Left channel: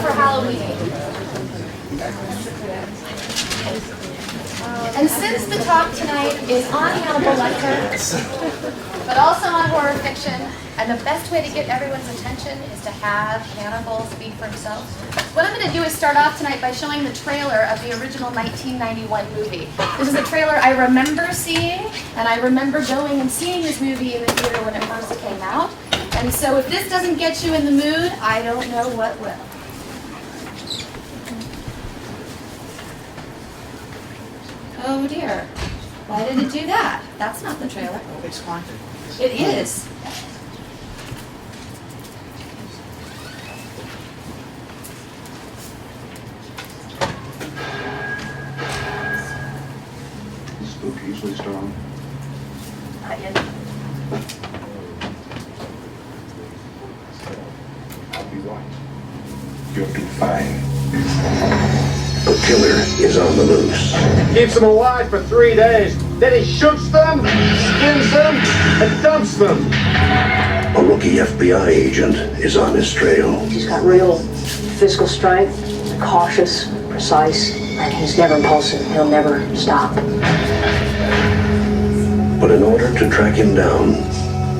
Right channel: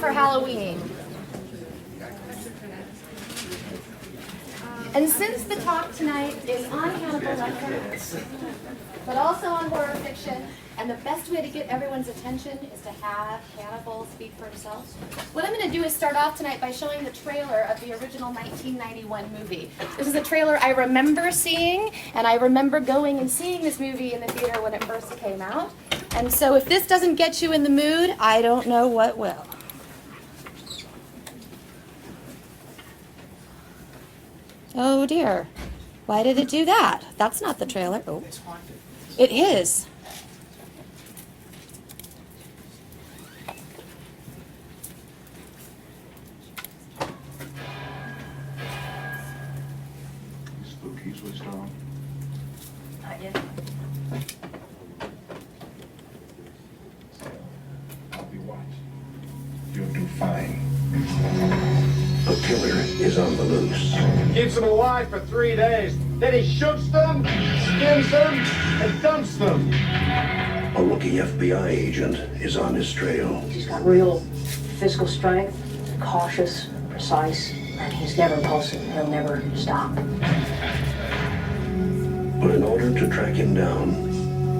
for Halloween. And since the talk tonight is on Hannibal Lecter, but also on horror fiction, and the best way to get everyone's attention is to have Hannibal speak for himself, what I'm going to do is start off tonight by showing the trailer of the original 1991 movie. This is a trailer I remember seeing, and I remember going and seeing this movie in the theater when it first came out. And so if this doesn't get you in the mood, I don't know what will. Oh dear, why did it do that? That's not the trailer. Oh. It's haunted. It is. Spook usually strong. Not yet. I'll be right. You'll do fine. The killer is on the loose. Keeps them alive for 3 days. Then he shoots them, skins them, and dumps them. A rookie FBI agent is on his trail. He's got real physical strength, cautious, precise, and he's never impulsive. He'll never stop. But in order to track him down,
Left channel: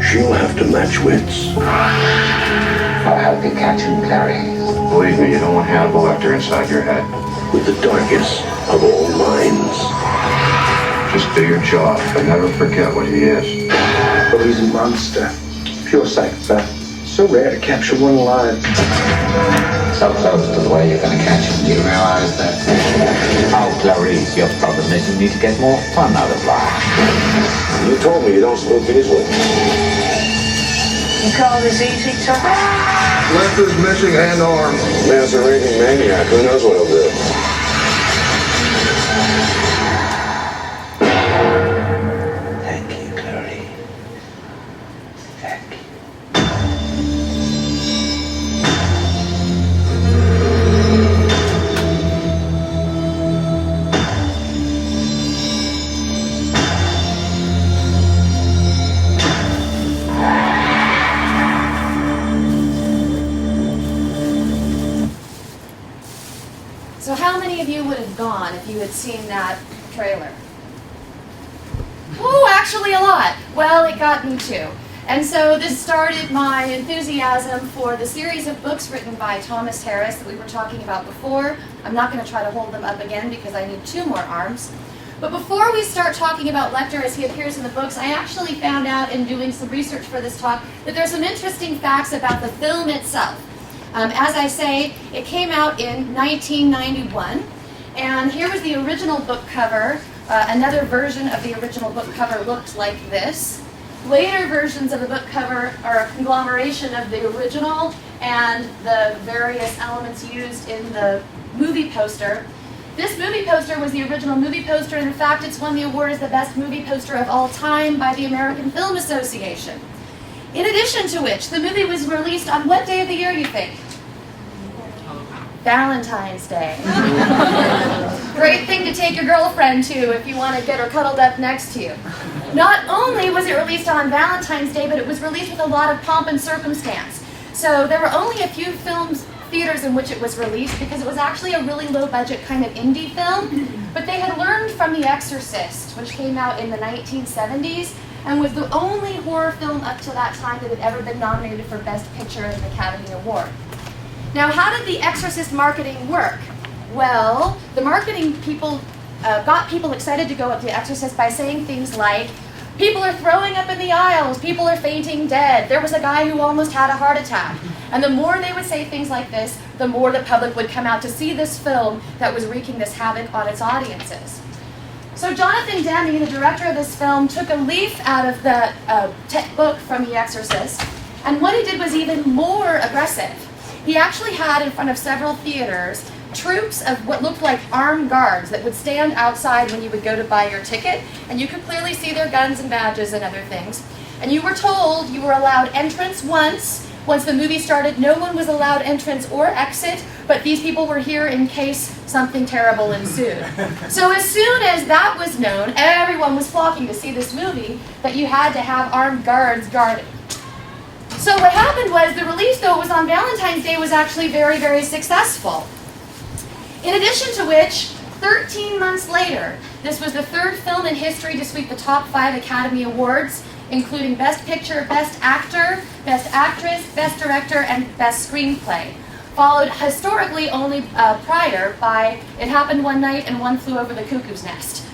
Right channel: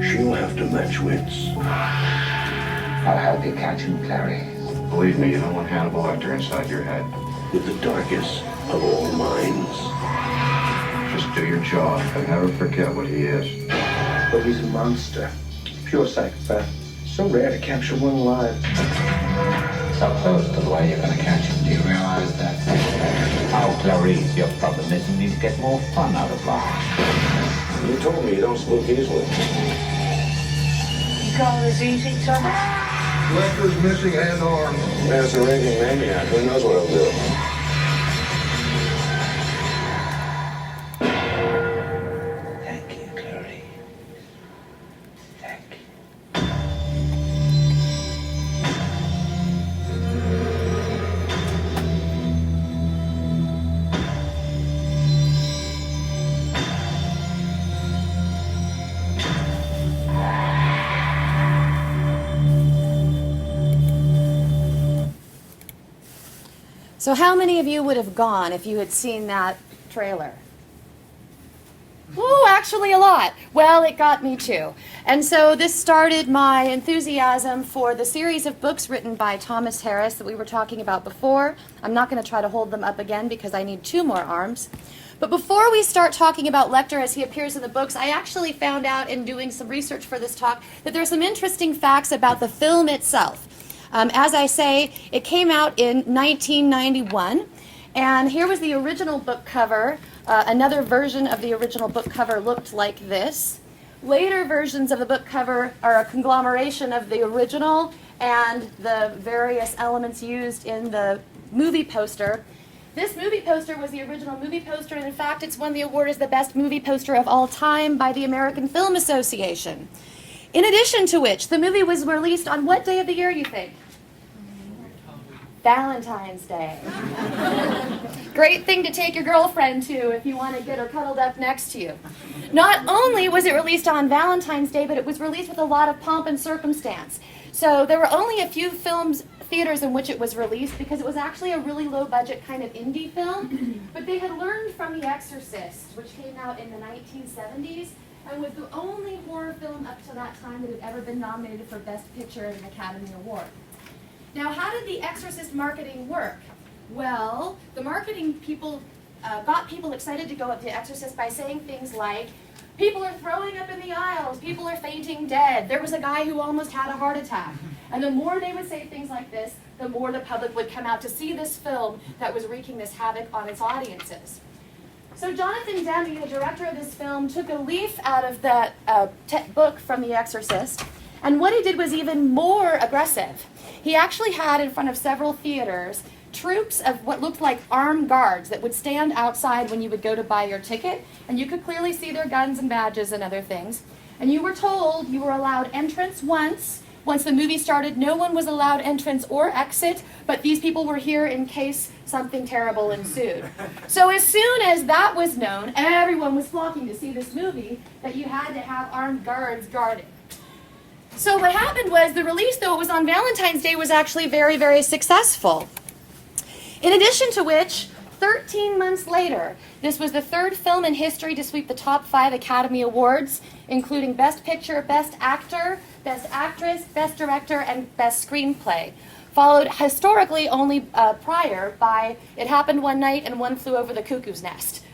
she'll have to match wits. I'll help you catch him, Clary. Believe me, you don't want Hannibal Lecter inside your head. With the darkest of all minds. Just do your job, but never forget what he is. But he's a monster. Pure psychopath. So rare to capture one alive. So close to the way you're going to catch him. Do you realize that? Oh, Clarice, your problem is you need to get more fun out of life. You told me you don't spook easily. You call this easy, sir? Lecter's missing an arm. Man's a raving maniac. Who knows what he'll do? Thank you, Clary. Thank you. So how many of you would have gone if you had seen that trailer? Oh, actually a lot. Well, it got me too. And so this started my enthusiasm for the series of books written by Thomas Harris that we were talking about before. I'm not going to try to hold them up again because I need 2 more arms. But before we start talking about Lecter as he appears in the books, I actually found out in doing some research for this talk that there's some interesting facts about the film itself. As I say, it came out in 1991, and here was the original book cover. Another version of the original book cover looked like this. Later versions of the book cover are a conglomeration of the original and the various elements used in the movie poster. This movie poster was the original movie poster, and in fact it's won the award as the best movie poster of all time by the American Film Association. In addition to which, the movie was released on what day of the year, you think? Valentine's Day. Great thing to take your girlfriend to if you want to get her cuddled up next to you. Not only was it released on Valentine's Day, but it was released with a lot of pomp and circumstance. So there were only a few theaters in which it was released because it was actually a really low-budget kind of indie film. But they had learned from The Exorcist, which came out in the 1970s, and was the only horror film up to that time that had ever been nominated for Best Picture at an Academy Award. Now, how did The Exorcist marketing work? Well, the marketing people got people excited to go up to The Exorcist by saying things like, people are throwing up in the aisles, people are fainting dead, there was a guy who almost had a heart attack. And the more they would say things like this, the more the public would come out to see this film that was wreaking this havoc on its audiences. So Jonathan Demme, the director of this film, took a leaf out of the book from The Exorcist, and what he did was even more aggressive. He actually had in front of several theaters troops of what looked like armed guards that would stand outside when you would go to buy your ticket, and you could clearly see their guns and badges and other things. And you were told you were allowed entrance once. Once the movie started, no one was allowed entrance or exit, but these people were here in case something terrible ensued. So as soon as that was known, everyone was flocking to see this movie, that you had to have armed guards guarding. So what happened was the release, though it was on Valentine's Day, was actually very, very successful. In addition to which, 13 months later, this was the third film in history to sweep the top 5 Academy Awards, including Best Picture, Best Actor, Best Actress, Best Director, and Best Screenplay. Followed historically only prior by It Happened One Night and One Flew Over the Cuckoo's Nest.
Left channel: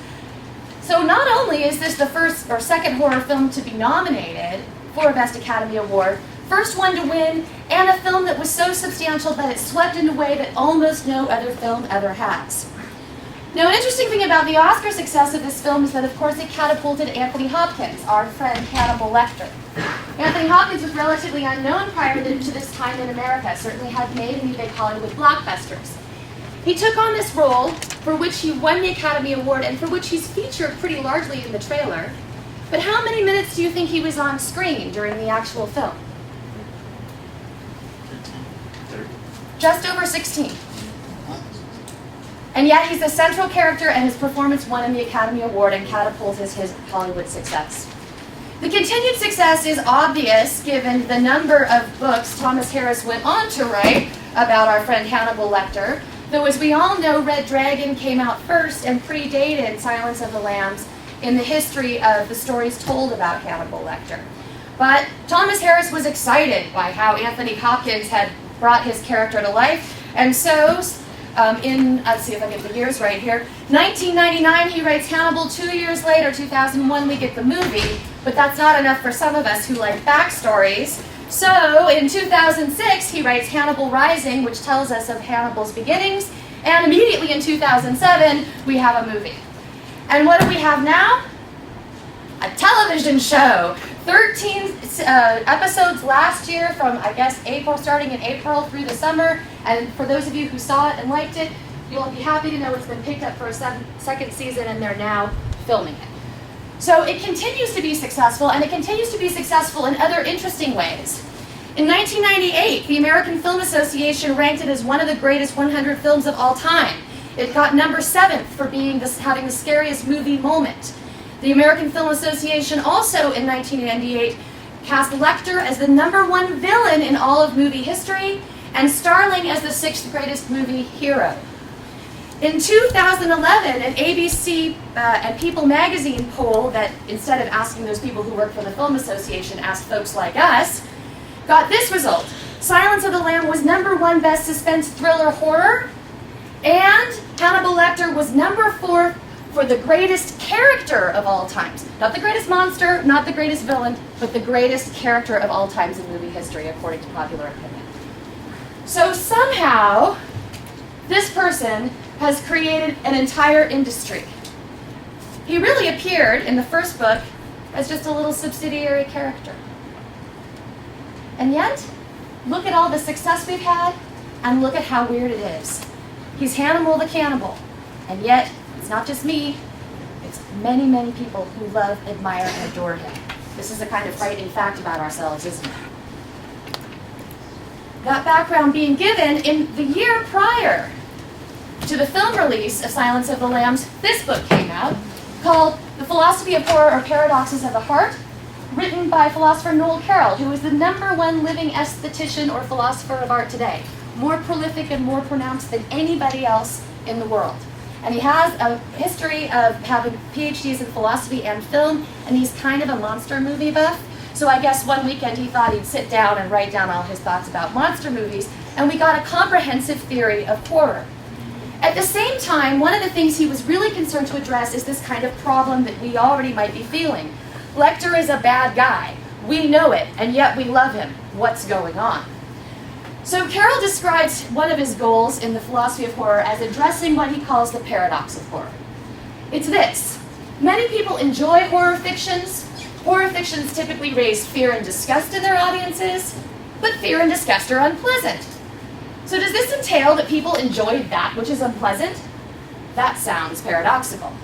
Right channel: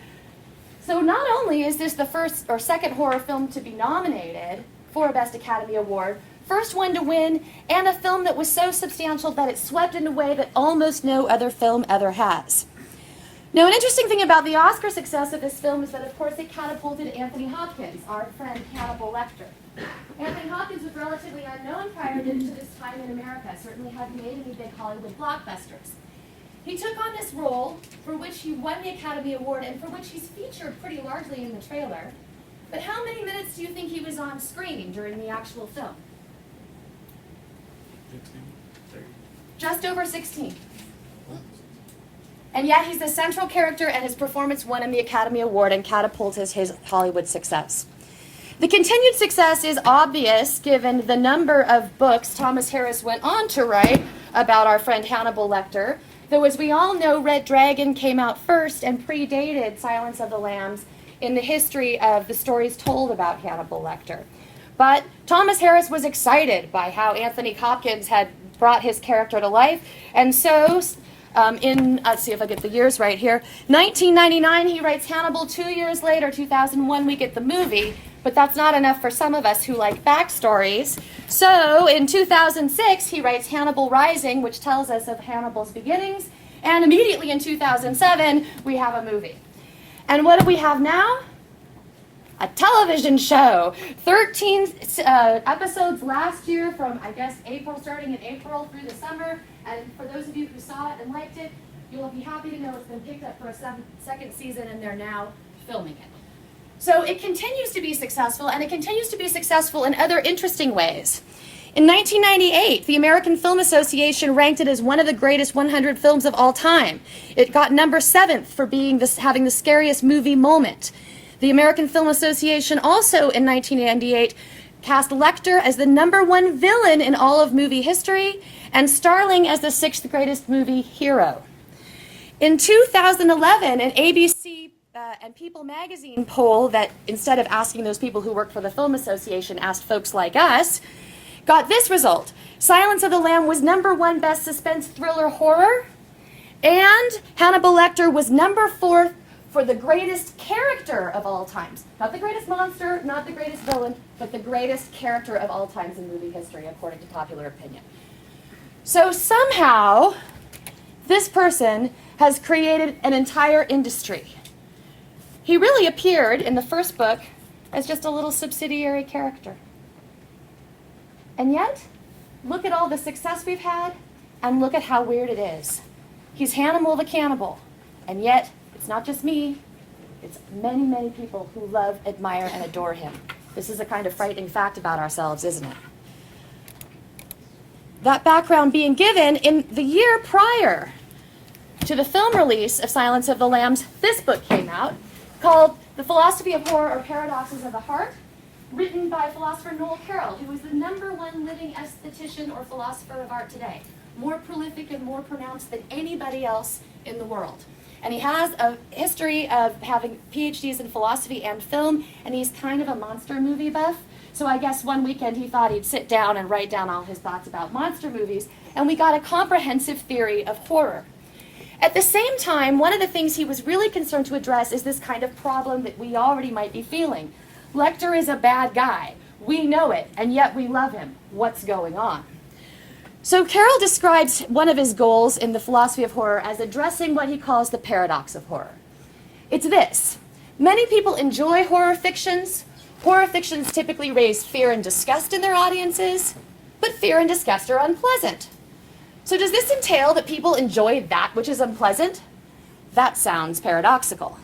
So not only is this the first or second horror film to be nominated for a Best Academy Award, first one to win, and a film that was so substantial that it swept in a way that almost no other film ever has. Now, an interesting thing about the Oscar success of this film is that, of course, it catapulted Anthony Hopkins, our friend Hannibal Lecter. Anthony Hopkins was relatively unknown prior to this time in America, certainly had made any big Hollywood blockbusters. He took on this role, for which he won the Academy Award and for which he's featured pretty largely in the trailer. But how many minutes do you think he was on screen during the actual film? Just over 16. And yet he's a central character, and his performance won him the Academy Award and catapulted his Hollywood success. The continued success is obvious given the number of books Thomas Harris went on to write about our friend Hannibal Lecter, though as we all know, Red Dragon came out first and predated Silence of the Lambs in the history of the stories told about Hannibal Lecter. But Thomas Harris was excited by how Anthony Hopkins had brought his character to life, and so let's see if I get the years right here, 1999 he writes Hannibal. 2 years later, 2001, we get the movie, but that's not enough for some of us who like backstories. So in 2006 he writes Hannibal Rising, which tells us of Hannibal's beginnings, and immediately in 2007 we have a movie. And what do we have now? A television show. 13 episodes last year from, I guess, starting in April through the summer. And for those of you who saw it and liked it, you'll be happy to know it's been picked up for a second season, and they're now filming it. So it continues to be successful, and it continues to be successful in other interesting ways. In 1998, the American Film Association ranked it as one of the greatest 100 films of all time. It got number 7th for having the scariest movie moment. The American Film Association also, in 1998, cast Lecter as the number 1 villain in all of movie history, and Starling as the 6th greatest movie hero. In 2011, an ABC and People magazine poll that, instead of asking those people who work for the Film Association, asked folks like us, got this result. Silence of the Lamb was number 1 best suspense thriller horror, and Hannibal Lecter was number 4 for the greatest character of all times. Not the greatest monster, not the greatest villain, but the greatest character of all times in movie history, according to popular opinion. So somehow, this person has created an entire industry. He really appeared in the first book as just a little subsidiary character. And yet, look at all the success we've had, and look at how weird it is. He's Hannibal the Cannibal, and yet, it's not just me, it's many, many people who love, admire, and adore him. This is a kind of frightening fact about ourselves, isn't it? That background being given, in the year prior to the film release of Silence of the Lambs, this book came out, called The Philosophy of Horror or Paradoxes of the Heart, written by philosopher Noel Carroll, who is the number 1 living aesthetician or philosopher of art today, more prolific and more pronounced than anybody else in the world. And he has a history of having PhDs in philosophy and film, and he's kind of a monster movie buff. So I guess one weekend he thought he'd sit down and write down all his thoughts about monster movies, and we got a comprehensive theory of horror. At the same time, one of the things he was really concerned to address is this kind of problem that we already might be feeling. Lecter is a bad guy. We know it, and yet we love him. What's going on? So Carroll describes one of his goals in the philosophy of horror as addressing what he calls the paradox of horror. It's this. Many people enjoy horror fictions. Horror fictions typically raise fear and disgust in their audiences, but fear and disgust are unpleasant. So does this entail that people enjoy that which is unpleasant? That sounds paradoxical.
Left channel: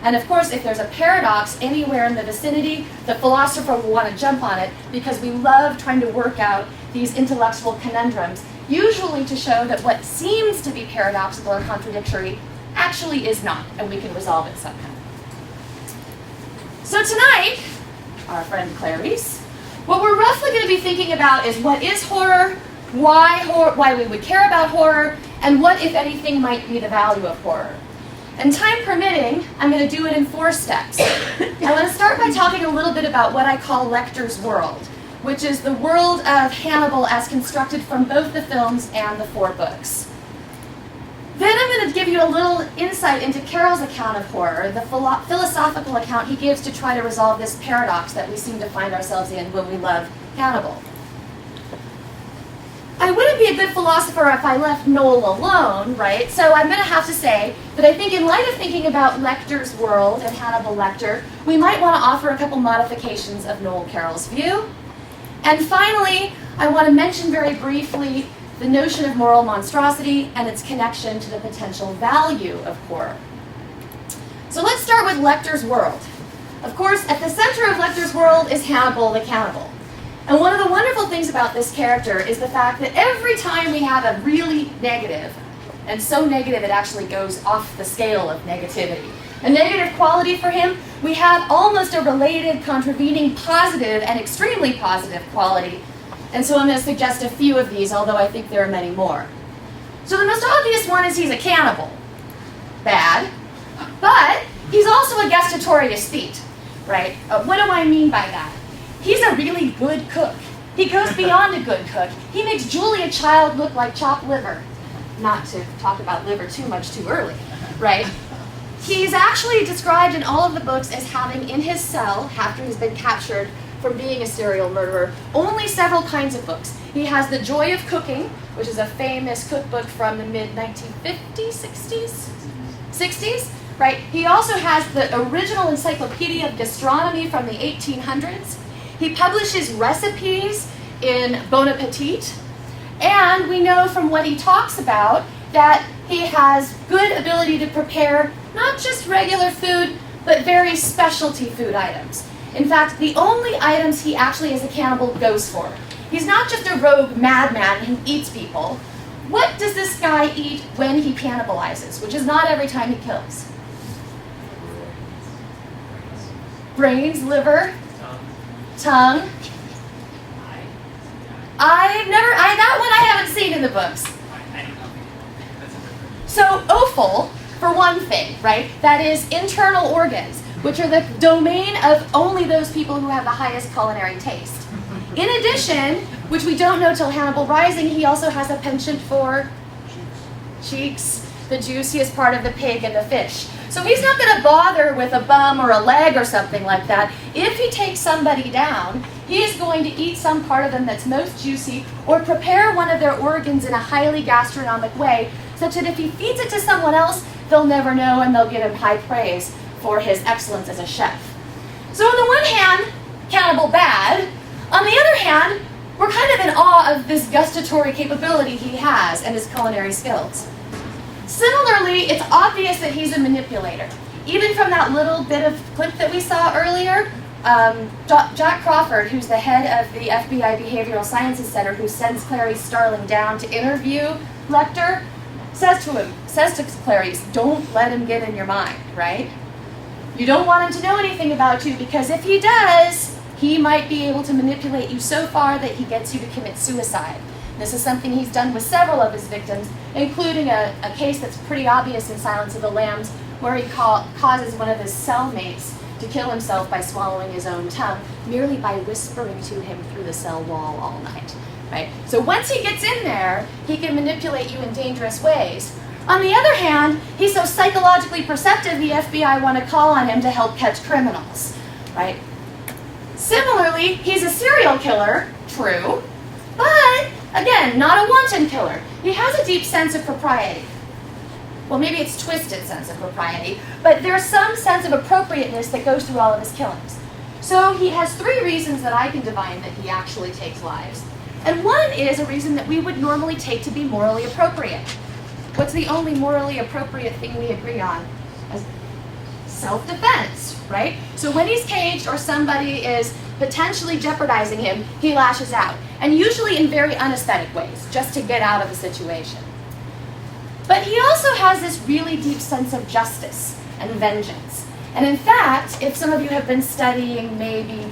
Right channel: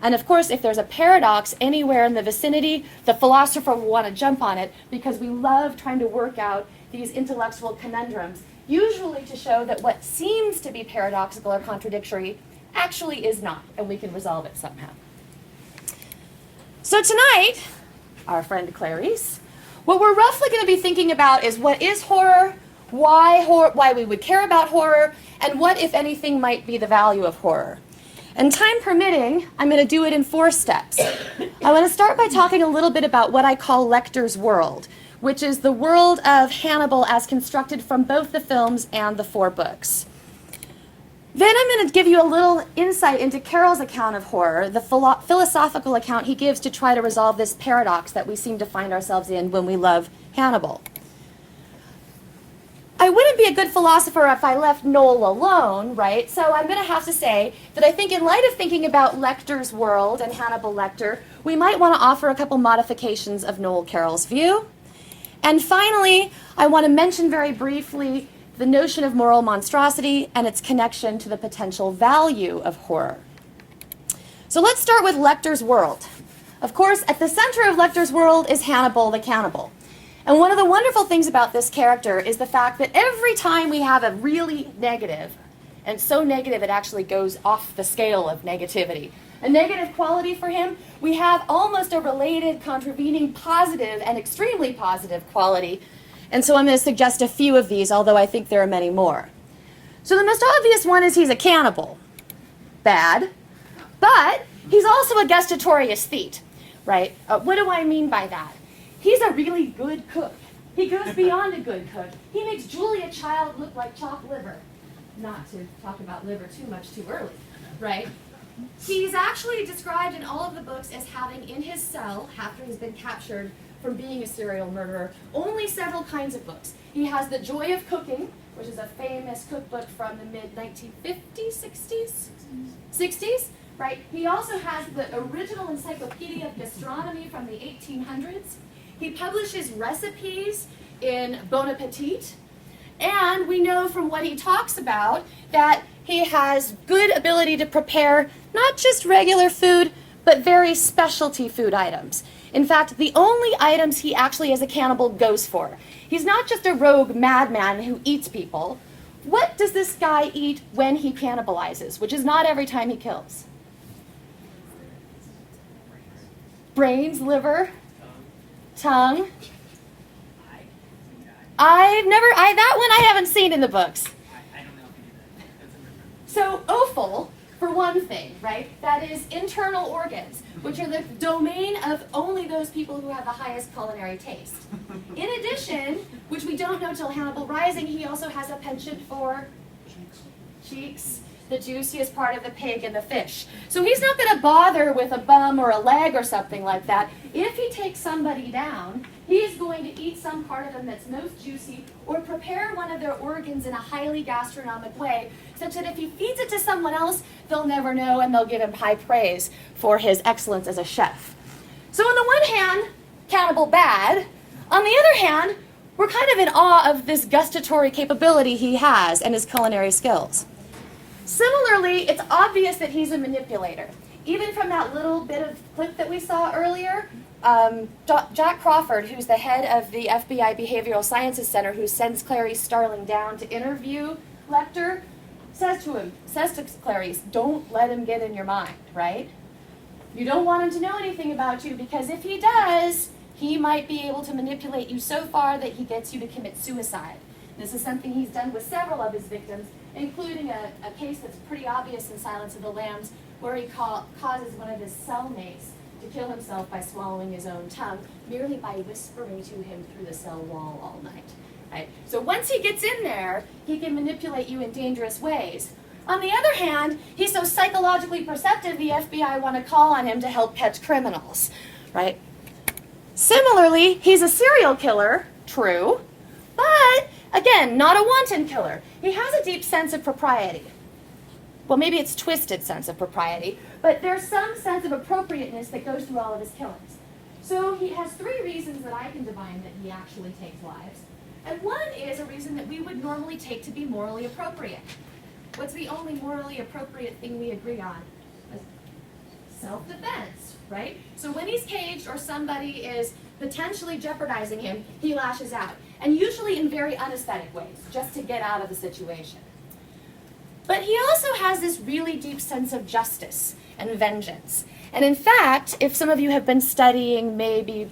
And of course, if there's a paradox anywhere in the vicinity, the philosopher will want to jump on it because we love trying to work out these intellectual conundrums, usually to show that what seems to be paradoxical or contradictory actually is not, and we can resolve it somehow. So tonight, our friend Clarice What we're roughly going to be thinking about is what is horror, why we would care about horror, and what, if anything, might be the value of horror. And time permitting, I'm going to do it in 4 steps. I want to start by talking a little bit about what I call Lecter's world, which is the world of Hannibal as constructed from both the films and the 4 books. Then I'm going to give you a little insight into Carroll's account of horror, the philosophical account he gives to try to resolve this paradox that we seem to find ourselves in when we love Hannibal. I wouldn't be a good philosopher if I left Noel alone, right? So I'm going to have to say that I think in light of thinking about Lecter's world and Hannibal Lecter, we might want to offer a couple modifications of Noel Carroll's view. And finally, I want to mention very briefly the notion of moral monstrosity and its connection to the potential value of horror. So let's start with Lecter's world. Of course, at the center of Lecter's world is Hannibal the cannibal. And one of the wonderful things about this character is the fact that every time we have a really negative, and so negative it actually goes off the scale of negativity, a negative quality for him, we have almost a related, contravening, positive, and extremely positive quality. And so I'm going to suggest a few of these, although I think there are many more. So the most obvious one is he's a cannibal. Bad. But he's also a gestatorius thete, right? What do I mean by that? He's a really good cook. He goes beyond a good cook. He makes Julia Child look like chopped liver. Not to talk about liver too much too early, right? He's actually described in all of the books as having in his cell, after he's been captured from being a serial murderer, only several kinds of books. He has The Joy of Cooking, which is a famous cookbook from the mid-1950s, 60s, right? He also has the original Encyclopedia of Gastronomy from the 1800s. He publishes recipes in Bon Appetit, and we know from what he talks about that he has good ability to prepare not just regular food, but very specialty food items. In fact, the only items he actually as a cannibal goes for. He's not just a rogue madman who eats people. What does this guy eat when he cannibalizes, which is not every time he kills? Brains, liver, tongue. That one I haven't seen in the books. So offal, for one thing, right? That is internal organs, which are the domain of only those people who have the highest culinary taste. In addition, which we don't know till Hannibal Rising, he also has a penchant for cheeks, the juiciest part of the pig and the fish. So he's not going to bother with a bum or a leg or something like that. If he takes somebody down, he is going to eat some part of them that's most juicy or prepare one of their organs in a highly gastronomic way, such that if he feeds it to someone else, they'll never know and they'll give him high praise for his excellence as a chef. So on the one hand, cannibal bad. On the other hand, we're kind of in awe of this gustatory capability he has and his culinary skills. Similarly, it's obvious that he's a manipulator. Even from that little bit of clip that we saw earlier, Jack Crawford, who's the head of the FBI Behavioral Sciences Center, who sends Clarice Starling down to interview Lecter, says to Clarice, don't let him get in your mind, right? You don't want him to know anything about you, because if he does, he might be able to manipulate you so far that he gets you to commit suicide. This is something he's done with several of his victims, including a case that's pretty obvious in Silence of the Lambs, where he causes one of his cellmates to kill himself by swallowing his own tongue, merely by whispering to him through the cell wall all night. Right? So once he gets in there, he can manipulate you in dangerous ways. On the other hand, he's so psychologically perceptive, the FBI want to call on him to help catch criminals. Right? Similarly, he's a serial killer, true, but again, not a wanton killer. He has a deep sense of propriety. Well, maybe it's twisted sense of propriety, but there's some sense of appropriateness that goes through all of his killings. So he has 3 reasons that I can divine that he actually takes lives. And one is a reason that we would normally take to be morally appropriate. What's the only morally appropriate thing we agree on? Self-defense, right? So when he's caged or somebody is potentially jeopardizing him, he lashes out. And usually in very unaesthetic ways, just to get out of the situation. But he also has this really deep sense of justice and vengeance. And in fact, if some of you have been studying maybe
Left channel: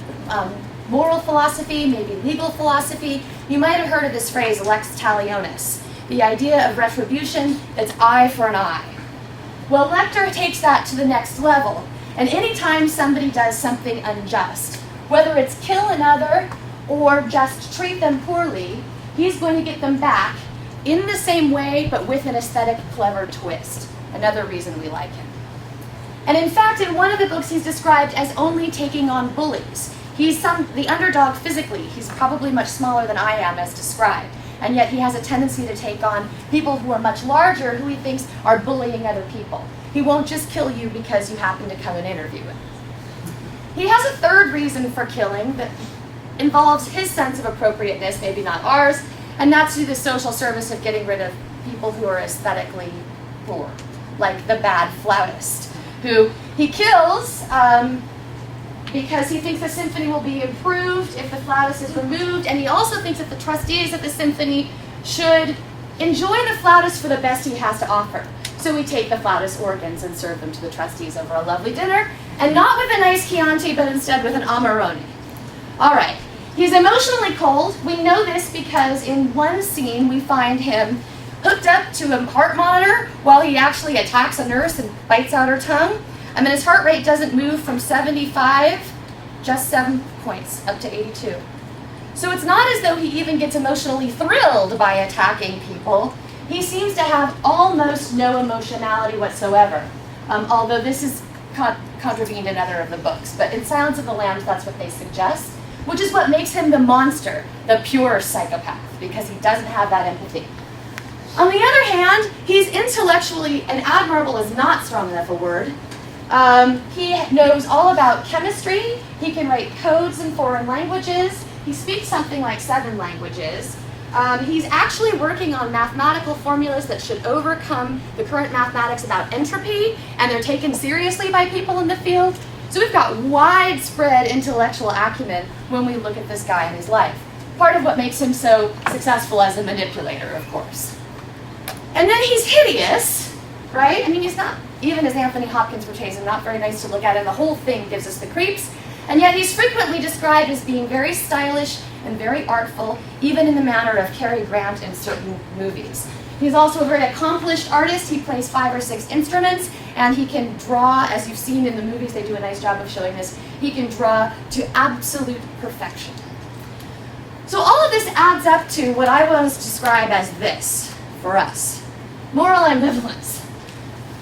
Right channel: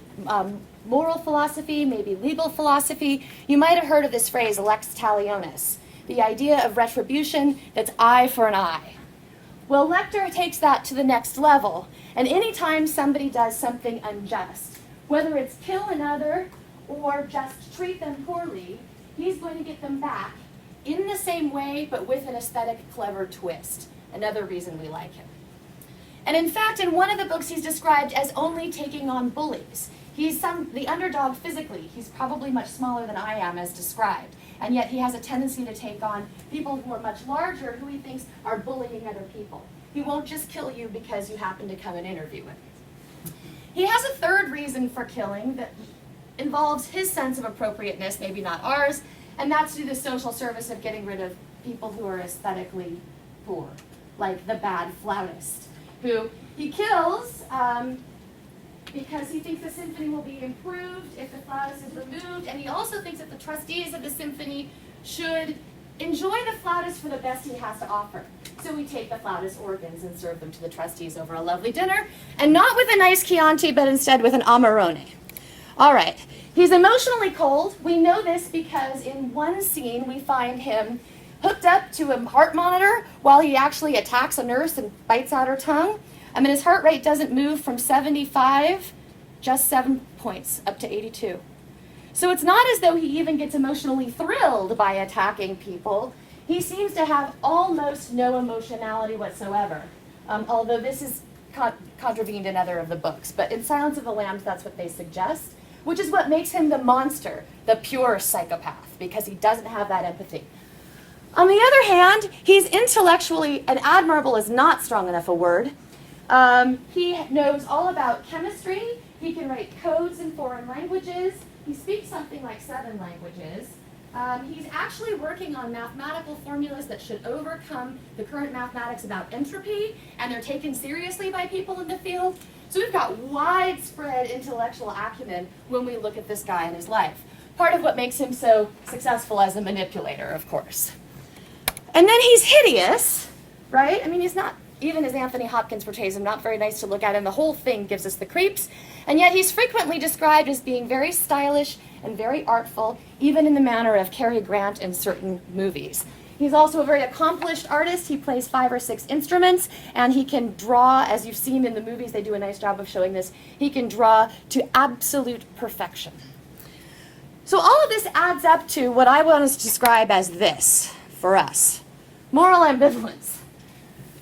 moral philosophy, maybe legal philosophy. You might have heard of this phrase, lex talionis, the idea of retribution that's eye for an eye. Well, Lecter takes that to the next level, and anytime somebody does something unjust, whether it's kill another or just treat them poorly, he's going to get them back in the same way, but with an aesthetic, clever twist. Another reason we like him. And in fact, in one of the books, he's described as only taking on bullies. He's the underdog physically. He's probably much smaller than I am, as described. And yet he has a tendency to take on people who are much larger, who he thinks are bullying other people. He won't just kill you because you happen to come and interview him. He has a third reason for killing that involves his sense of appropriateness, maybe not ours, and that's to do the social service of getting rid of people who are aesthetically poor, like the bad flautist, who he kills because he thinks the symphony will be improved if the flautist is removed, and he also thinks that the trustees of the symphony should enjoy the flautist for the best he has to offer. So we take the flautist organs and serve them to the trustees over a lovely dinner, and not with a nice Chianti, but instead with an Amarone. All right, he's emotionally cold. We know this because in one scene we find him hooked up to a heart monitor while he actually attacks a nurse and bites out her tongue. I mean, his heart rate doesn't move from 75, just 7 points, up to 82. So it's not as though he even gets emotionally thrilled by attacking people. He seems to have almost no emotionality whatsoever, although this is contravened in other of the books. But in Silence of the Lambs, that's what they suggest, which is what makes him the monster, the pure psychopath, because he doesn't have that empathy. On the other hand, he's intellectually, and admirable is not strong enough a word. He knows all about chemistry. He can write codes in foreign languages. He speaks something like 7 languages. He's actually working on mathematical formulas that should overcome the current mathematics about entropy, and they're taken seriously by people in the field. So we've got widespread intellectual acumen when we look at this guy in his life. Part of what makes him so successful as a manipulator, of course. And then he's hideous, right? I mean, he's not, even as Anthony Hopkins portrays him, not very nice to look at, and the whole thing gives us the creeps. And yet he's frequently described as being very stylish and very artful, even in the manner of Cary Grant in certain movies. He's also a very accomplished artist. He plays 5 or 6 instruments, and he can draw, as you've seen in the movies, they do a nice job of showing this, he can draw to absolute perfection. So all of this adds up to what I want to describe as this, for us, moral ambivalence.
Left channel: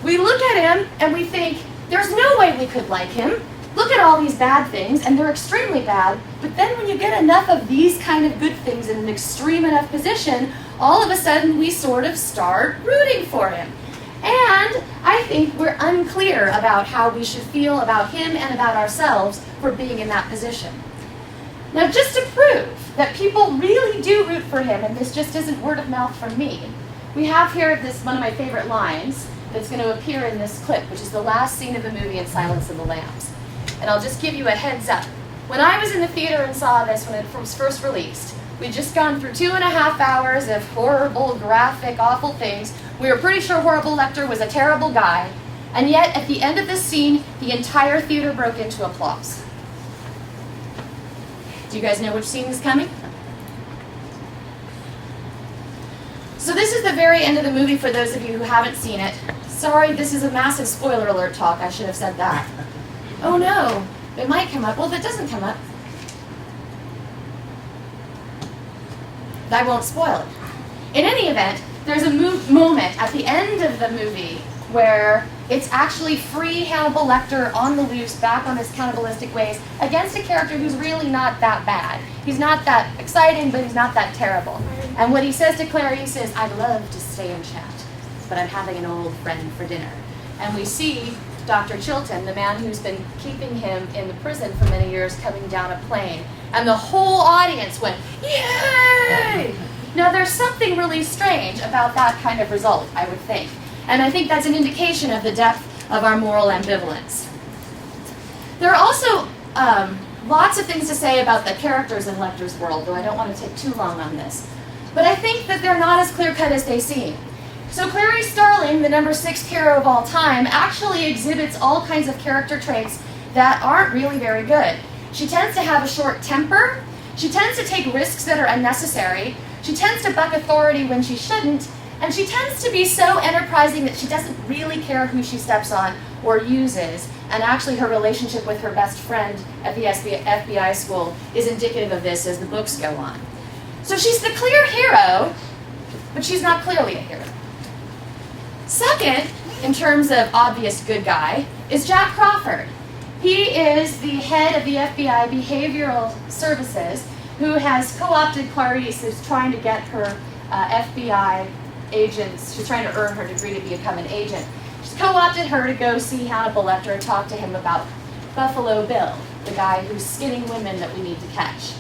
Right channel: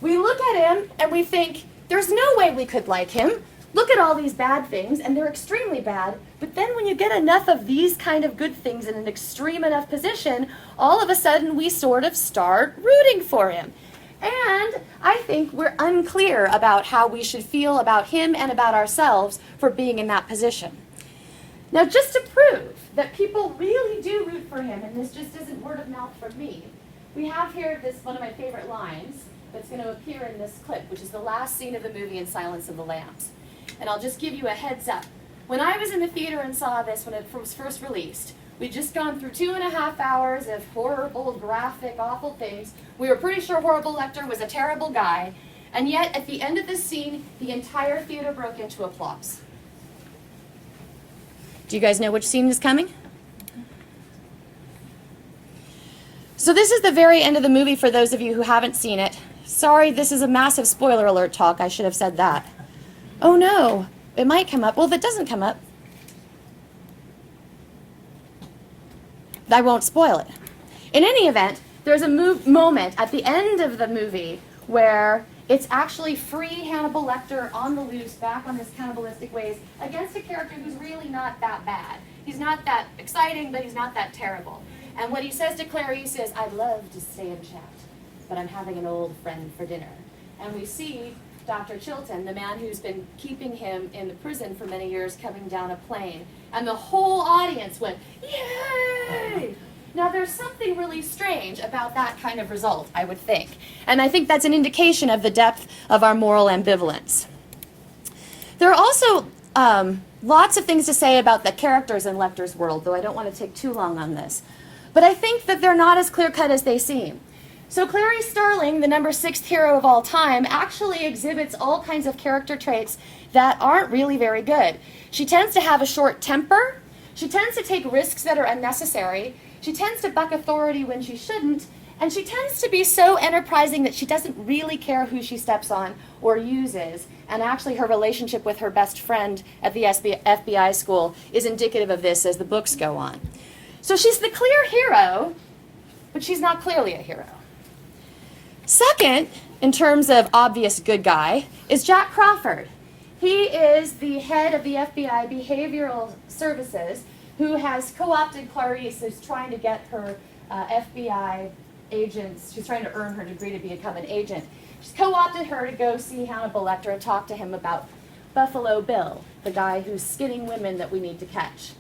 We look at him and we think, there's no way we could like him. Look at all these bad things, and they're extremely bad, but then when you get enough of these kind of good things in an extreme enough position, all of a sudden we sort of start rooting for him. And I think we're unclear about how we should feel about him and about ourselves for being in that position. Now, just to prove that people really do root for him, and this just isn't word of mouth from me, we have here this one of my favorite lines that's going to appear in this clip, which is the last scene of the movie in Silence of the Lambs. And I'll just give you a heads up. When I was in the theater and saw this when it was first released, we'd just gone through 2.5 hours of horrible, graphic, awful things. We were pretty sure Horrible Lecter was a terrible guy, and yet at the end of this scene, the entire theater broke into applause. Do you guys know which scene is coming? So this is the very end of the movie for those of you who haven't seen it. Sorry, this is a massive spoiler alert talk. I should have said that. Oh no, it might come up. Well, if it doesn't come up, I won't spoil it. In any event, there's a moment at the end of the movie where it's actually free Hannibal Lecter on the loose, back on his cannibalistic ways, against a character who's really not that bad. He's not that exciting, but he's not that terrible. And what he says to Clarice is, I'd love to stay and chat, but I'm having an old friend for dinner. And we see Dr. Chilton, the man who's been keeping him in the prison for many years, coming down a plane. And the whole audience went, yay! Now there's something really strange about that kind of result, I would think. And I think that's an indication of the depth of our moral ambivalence. There are also lots of things to say about the characters in Lecter's world, though I don't want to take too long on this. But I think that they're not as clear-cut as they seem. So Clarice Starling, the number 6 hero of all time, actually exhibits all kinds of character traits that aren't really very good. She tends to have a short temper. She tends to take risks that are unnecessary. She tends to buck authority when she shouldn't. And she tends to be so enterprising that she doesn't really care who she steps on or uses. And actually her relationship with her best friend at the FBI school is indicative of this as the books go on. So she's the clear hero, but she's not clearly a hero. Second, in terms of obvious good guy, is Jack Crawford. He is the head of the FBI Behavioral Services who has co-opted Clarice, who's trying to get her FBI agents, she's trying to earn her degree to become an agent. She's co-opted her to go see Hannibal Lecter and talk to him about Buffalo Bill, the guy who's skinning women that we need to catch.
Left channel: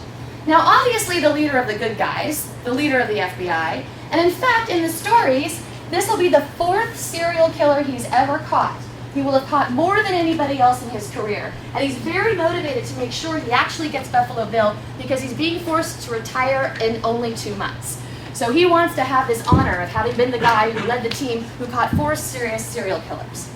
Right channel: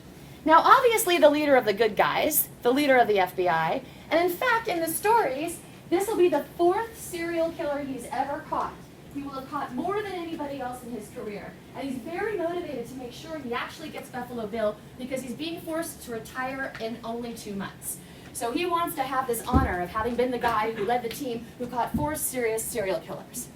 Now, obviously, the leader of the good guys, the leader of the FBI, and in fact, in the stories, this will be the 4th serial killer he's ever caught. He will have caught more than anybody else in his career. And he's very motivated to make sure he actually gets Buffalo Bill because he's being forced to retire in only 2 months. So he wants to have this honor of having been the guy who led the team who caught 4 serious serial killers.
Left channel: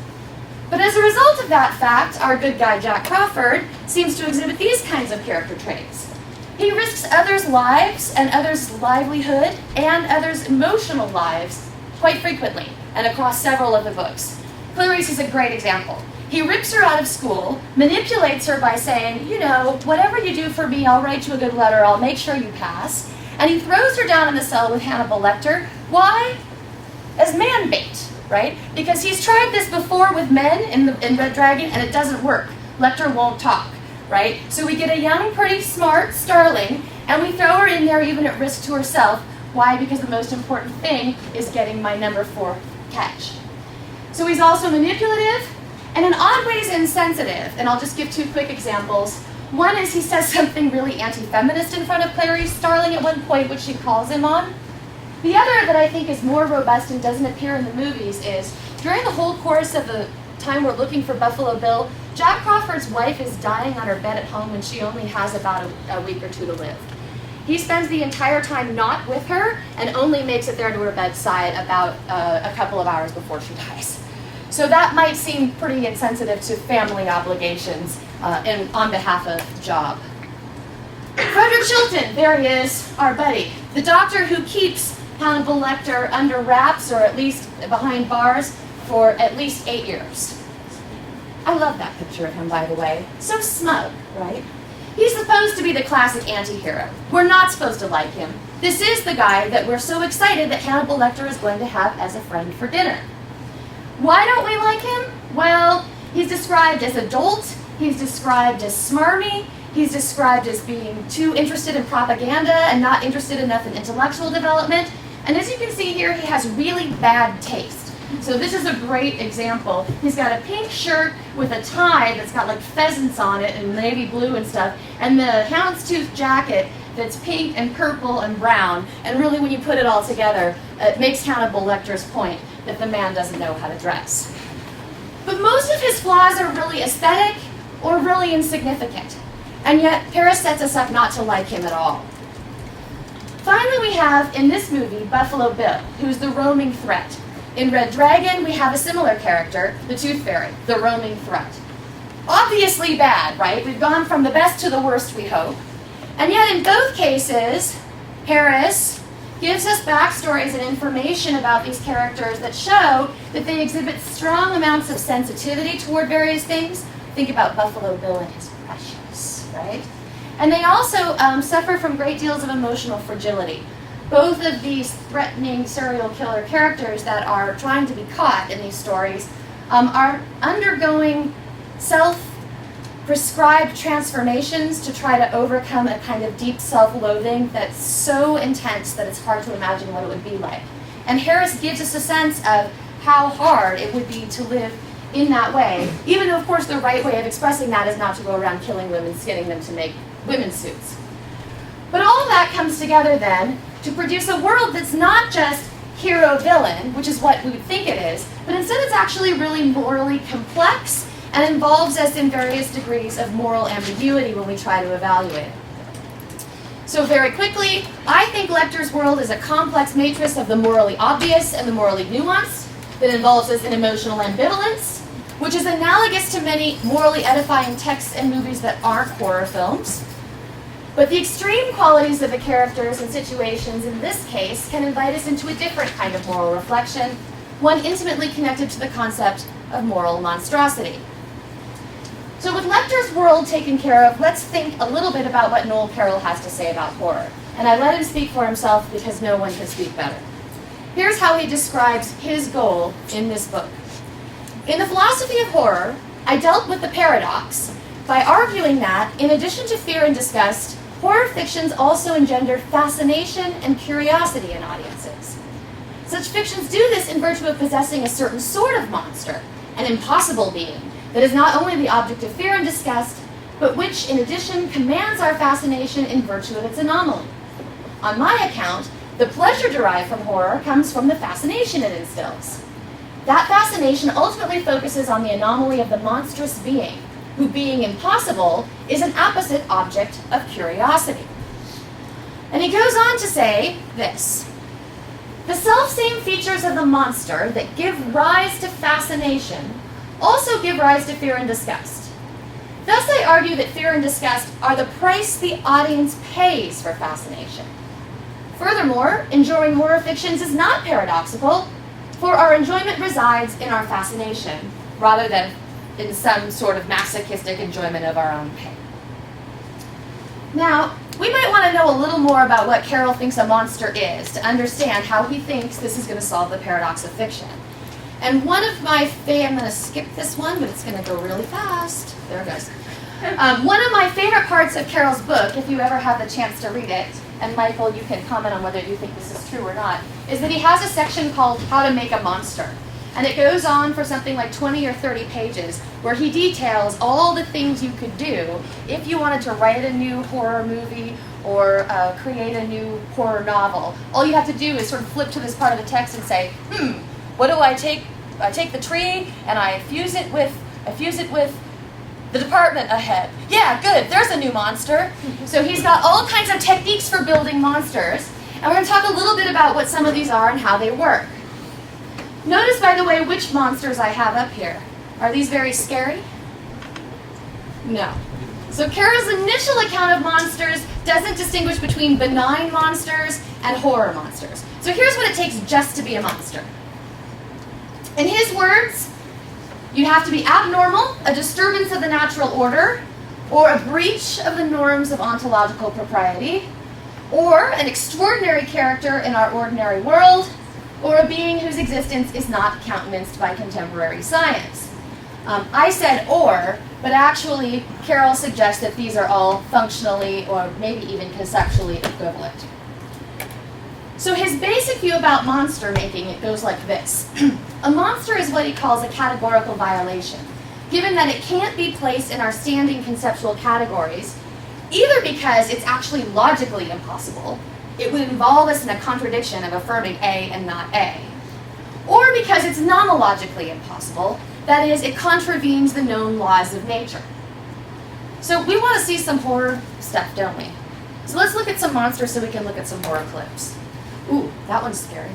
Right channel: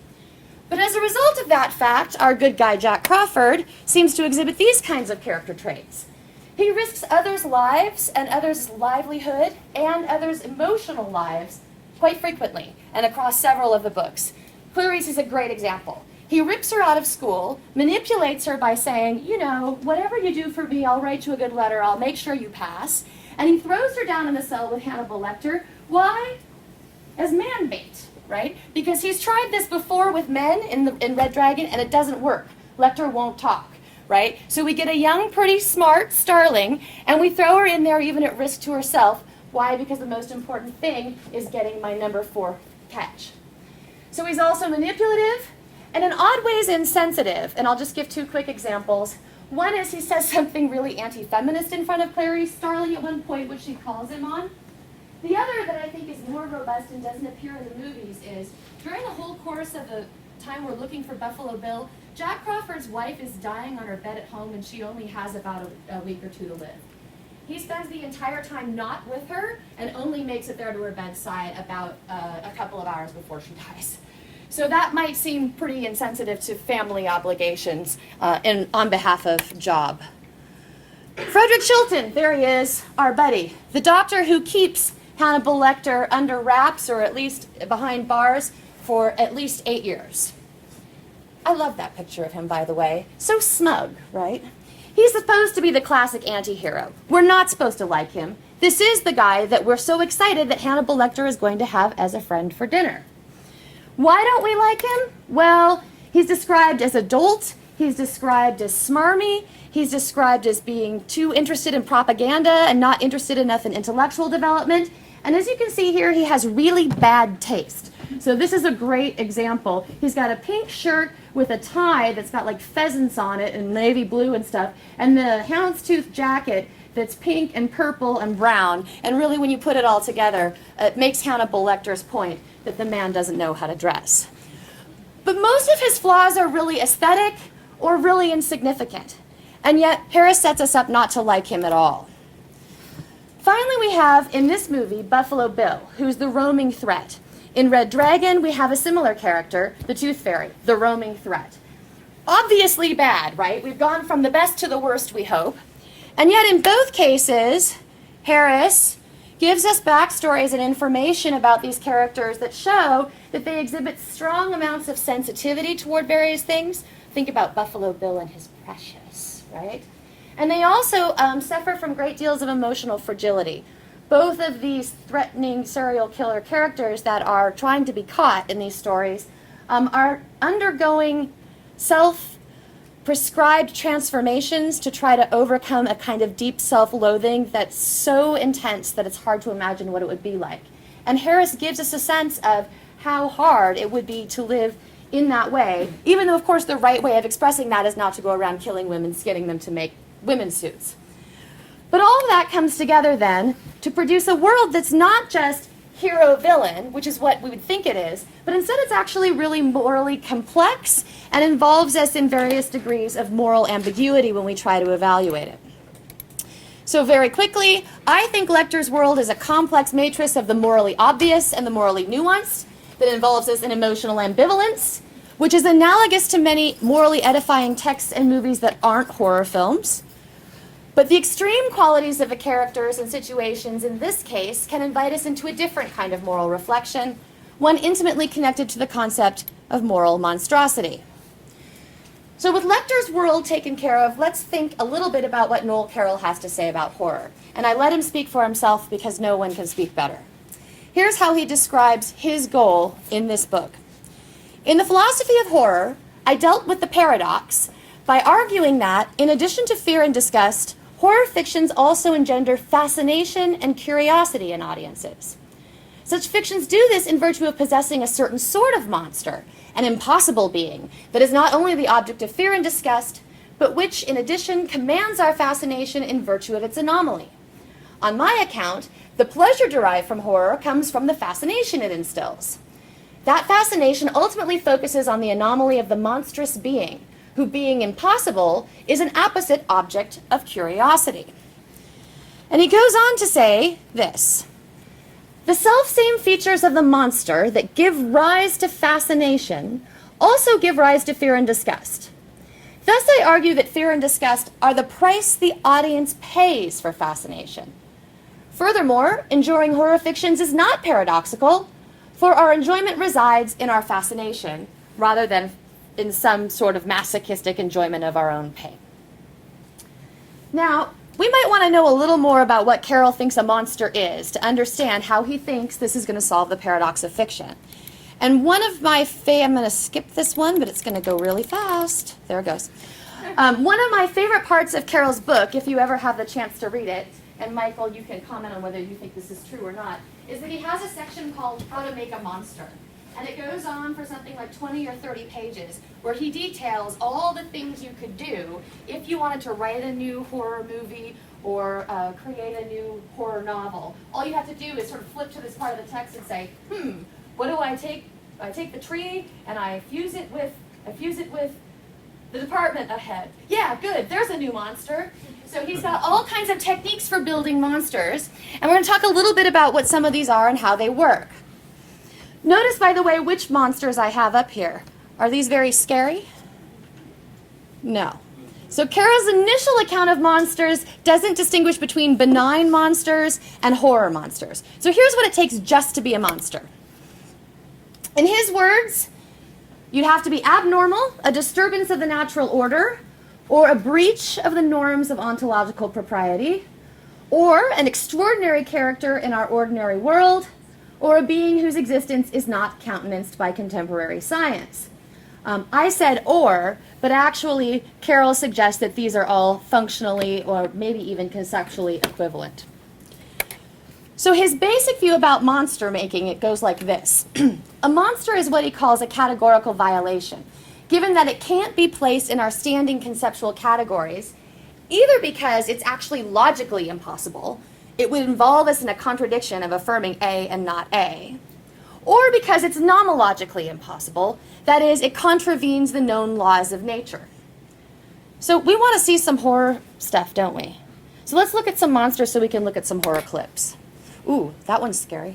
But as a result of that fact, our good guy Jack Crawford seems to exhibit these kinds of character traits. He risks others' lives and others' livelihood and others' emotional lives quite frequently and across several of the books. Clarice is a great example. He rips her out of school, manipulates her by saying, you know, whatever you do for me, I'll write you a good letter, I'll make sure you pass. And he throws her down in the cell with Hannibal Lecter. Why? As man bait, right? Because he's tried this before with men in Red Dragon, and it doesn't work. Lecter won't talk, right? So we get a young, pretty, smart starling, and we throw her in there even at risk to herself. Why? Because the most important thing is getting my number 4 catch. So he's also manipulative, and in odd ways insensitive. And I'll just give 2 quick examples. One is he says something really anti-feminist in front of Clarice Starling at one point, which she calls him on. The other that I think is more robust and doesn't appear in the movies is, during the whole course of the time we're looking for Buffalo Bill, Jack Crawford's wife is dying on her bed at home and she only has about a week or 2 to live. He spends the entire time not with her and only makes it there to her bedside about a couple of hours before she dies. So that might seem pretty insensitive to family obligations on behalf of Job. Frederick Chilton, there he is, our buddy. The doctor who keeps Hannibal Lecter under wraps, or at least behind bars, for at least 8 years. I love that picture of him, by the way. So smug, right? He's supposed to be the classic anti-hero. We're not supposed to like him. This is the guy that we're so excited that Hannibal Lecter is going to have as a friend for dinner. Why don't we like him? Well, he's described as a dolt, he's described as smarmy, he's described as being too interested in propaganda and not interested enough in intellectual development. And as you can see here, he has really bad taste. So this is a great example. He's got a pink shirt with a tie that's got like pheasants on it and navy blue and stuff, and the houndstooth jacket that's pink and purple and brown. And really, when you put it all together, it makes Hannibal Lecter's point that the man doesn't know how to dress. But most of his flaws are really aesthetic or really insignificant. And yet, Paris sets us up not to like him at all. Finally, we have, in this movie, Buffalo Bill, who's the roaming threat. In Red Dragon, we have a similar character, the Tooth Fairy, the roaming threat. Obviously bad, right? We've gone from the best to the worst, we hope. And yet, in both cases, Paris gives us backstories and information about these characters that show that they exhibit strong amounts of sensitivity toward various things. Think about Buffalo Bill and his precious, right? And they also suffer from great deals of emotional fragility. Both of these threatening serial killer characters that are trying to be caught in these stories are undergoing self-prescribed transformations to try to overcome a kind of deep self-loathing that's so intense that it's hard to imagine what it would be like. And Harris gives us a sense of how hard it would be to live in that way, even though, of course, the right way of expressing that is not to go around killing women, skinning them to make women's suits. But all of that comes together then to produce a world that's not just hero-villain, which is what we would think it is, but instead it's actually really morally complex and involves us in various degrees of moral ambiguity when we try to evaluate it. So very quickly, I think Lecter's world is a complex matrix of the morally obvious and the morally nuanced that involves us in emotional ambivalence. which is analogous to many morally edifying texts and movies that aren't horror films. But the extreme qualities of the characters and situations in this case can invite us into a different kind of moral reflection, one intimately connected to the concept of moral monstrosity. So with Lecter's world taken care of, let's think a little bit about what Noel Carroll has to say about horror. And I let him speak for himself because no one can speak better. Here's how he describes his goal in this book. In the philosophy of horror, I dealt with the paradox by arguing that, in addition to fear and disgust, horror fictions also engender fascination and curiosity in audiences. Such fictions do this in virtue of possessing a certain sort of monster, an impossible being, that is not only the object of fear and disgust, but which, in addition, commands our fascination in virtue of its anomaly. On my account, the pleasure derived from horror comes from the fascination it instills. That fascination ultimately focuses on the anomaly of the monstrous being, who, being impossible, is an apposite object of curiosity. And he goes on to say this: the selfsame features of the monster that give rise to fascination also give rise to fear and disgust. Thus I argue that fear and disgust are the price the audience pays for fascination. Furthermore, enjoying horror fictions is not paradoxical, for our enjoyment resides in our fascination, rather than in some sort of masochistic enjoyment of our own pain. Now, we might want to know a little more about what Carroll thinks a monster is to understand how he thinks this is going to solve the paradox of fiction. And one of my I'm going to skip this one, but it's going to go really fast. There it goes. One of my favorite parts of Carroll's book, if you ever have the chance to read it, and Michael, you can comment on whether you think this is true or not, is that he has a section called How to Make a Monster. And it goes on for something like 20 or 30 pages, where he details all the things you could do if you wanted to write a new horror movie or create a new horror novel. All you have to do is sort of flip to this part of the text and say, what do I take? I take the tree and I fuse it with the department ahead. Yeah, good, there's a new monster. So he's got all kinds of techniques for building monsters, and we're going to talk a little bit about what some of these are and how they work. Notice, by the way, which monsters I have up here. Are these very scary? No. So Carroll's initial account of monsters doesn't distinguish between benign monsters and horror monsters. So here's what it takes just to be a monster. In his words, you have to be abnormal, a disturbance of the natural order, or a breach of the norms of ontological propriety, or an extraordinary character in our ordinary world, or a being whose existence is not countenanced by contemporary science. I said or, but actually Carroll suggests that these are all functionally or maybe even conceptually equivalent. So his basic view about monster making, it goes like this. A monster is what he calls a categorical violation, given that it can't be placed in our standing conceptual categories, either because it's actually logically impossible, it would involve us in a contradiction of affirming A and not A, or because it's nomologically impossible, that is, it contravenes the known laws of nature. So we want to see some horror stuff, don't we? So let's look at some monsters so we can look at some horror clips. Ooh, that one's scary.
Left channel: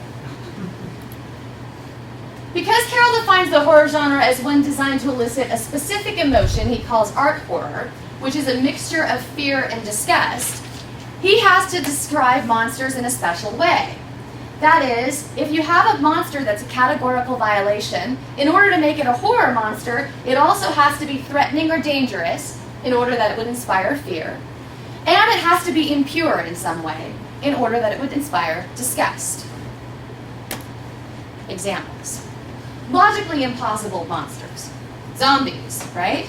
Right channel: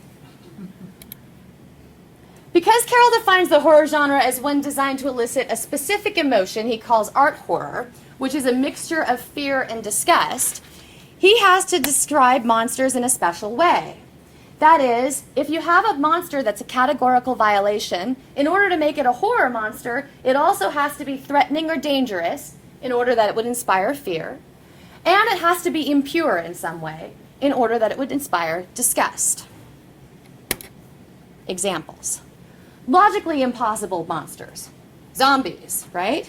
Because Carroll defines the horror genre as one designed to elicit a specific emotion he calls art horror, which is a mixture of fear and disgust, he has to describe monsters in a special way. That is, if you have a monster that's a categorical violation, in order to make it a horror monster, it also has to be threatening or dangerous in order that it would inspire fear, and it has to be impure in some way in order that it would inspire disgust. Examples. Logically impossible monsters. Zombies, right?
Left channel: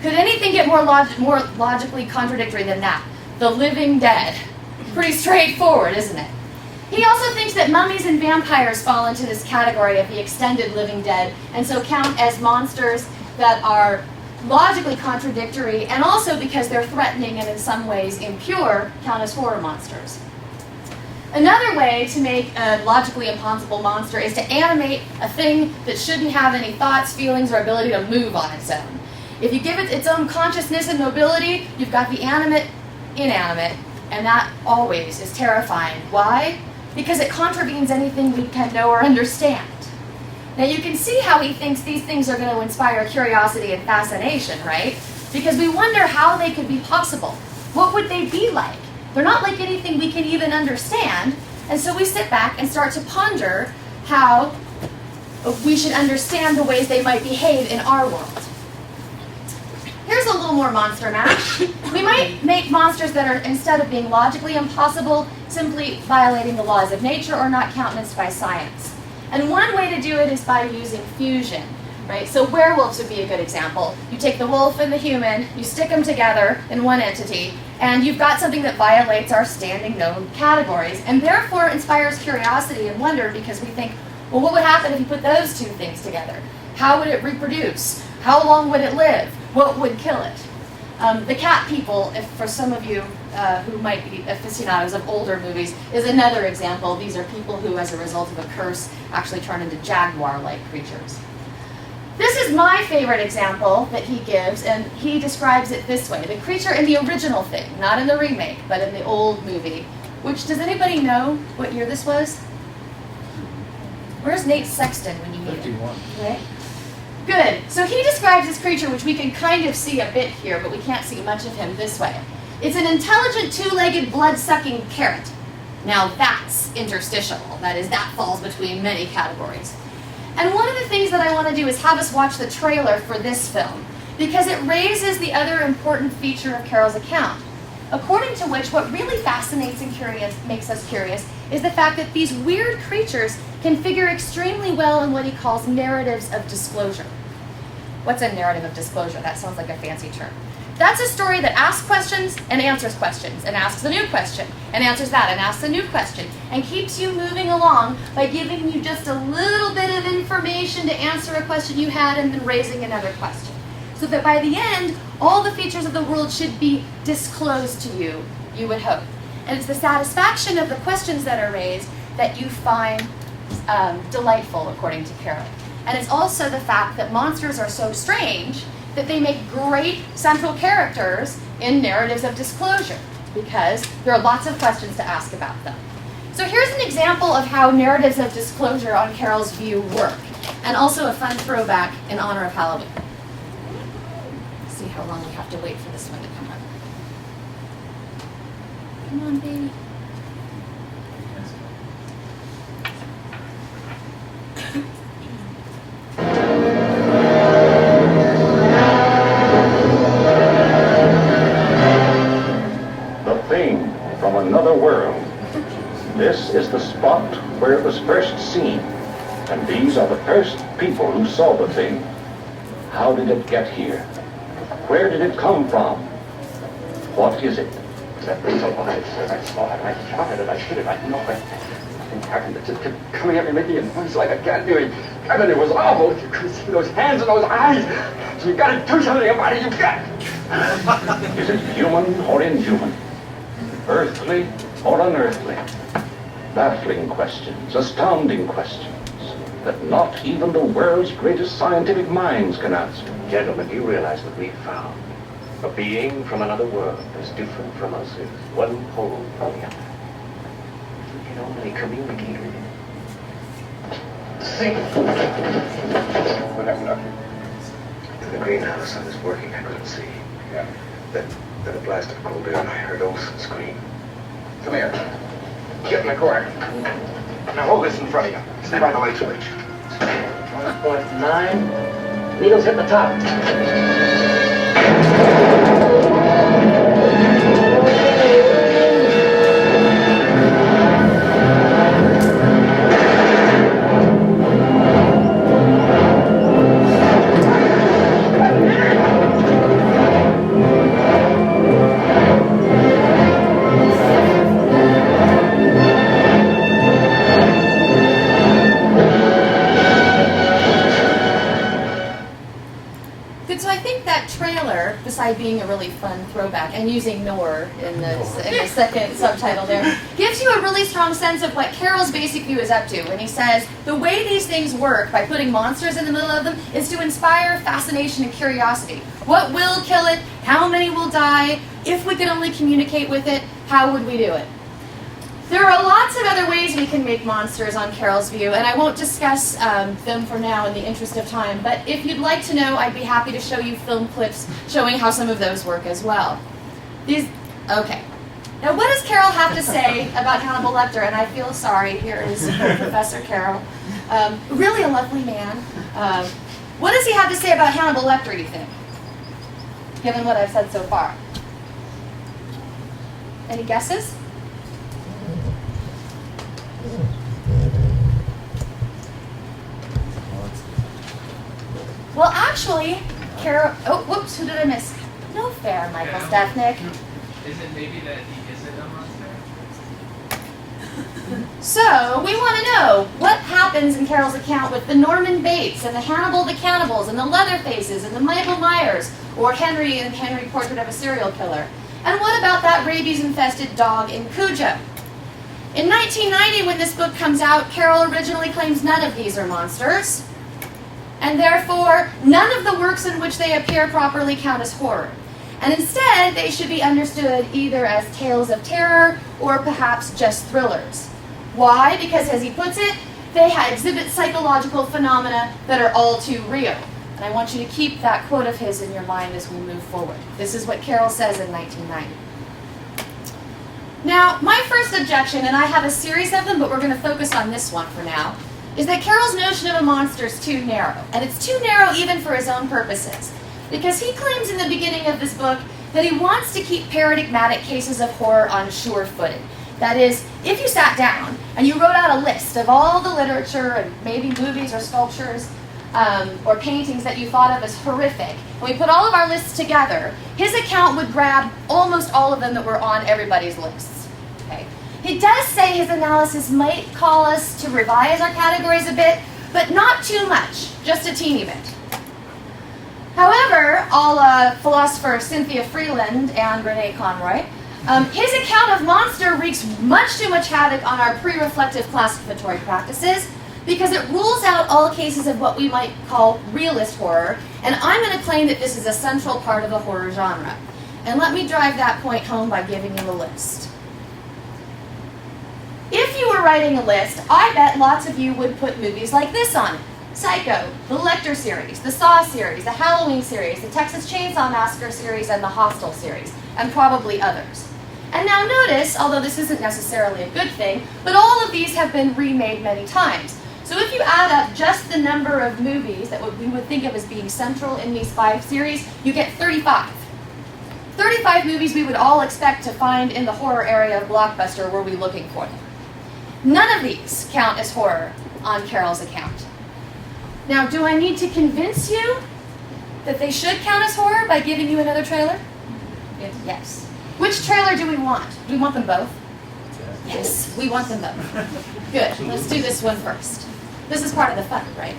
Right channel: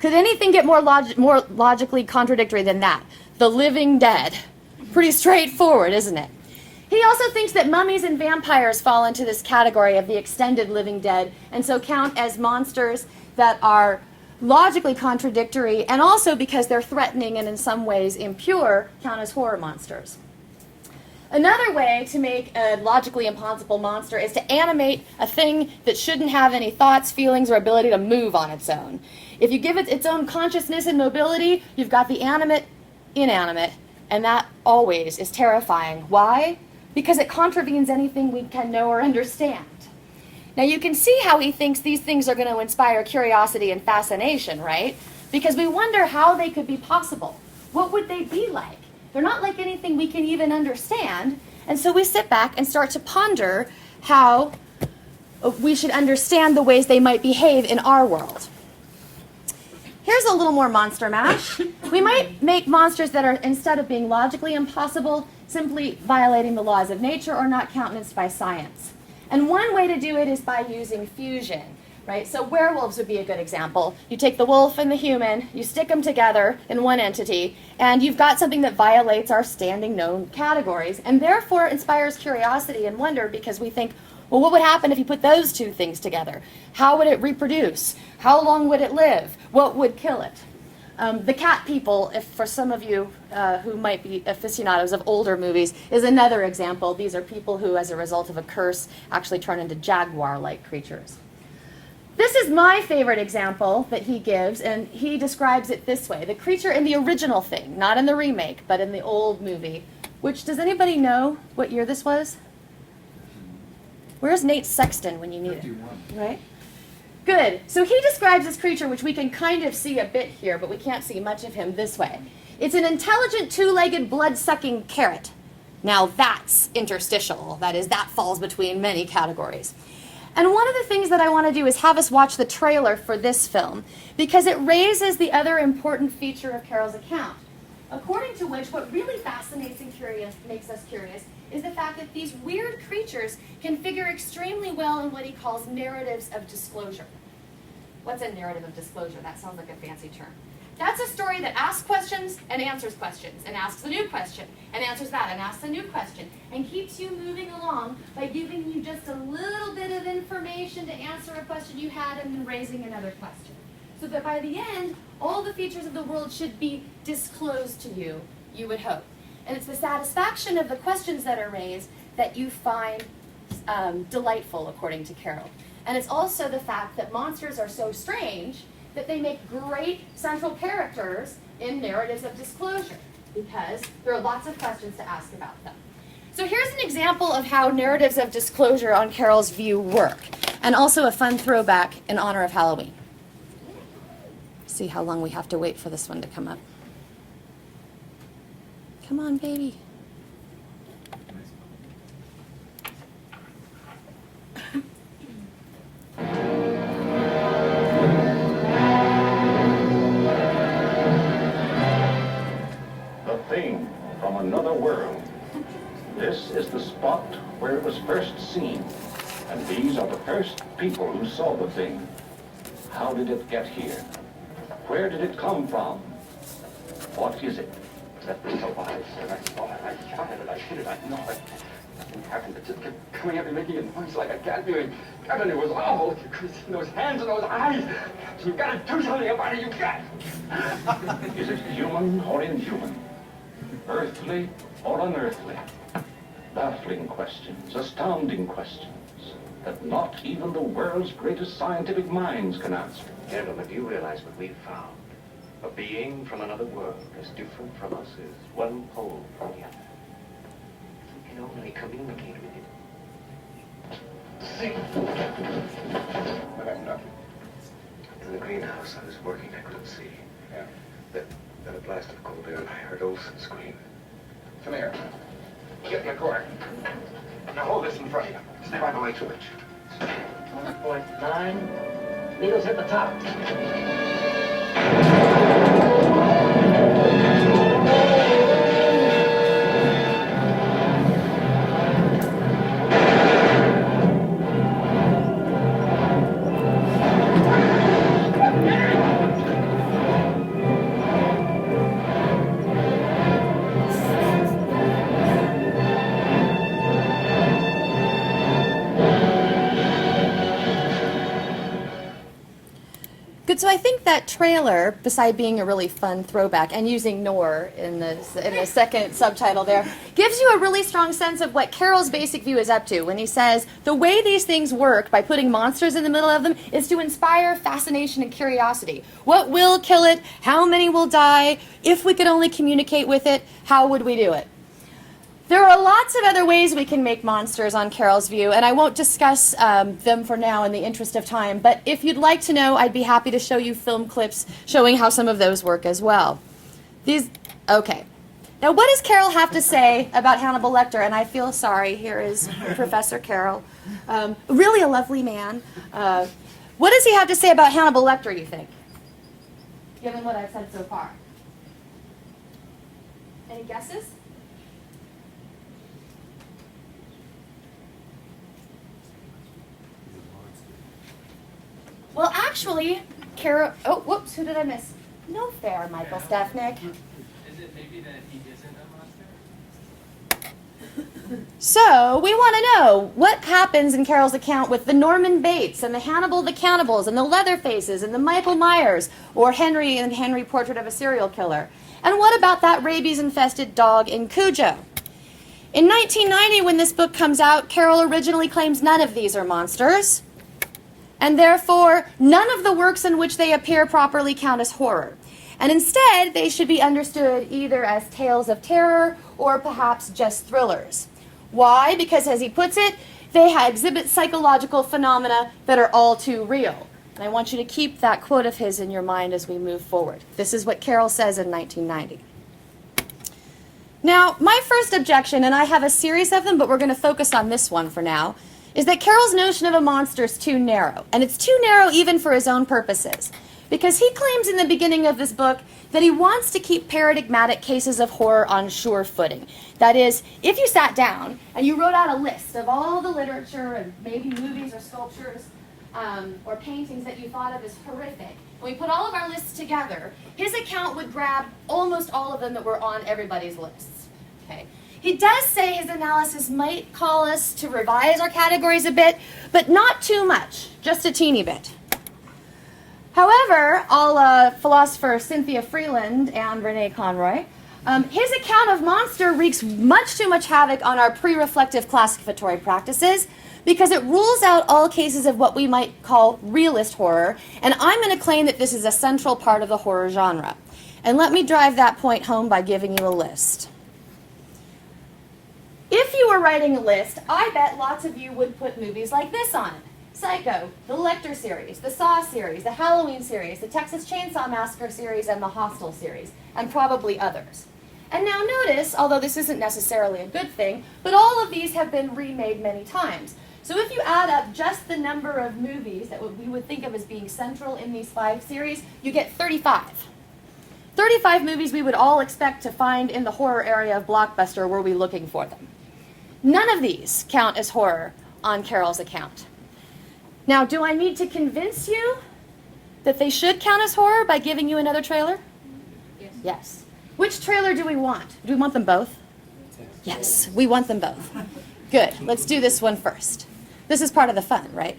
Could anything get more logically contradictory than that? The living dead. Pretty straightforward, isn't it? He also thinks that mummies and vampires fall into this category of the extended living dead, and so count as monsters that are logically contradictory, and also because they're threatening and in some ways impure, count as horror monsters. Another way to make a logically impossible monster is to animate a thing that shouldn't have any thoughts, feelings, or ability to move on its own. If you give it its own consciousness and mobility, you've got the animate, inanimate, and that always is terrifying. Why? Because it contravenes anything we can know or understand. Now you can see how he thinks these things are going to inspire curiosity and fascination, right? Because we wonder how they could be possible. What would they be like? They're not like anything we can even understand. And so we sit back and start to ponder how we should understand the ways they might behave in our world. Here's a little more monster mash. We might make monsters that are, instead of being logically impossible, simply violating the laws of nature or not countenanced by science. And one way to do it is by using fusion, right? So werewolves would be a good example. You take the wolf and the human, you stick them together in one entity, and you've got something that violates our standing known categories, and therefore inspires curiosity and wonder, because we think, well, what would happen if you put those two things together? How would it reproduce? How long would it live? What would kill it? The cat people, if for some of you who might be aficionados of older movies, is another example. These are people who, as a result of a curse, actually turn into jaguar-like creatures. This is my favorite example that he gives, and he describes it this way. The creature in the original thing, not in the remake, but in the old movie, which, does anybody know what year this was? Where's Nate Sexton when you need him? 51. Right? Good. So he describes this creature, which we can kind of see a bit here, but we can't see much of him, this way. It's an intelligent, two-legged, blood-sucking carrot. Now that's interstitial. That is, that falls between many categories. And one of the things that I want to do is have us watch the trailer for this film, because it raises the other important feature of Carol's account, according to which what really fascinates and makes us curious is the fact that these weird creatures can figure extremely well in what he calls narratives of disclosure. What's a narrative of disclosure? That sounds like a fancy term. That's a story that asks questions and answers questions, and asks a new question, and answers that, and asks a new question, and keeps you moving along by giving you just a little bit of information to answer a question you had and then raising another question. So that by the end, all the features of the world should be disclosed to you, you would hope. And it's the satisfaction of the questions that are raised that you find delightful, according to Carol. And it's also the fact that monsters are so strange that they make great central characters in narratives of disclosure, because there are lots of questions to ask about them. So here's an example of how narratives of disclosure on Carol's view work, and also a fun throwback in honor of Halloween. See how long we have to wait for this one to come up. Come on, baby. The thing from another world. This is the spot where it was first seen, and these are the first people who saw the thing. How did it get here? Where did it come from? What is it? That thing's alive, sir. I saw it. I shot at it. I hit it. I know it. Nothing happened. It just kept coming at me, making a noise like a cat doing. Heaven, it was awful. You could see those hands and those eyes. So you got to do something about it. You got. Is it human or inhuman? Earthly or unearthly? Baffling questions, astounding questions that not even the world's greatest scientific minds can answer. Gentlemen, you realize that we found a being from another world as different from us as one pole from the other. We can only communicate with it. See? What happened, Doctor? In the greenhouse, I was working. I couldn't see. Yeah. Then a blast of cold air, and I heard Olson scream. Come here. Get in the corner. Now hold this in front of you. Stay by the light switch. 1.9. Needles hit the top. Good, so I think that trailer, beside being a really fun throwback, and using Nor in the second subtitle there, gives you a really strong sense of what Carol's basic view is up to when he says, the way these things work by putting monsters in the middle of them is to inspire fascination and curiosity. What will kill it? How many will die? If we could only communicate with it, how would we do it? There are lots of other ways we can make monsters on Carol's View, and I won't discuss them for now in the interest of time, but if you'd like to know, I'd be happy to show you film clips showing how some of those work as well. Okay. Now, what does Carol have to say about Hannibal Lecter? And I feel sorry, here is Professor Carol. Really a lovely man. What does he have to say about Hannibal Lecter, you think? Given what I've said so far. Any guesses? Well, actually, Carol... Oh, whoops, who did I miss? No fair, Michael Stefnik. Is it maybe that he isn't a monster? So, we want to know what happens in Carol's account with the Norman Bates and the Hannibal the Cannibals and the Leatherfaces and the Michael Myers, or Henry in Henry Portrait of a Serial Killer. And what about that rabies-infested dog in Cujo? In 1990, when this book comes out, Carol originally claims none of these are monsters, and therefore none of the works in which they appear properly count as horror. And instead, they should be understood either as tales of terror or perhaps just thrillers. Why? Because, as he puts it, they exhibit psychological phenomena that are all too real. And I want you to keep that quote of his in your mind as we move forward. This is what Carol says in 1990. Now, my first objection, and I have a series of them, but we're going to focus on this one for now, is that Carol's notion of a monster is too narrow. And it's too narrow even for his own purposes. Because he claims in the beginning of this book that he wants to keep paradigmatic cases of horror on sure footing. That is, if you sat down and you wrote out a list of all the literature and maybe movies or sculptures or paintings that you thought of as horrific, and we put all of our lists together, his account would grab almost all of them that were on everybody's lists. Okay? He does say his analysis might call us to revise our categories a bit, but not too much, just a teeny bit. However, philosopher Cynthia Freeland and Renee Conroy, his account of monster wreaks much too much havoc on our pre-reflective classificatory practices because it rules out all cases of what we might call realist horror, and I'm going to claim that this is a central part of the horror genre. And let me drive that point home by giving you a list. If you were writing a list, I bet lots of you would put movies like this on it. Psycho, the Lecter series, the Saw series, the Halloween series, the Texas Chainsaw Massacre series, and the Hostel series, and probably others. And now notice, although this isn't necessarily a good thing, but all of these have been remade many times. So if you add up just the number of movies that we would think of as being central in these 5 series, you get 35. 35 movies we would all expect to find in the horror area of Blockbuster were we looking for them. None of these count as horror on Carol's account. Now, do I need to convince you that they should count as horror by giving you another trailer? Yes. Yes. Which trailer do we want? Do we want them both? Yes, we want them both. Good. Let's do this one first. This is part of the fun, right?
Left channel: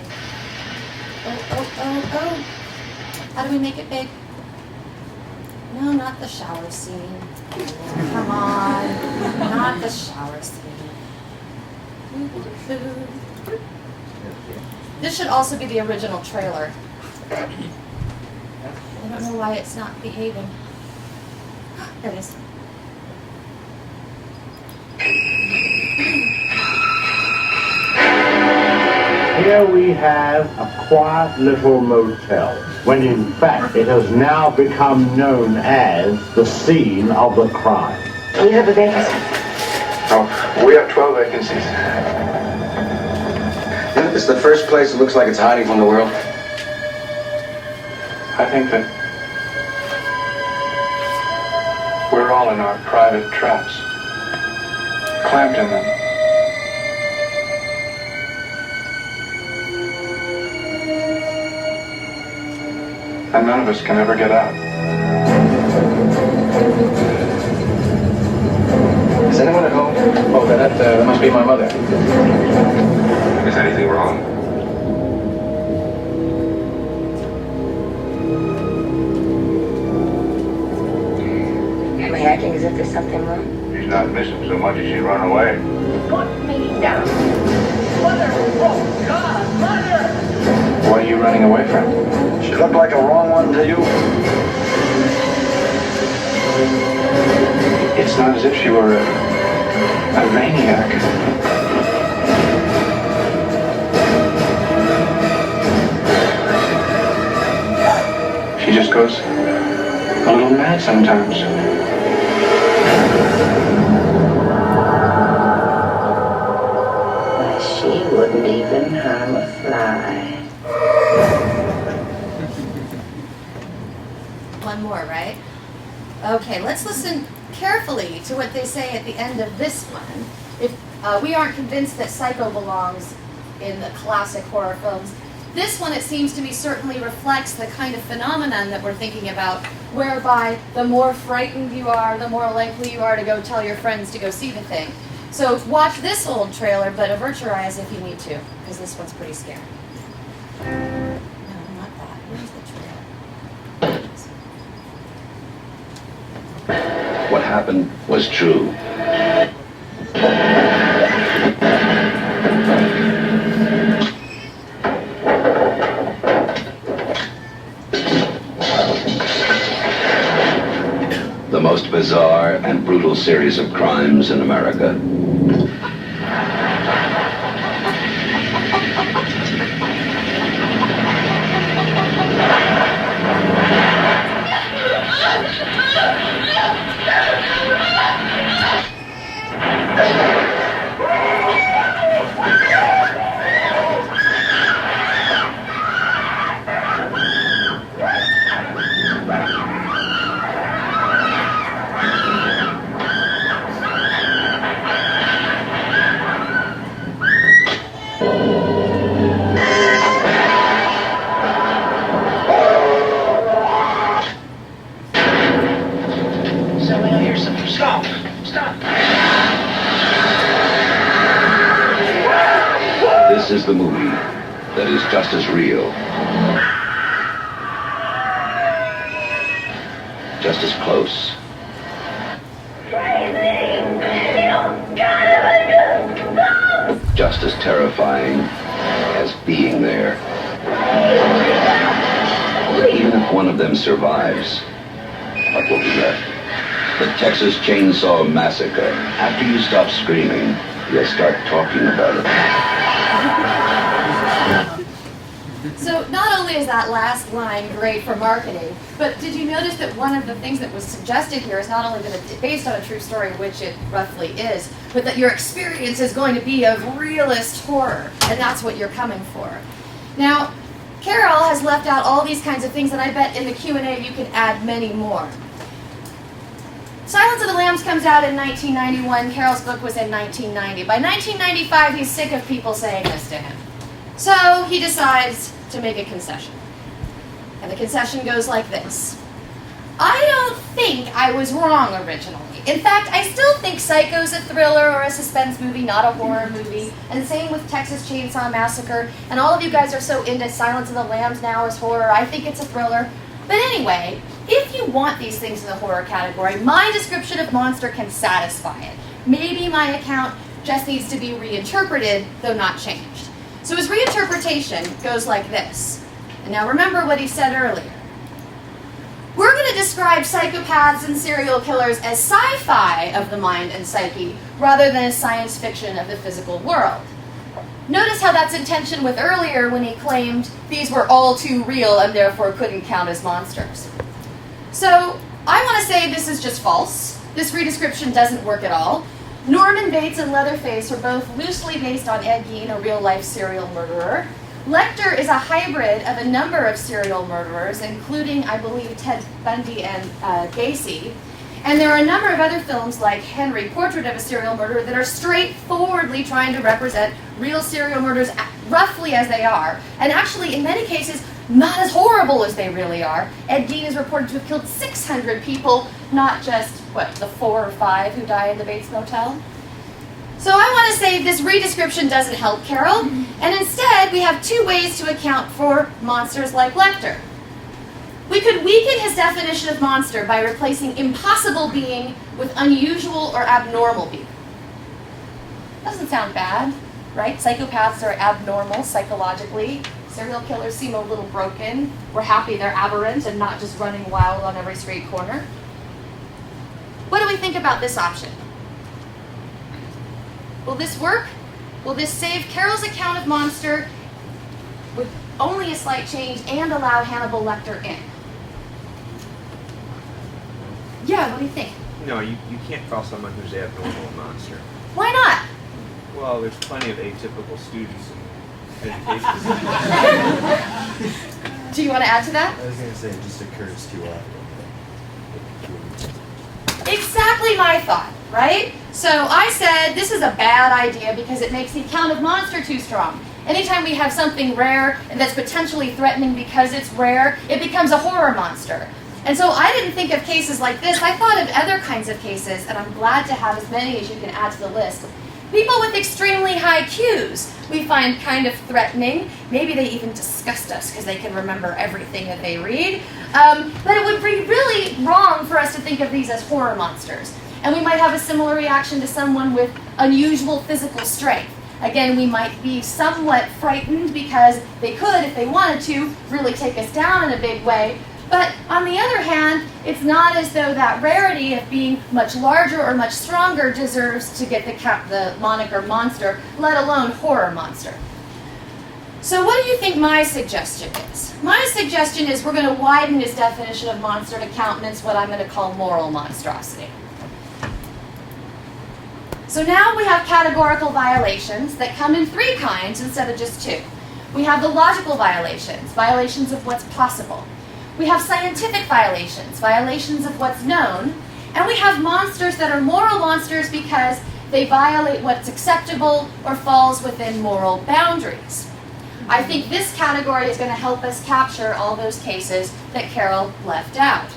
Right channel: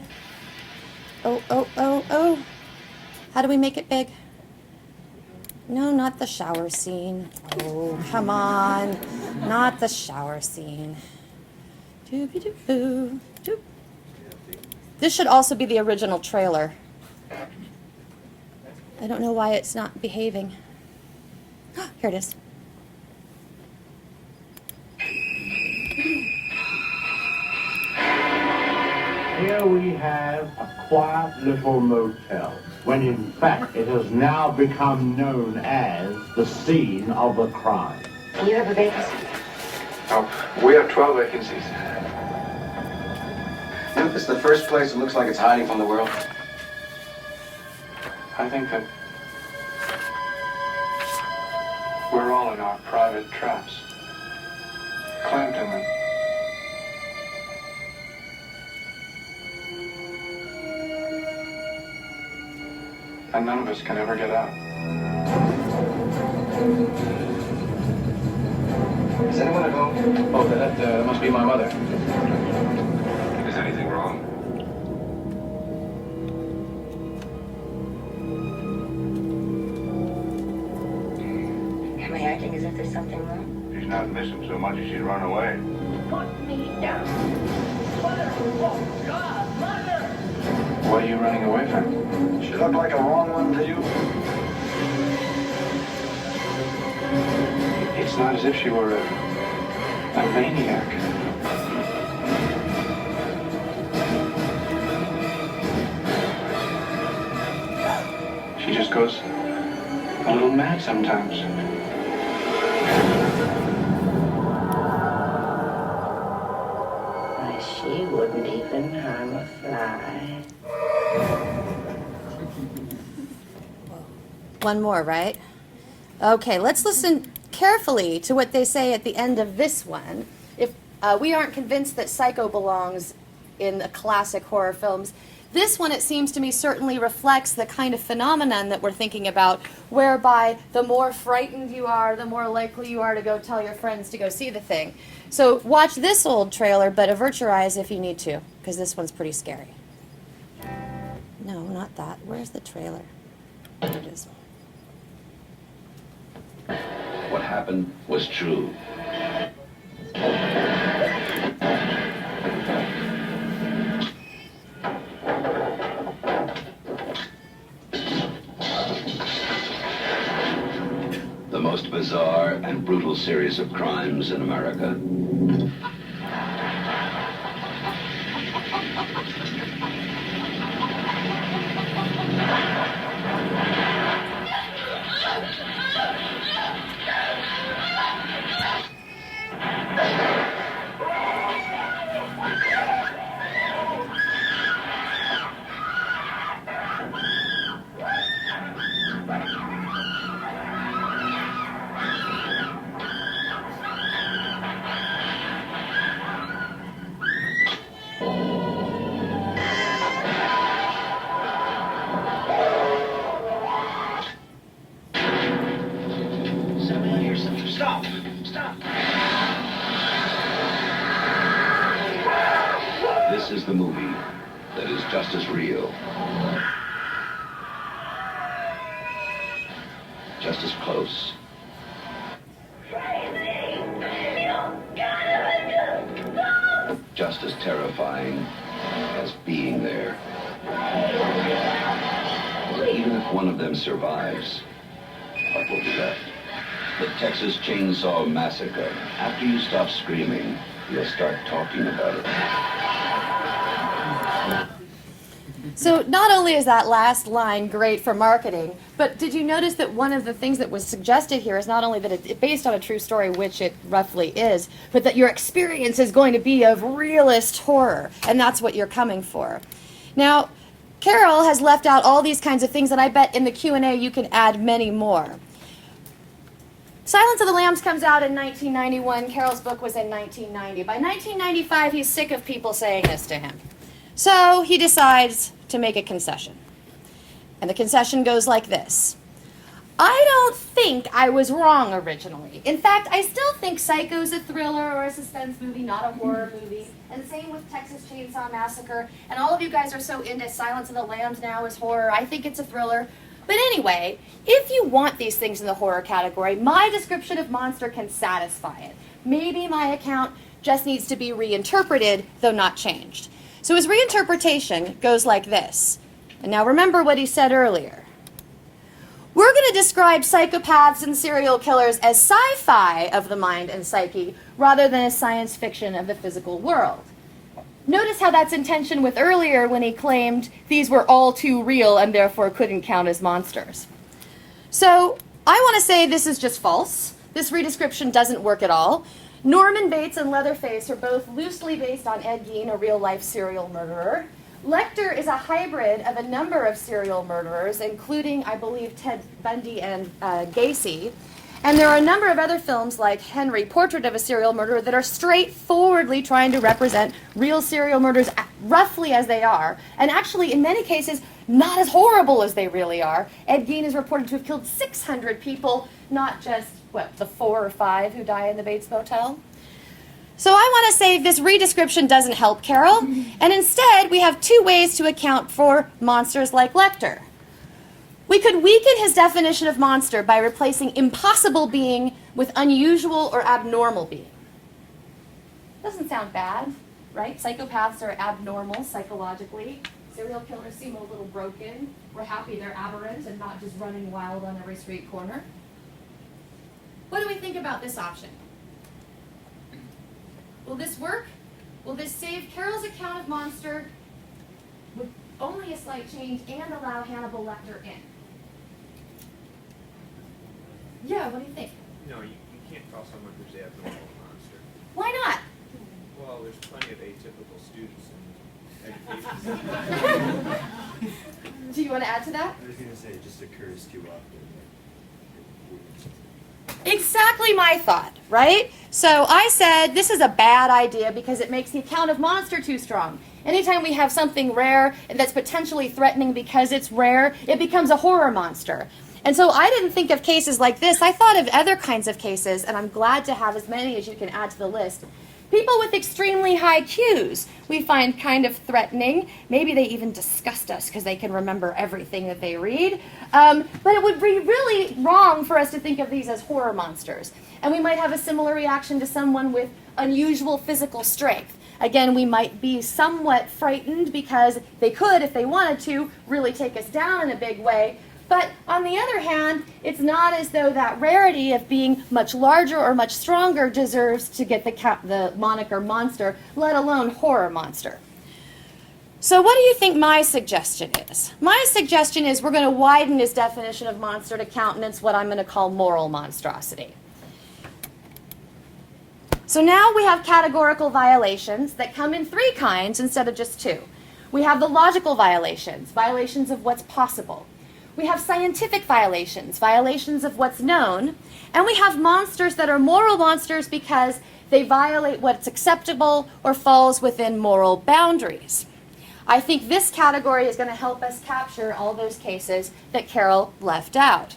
Oh. How do we make it big? No, not the shower scene. Oh, come on. Not the shower scene. Doo-ba-doo-boo. This should also be the original trailer. I don't know why it's not behaving. Here it is. Here we have a quiet little motel, when in fact it has now become known as the scene of the crime. You have a vacancy. Oh, we have 12 vacancies. Isn't this the first place that looks like it's hiding from the world? I think that we're all in our private traps, clamped in them. And none of us can ever get out. Is anyone at home? Oh, that must be my mother. Is anything wrong? Am I acting as if there's something wrong? She's not missing so much as she run away. Put me down. Mother! Oh, God! Mother! What are you running away from? She looked like a wrong one to you? It's not as if she were A maniac. She just goes a little mad sometimes. She wouldn't even harm a fly. One more, right? Okay, let's listen carefully to what they say at the end of this one. If we aren't convinced that Psycho belongs in the classic horror films, this one, it seems to me, certainly reflects the kind of phenomenon that we're thinking about, whereby the more frightened you are, the more likely you are to go tell your friends to go see the thing. So watch this old trailer, but avert your eyes if you need to, because this one's pretty scary. No, not that. Where's the trailer? There it is. What happened was true. The most bizarre and brutal series of crimes in America. This is the movie that is just as real, just as close, just as terrifying as being there. Even if one of them survives, what will be left? The Texas Chainsaw Massacre. After you stop screaming, you'll start talking about it. So not only is that last line great for marketing, but did you notice that one of the things that was suggested here is not only that it's based on a true story, which it roughly is, but that your experience is going to be of realist horror, and that's what you're coming for. Now, Carol has left out all these kinds of things, and I bet in the Q&A you can add many more. Silence of the Lambs comes out in 1991. Carol's book was in 1990. By 1995, he's sick of people saying this to him. So he decides to make a concession. And the concession goes like this. I don't think I was wrong originally. In fact, I still think Psycho's a thriller or a suspense movie, not a horror movie. And same with Texas Chainsaw Massacre. And all of you guys are so into Silence of the Lambs now as horror. I think it's a thriller. But anyway, if you want these things in the horror category, my description of Monster can satisfy it. Maybe my account just needs to be reinterpreted, though not changed. So his reinterpretation goes like this. And now remember what he said earlier. We're going to describe psychopaths and serial killers as sci-fi of the mind and psyche, rather than as science fiction of the physical world. Notice how that's in tension with earlier when he claimed these were all too real and therefore couldn't count as monsters. So I want to say this is just false. This redescription doesn't work at all. Norman Bates and Leatherface are both loosely based on Ed Gein, a real-life serial murderer. Lecter is a hybrid of a number of serial murderers, including, I believe, Ted Bundy and Gacy. And there are a number of other films like Henry, Portrait of a Serial Murderer, that are straightforwardly trying to represent real serial murders roughly as they are, and actually, in many cases, not as horrible as they really are. Ed Gein is reported to have killed 600 people, not just, the 4 or 5 who died in the Bates Motel. So I want to say this redescription doesn't help Carol, and instead we have 2 ways to account for monsters like Lecter. We could weaken his definition of monster by replacing impossible being with unusual or abnormal being. Doesn't sound bad, right? Psychopaths are abnormal psychologically. Serial killers seem a little broken. We're happy they're aberrant and not just running wild on every street corner. What do we think about this option? Will this work? Will this save Carol's account of Monster with only a slight change and allow Hannibal Lecter in? Yeah, what do you think? No, you can't call someone who's abnormal a monster. Why not? Well, there's plenty of atypical students in education. Do you want to add to that? I was going to say, it just occurs too often. Exactly my thought, right? So I said this is a bad idea because it makes the account of Monster too strong. Anytime we have something rare and that's potentially threatening because it's rare, it becomes a horror monster. And so I didn't think of cases like this. I thought of other kinds of cases, and I'm glad to have as many as you can add to the list. People with extremely high IQs we find kind of threatening. Maybe they even disgust us because they can remember everything that they read. But it would be really wrong for us to think of these as horror monsters. And we might have a similar reaction to someone with unusual physical strength. Again, we might be somewhat frightened because they could, if they wanted to, really take us down in a big way. But on the other hand, it's not as though that rarity of being much larger or much stronger deserves to get the moniker monster, let alone horror monster. So what do you think my suggestion is? My suggestion is we're going to widen his definition of monster to countenance what I'm going to call moral monstrosity. So now we have categorical violations that come in 3 kinds instead of just 2. We have the logical violations, violations of what's possible. We have scientific violations, violations of what's known. And we have monsters that are moral monsters because they violate what's acceptable or falls within moral boundaries. I think this category is going to help us capture all those cases that Carol left out.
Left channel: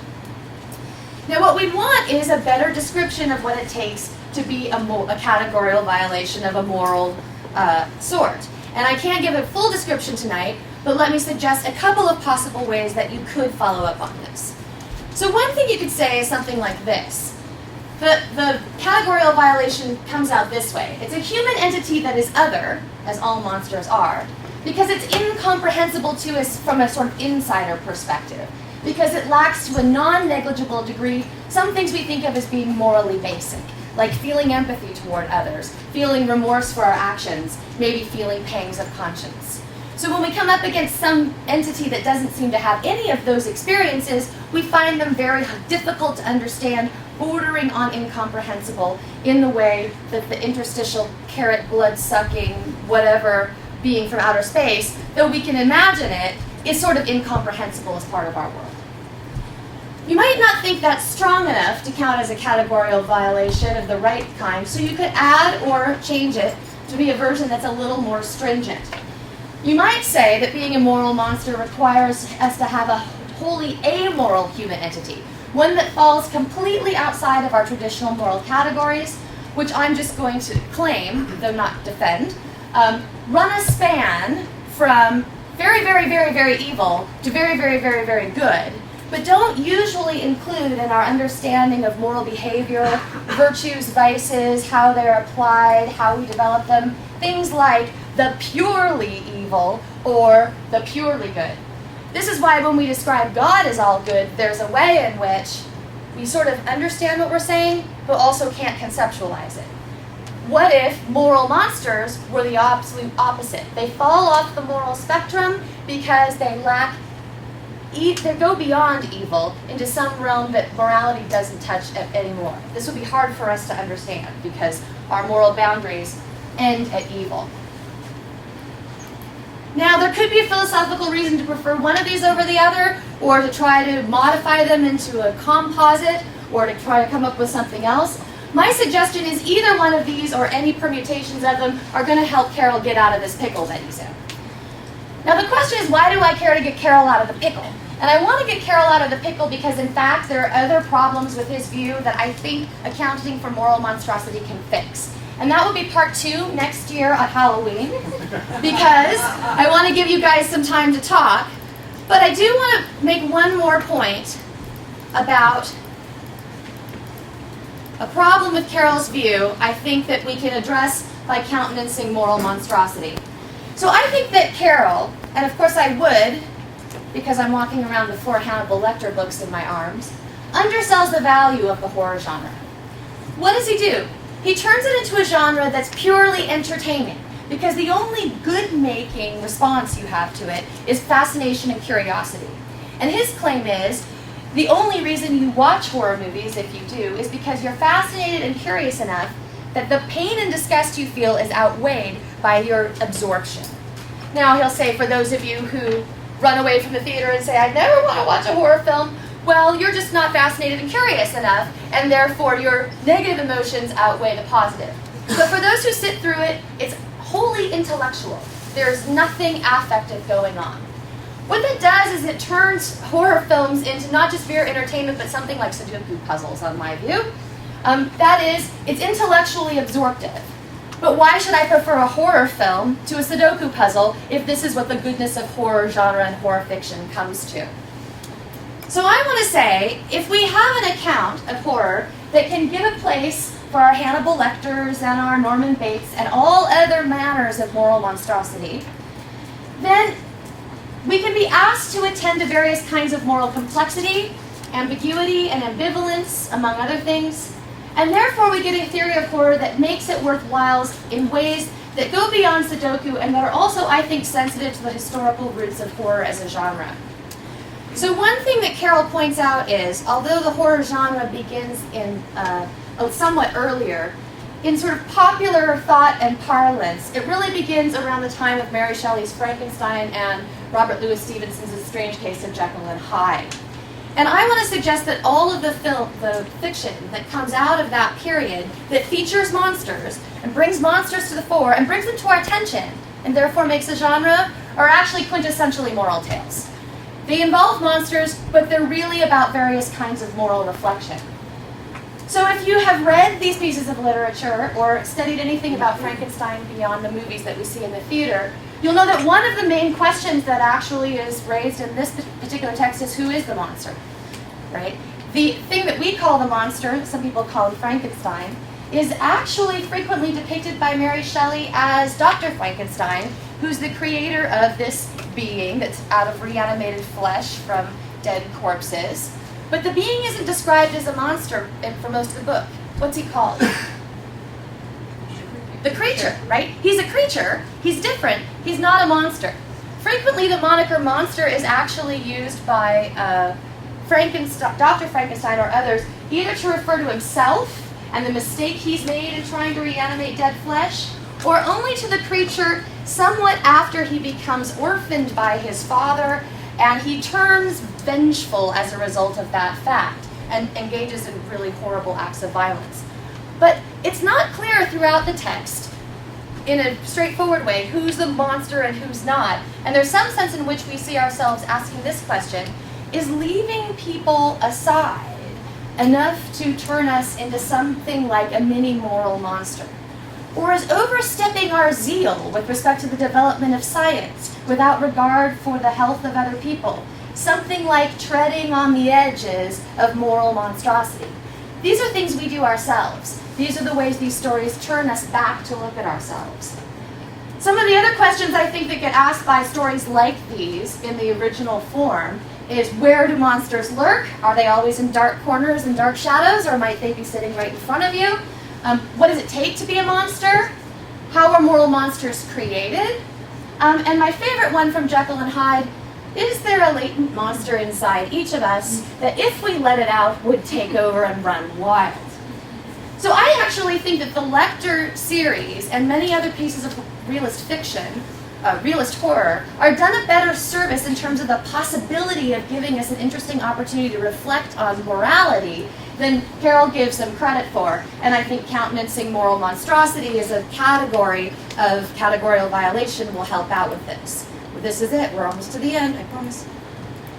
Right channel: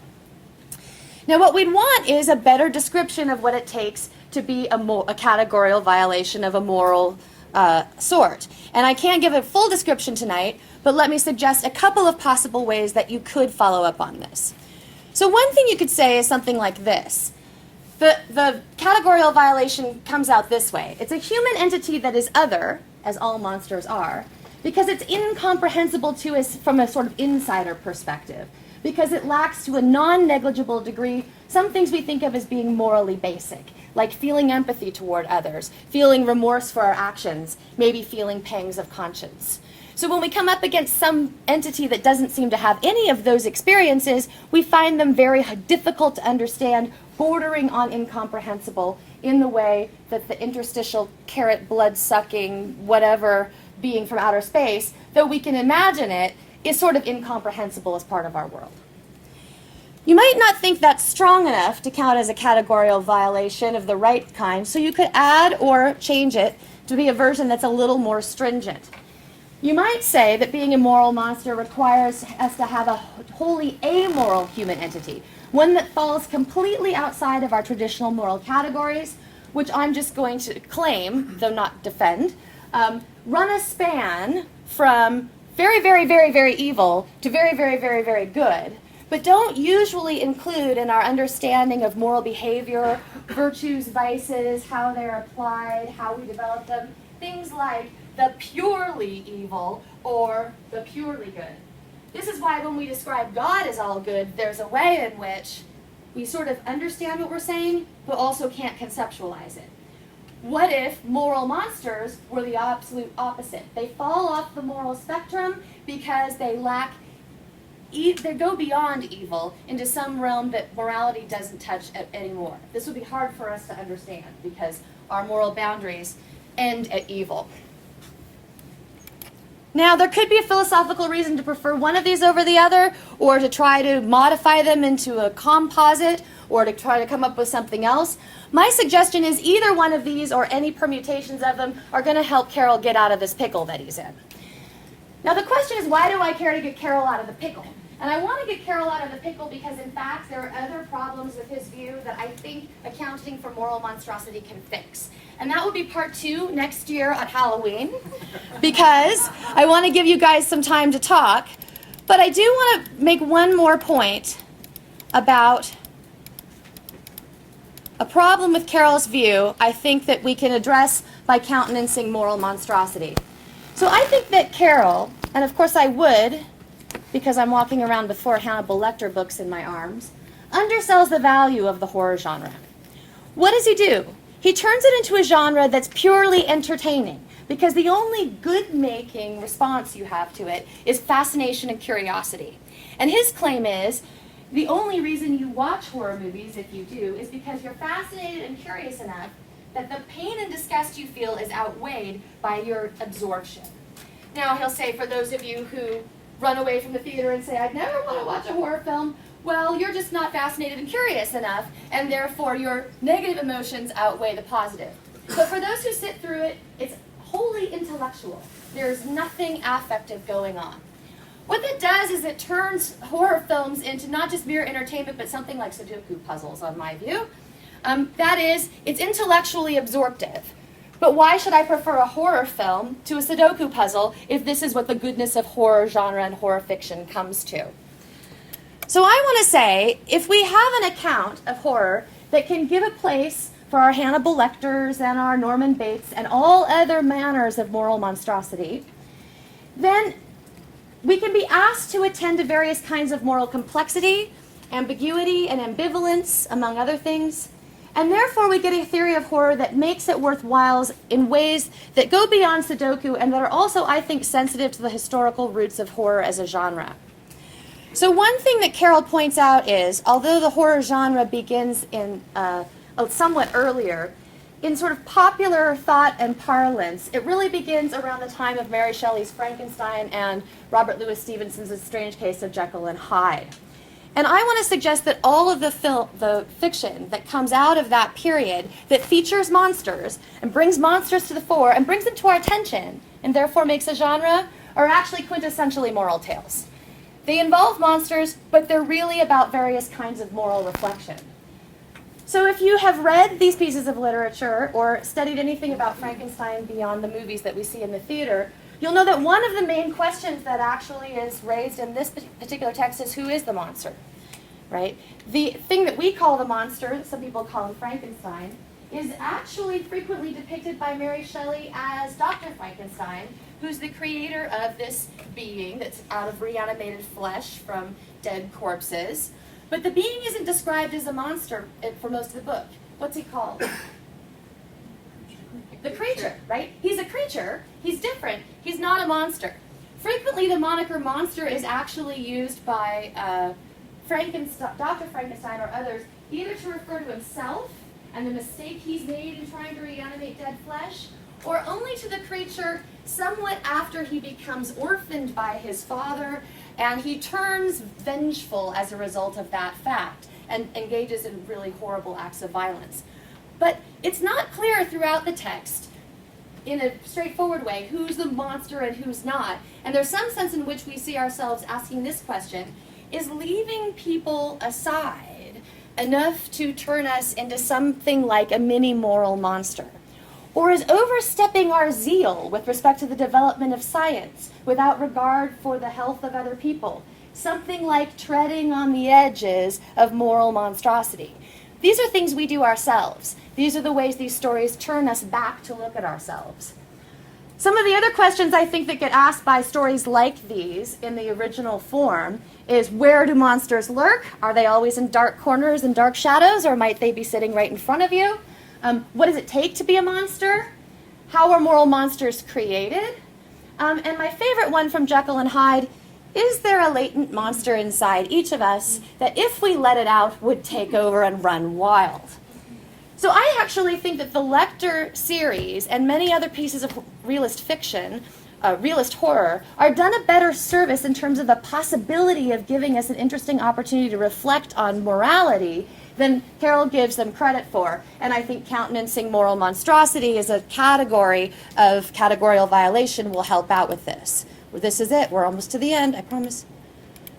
Now what we'd want is a better description of what it takes to be a categorical violation of a moral sort. And I can't give a full description tonight, but let me suggest a couple of possible ways that you could follow up on this. So one thing you could say is something like this. The categorical violation comes out this way. It's a human entity that is other, as all monsters are, because it's incomprehensible to us from a sort of insider perspective, because it lacks to a non-negligible degree some things we think of as being morally basic, like feeling empathy toward others, feeling remorse for our actions, maybe feeling pangs of conscience. So when we come up against some entity that doesn't seem to have any of those experiences, we find them very difficult to understand, bordering on incomprehensible in the way that the interstitial carrot blood-sucking whatever being from outer space, though we can imagine it, is sort of incomprehensible as part of our world. You might not think that's strong enough to count as a categorical violation of the right kind, so you could add or change it to be a version that's a little more stringent. You might say that being a moral monster requires us to have a wholly amoral human entity, one that falls completely outside of our traditional moral categories, which I'm just going to claim, though not defend, run a span from very, very, very, very evil to very, very, very, very good, but don't usually include in our understanding of moral behavior, virtues, vices, how they're applied, how we develop them, things like the purely evil or the purely good. This is why when we describe God as all good, there's a way in which we sort of understand what we're saying, but also can't conceptualize it. What if moral monsters were the absolute opposite? They fall off the moral spectrum because they they go beyond evil into some realm that morality doesn't touch anymore. This would be hard for us to understand because our moral boundaries end at evil. Now, there could be a philosophical reason to prefer one of these over the other, or to try to modify them into a composite, or to try to come up with something else. My suggestion is either one of these or any permutations of them are going to help Carol get out of this pickle that he's in. Now, the question is, why do I care to get Carol out of the pickle? And I want to get Carol out of the pickle because, in fact, there are other problems with his view that I think accounting for moral monstrosity can fix. And that will be part 2 next year on Halloween, because I want to give you guys some time to talk. But I do want to make one more point about a problem with Carol's view I think that we can address by countenancing moral monstrosity. So I think that Carol, and of course I would, because I'm walking around with 4 Hannibal Lecter books in my arms, undersells the value of the horror genre. What does he do? he turns it into a genre that's purely entertaining, because the only good-making response you have to it is fascination and curiosity. And his claim is, the only reason you watch horror movies, if you do, is because you're fascinated and curious enough that the pain and disgust you feel is outweighed by your absorption. Now, he'll say, for those of you who run away from the theater and say, I never want to watch a horror film, well, you're just not fascinated and curious enough, and therefore your negative emotions outweigh the positive. But for those who sit through it, it's wholly intellectual. There's nothing affective going on. What that does is it turns horror films into not just mere entertainment, but something like Sudoku puzzles, on my view. That is, it's intellectually absorptive. But why should I prefer a horror film to a Sudoku puzzle if this is what the goodness of horror genre and horror fiction comes to? So I want to say, if we have an account of horror that can give a place for our Hannibal Lecters and our Norman Bates and all other manners of moral monstrosity, then we can be asked to attend to various kinds of moral complexity, ambiguity, and ambivalence, among other things, and therefore we get a theory of horror that makes it worthwhile in ways that go beyond Sudoku and that are also, I think, sensitive to the historical roots of horror as a genre. So one thing that Carol points out is, although the horror genre begins in somewhat earlier, in sort of popular thought and parlance, it really begins around the time of Mary Shelley's Frankenstein and Robert Louis Stevenson's A Strange Case of Jekyll and Hyde. And I want to suggest that all of the fiction that comes out of that period that features monsters and brings monsters to the fore and brings them to our attention and therefore makes a genre are actually quintessentially moral tales. They involve monsters, but they're really about various kinds of moral reflection. So if you have read these pieces of literature or studied anything about Frankenstein beyond the movies that we see in the theater, you'll know that one of the main questions that actually is raised in this particular text is, who is the monster, right? The thing that we call the monster, some people call him Frankenstein, is actually frequently depicted by Mary Shelley as Dr. Frankenstein, who's the creator of this being that's out of reanimated flesh from dead corpses. But the being isn't described as a monster for most of the book. What's he called? The creature, right? He's a creature. He's different. He's not a monster. Frequently, the moniker monster is actually used by Dr. Frankenstein or others either to refer to himself and the mistake he's made in trying to reanimate dead flesh, or only to the creature somewhat after he becomes orphaned by his father and he turns vengeful as a result of that fact and engages in really horrible acts of violence. But it's not clear throughout the text, in a straightforward way, who's the monster and who's not. And there's some sense in which we see ourselves asking this question, is leaving people aside enough to turn us into something like a mini moral monster? Or is overstepping our zeal with respect to the development of science without regard for the health of other people something like treading on the edges of moral monstrosity? These are things we do ourselves. These are the ways these stories turn us back to look at ourselves. Some of the other questions I think that get asked by stories like these in the original form is, where do monsters lurk? Are they always in dark corners and dark shadows, or might they be sitting right in front of you? What does it take to be a monster? How are moral monsters created? And my favorite one from Jekyll and Hyde, is there a latent monster inside each of us that if we let it out would take over and run wild? So I actually think that the Lecter series and many other pieces of realist fiction, realist horror, are done a better service in terms of the possibility of giving us an interesting opportunity to reflect on morality than Carol gives them credit for. And I think countenancing moral monstrosity as a category of categorical violation will help out with this. Well, this is it. We're almost to the end, I promise.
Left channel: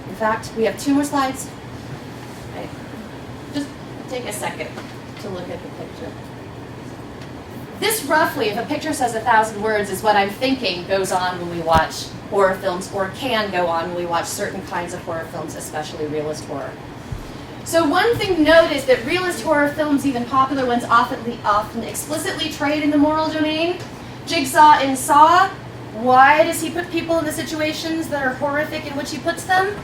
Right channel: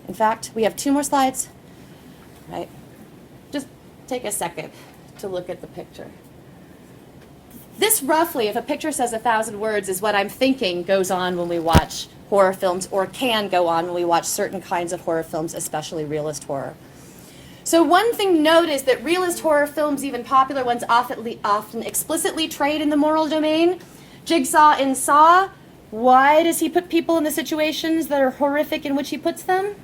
In fact, we have 2 more slides. Right? Just take a second to look at the picture. This roughly, if a picture says 1,000 words, is what I'm thinking goes on when we watch horror films, or can go on when we watch certain kinds of horror films, especially realist horror. So one thing to note is that realist horror films, even popular ones, often explicitly trade in the moral domain. Jigsaw in Saw, why does he put people in the situations that are horrific in which he puts them?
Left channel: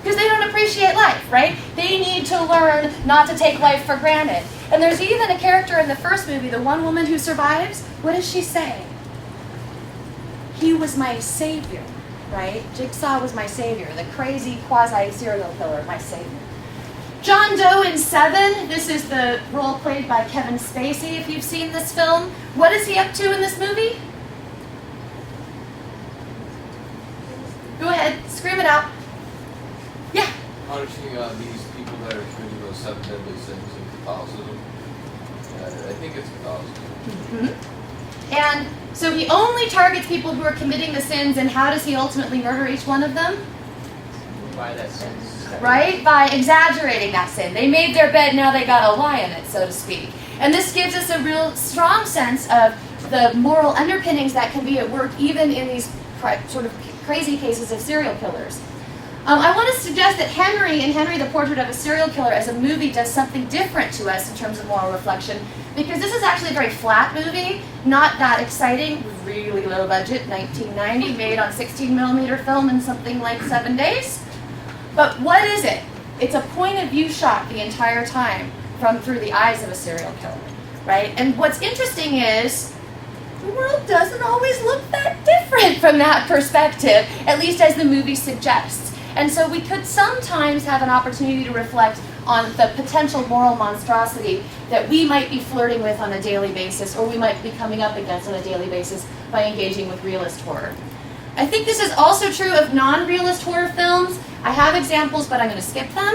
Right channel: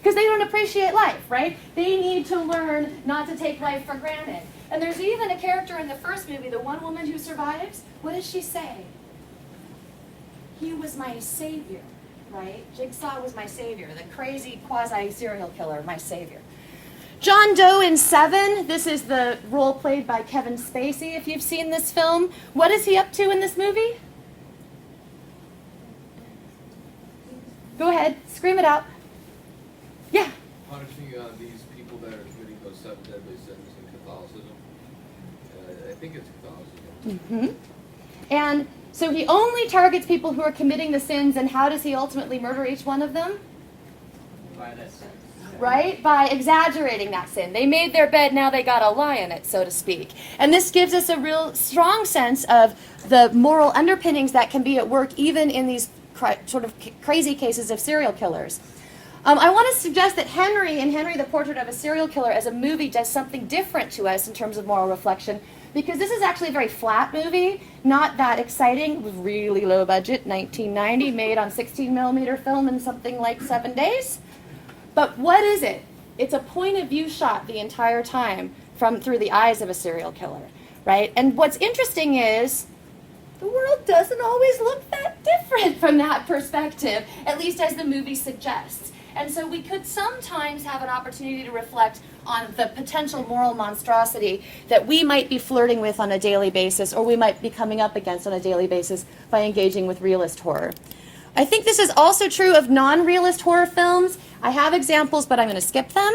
Because they don't appreciate life, right? They need to learn not to take life for granted. And there's even a character in the first movie, the one woman who survives. What does she say? He was my savior, right? Jigsaw was my savior, the crazy quasi-serial killer, my savior. John Doe in Seven, this is the role played by Kevin Spacey, if you've seen this film. What is he up to in this movie? Go ahead, scream it out. Yeah. Punishing these people that are committing those 7 deadly sins in Catholicism. I think it's Catholicism. Mm-hmm. And so he only targets people who are committing the sins, and how does he ultimately murder each one of them? By that sin. Right? By exaggerating that sin. They made their bed, now they got a lie in it, so to speak. And this gives us a real strong sense of the moral underpinnings that can be at work even in these sort of crazy cases of serial killers. I want to suggest that Henry, in Henry the Portrait of a Serial Killer, as a movie, does something different to us in terms of moral reflection, because this is actually a very flat movie, not that exciting, really low budget, 1990, made on 16mm film in something like 7 days. But what is it? It's a point of view shot the entire time through the eyes of a serial killer, right? And what's interesting is the world doesn't always look that different from that perspective, at least as the movie suggests. And so we could sometimes have an opportunity to reflect on the potential moral monstrosity that we might be flirting with on a daily basis, or we might be coming up against on a daily basis by engaging with realist horror. I think this is also true of non-realist horror films. I have examples, but I'm going to skip them.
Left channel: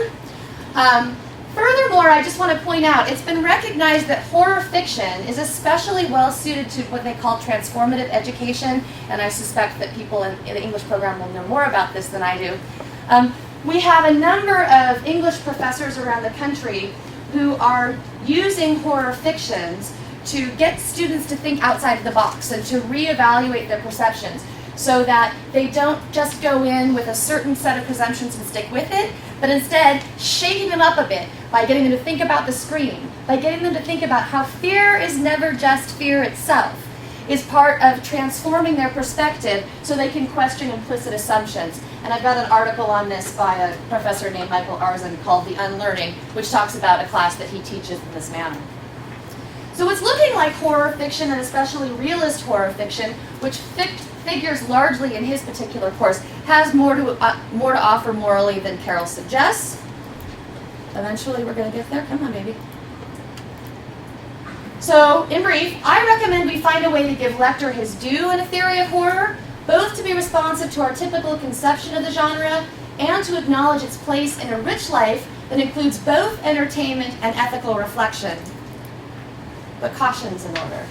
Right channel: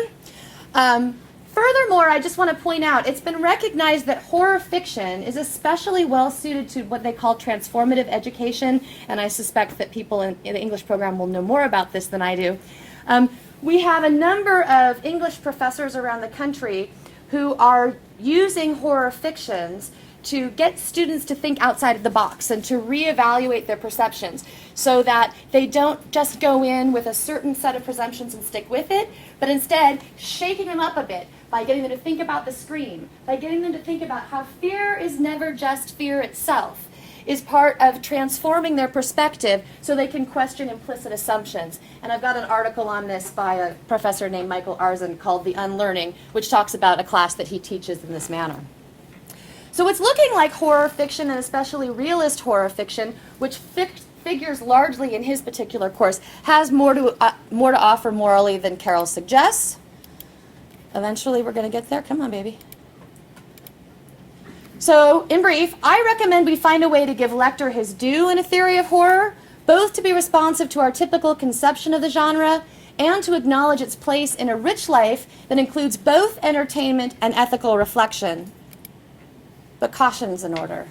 Furthermore, I just want to point out, it's been recognized that horror fiction is especially well suited to what they call transformative education, and I suspect that people in the English program will know more about this than I do. We have a number of English professors around the country who are using horror fictions to get students to think outside of the box and to reevaluate their perceptions, so that they don't just go in with a certain set of presumptions and stick with it, but instead shaking them up a bit by getting them to think about the screen, by getting them to think about how fear is never just fear itself, is part of transforming their perspective so they can question implicit assumptions. And I've got an article on this by a professor named Michael Arzon called The Unlearning, which talks about a class that he teaches in this manner. So it's looking like horror fiction, and especially realist horror fiction, which figures largely in his particular course, has more to offer morally than Carol suggests. Eventually we're going to get there. Come on, baby. So, in brief, I recommend we find a way to give Lecter his due in a theory of horror, both to be responsive to our typical conception of the genre and to acknowledge its place in a rich life that includes both entertainment and ethical reflection. But caution's in order.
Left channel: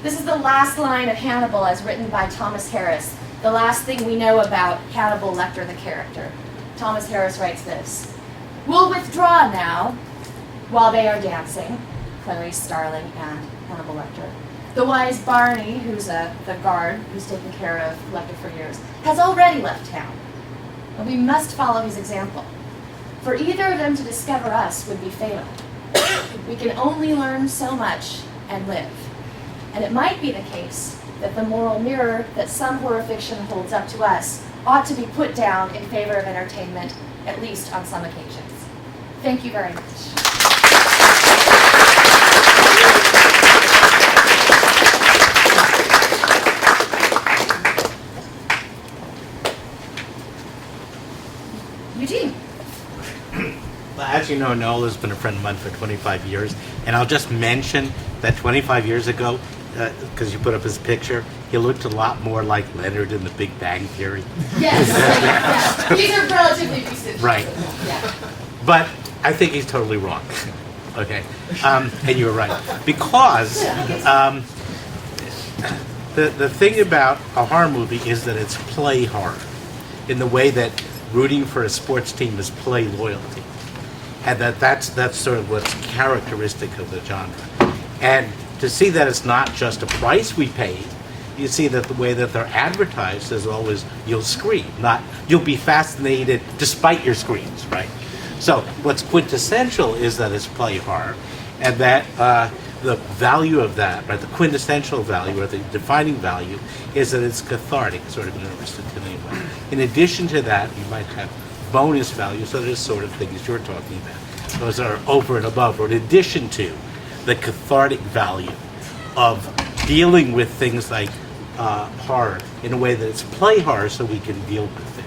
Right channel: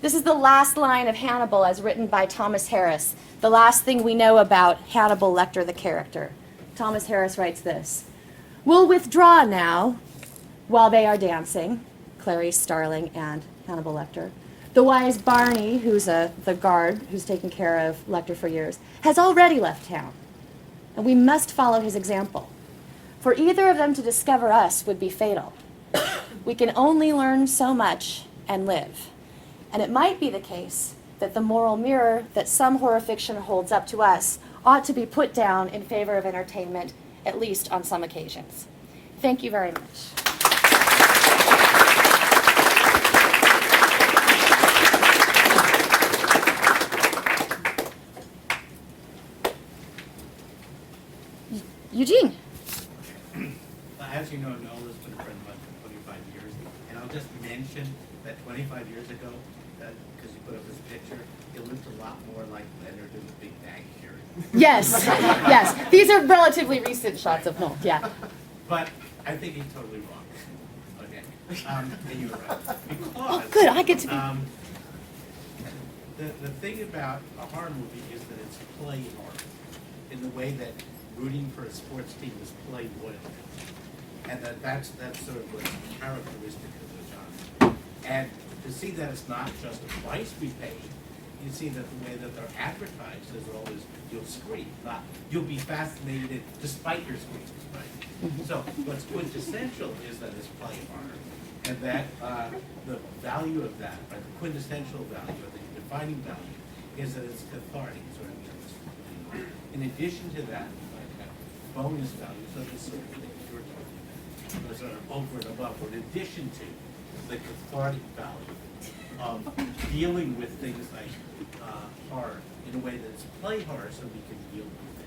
This is the last line of Hannibal as written by Thomas Harris, the last thing we know about Hannibal Lecter, the character. Thomas Harris writes this: "We'll withdraw now while they are dancing," Clarice Starling and Hannibal Lecter. "The wise Barney, who's the guard who's taken care of Lecter for years, has already left town. And we must follow his example. For either of them to discover us would be fatal. We can only learn so much and live. And it might be the case that the moral mirror that some horror fiction holds up to us ought to be put down in favor of entertainment, at least on some occasions." Thank you very much. Eugene. Well, as you know, Nola's been a friend of mine for 25 years, and I'll just mention that 25 years ago, because you put up his picture, he looked a lot more like Leonard in The Big Bang Theory. Yes, yes. These are relatively recent shots Right. of him. Yeah. But I think he's totally wrong. Okay, and you're right, because Good, I get to the thing about a horror movie is that it's play horror, in the way that rooting for a sports team is play loyalty, and that's sort of what's characteristic of the genre. And to see that it's not just a price we paid, you see that the way that they're advertised is always, you'll scream, not you'll be fascinated despite your screams, right? So what's quintessential is that it's play horror, and that the value of that, right, the quintessential value or the defining value is that it's cathartic, sort of in a stimulating way. In addition to that, you might have bonus value, so there's sort of things you're talking about. Those are over and above, or in addition to the cathartic value of dealing with things like horror in a way that it's play horror so we can deal with it.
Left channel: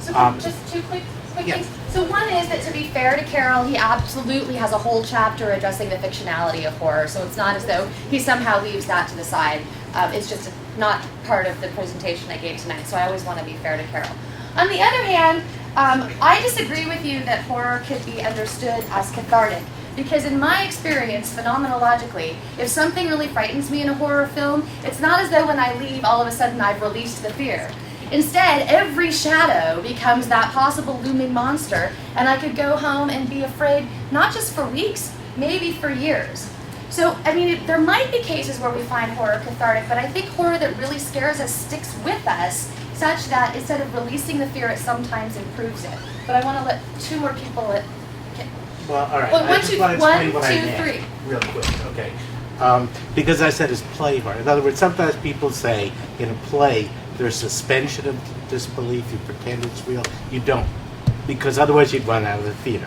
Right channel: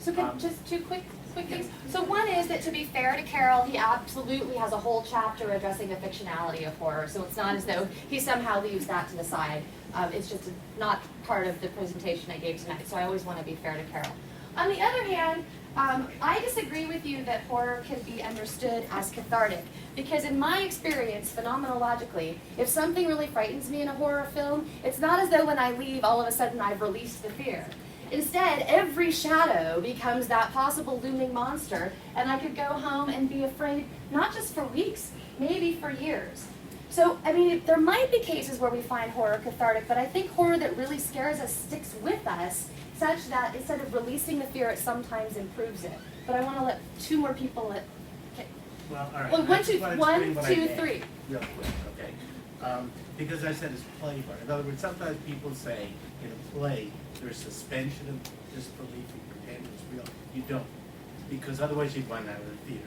So just two quick yeah. things. So one is that, to be fair to Carol, he absolutely has a whole chapter addressing the fictionality of horror. So it's not as though he somehow leaves that to the side. It's just not part of the presentation I gave tonight. So I always want to be fair to Carol. On the other hand, I disagree with you that horror could be understood as cathartic. Because in my experience, phenomenologically, if something really frightens me in a horror film, it's not as though when I leave, all of a sudden I've released the fear. Instead, every shadow becomes that possible looming monster, and I could go home and be afraid, not just for weeks, maybe for years. So, I mean, there might be cases where we find horror cathartic, but I think horror that really scares us sticks with us, such that instead of releasing the fear, it sometimes improves it. But I want to let two more people Well, all right. Well, I just want to explain what I meant 1, 2, 3. real quick, okay? Because I said it's play horror. In other words, sometimes people say in a play there's suspension of disbelief. You pretend it's real. You don't, because otherwise you'd run out of the theater.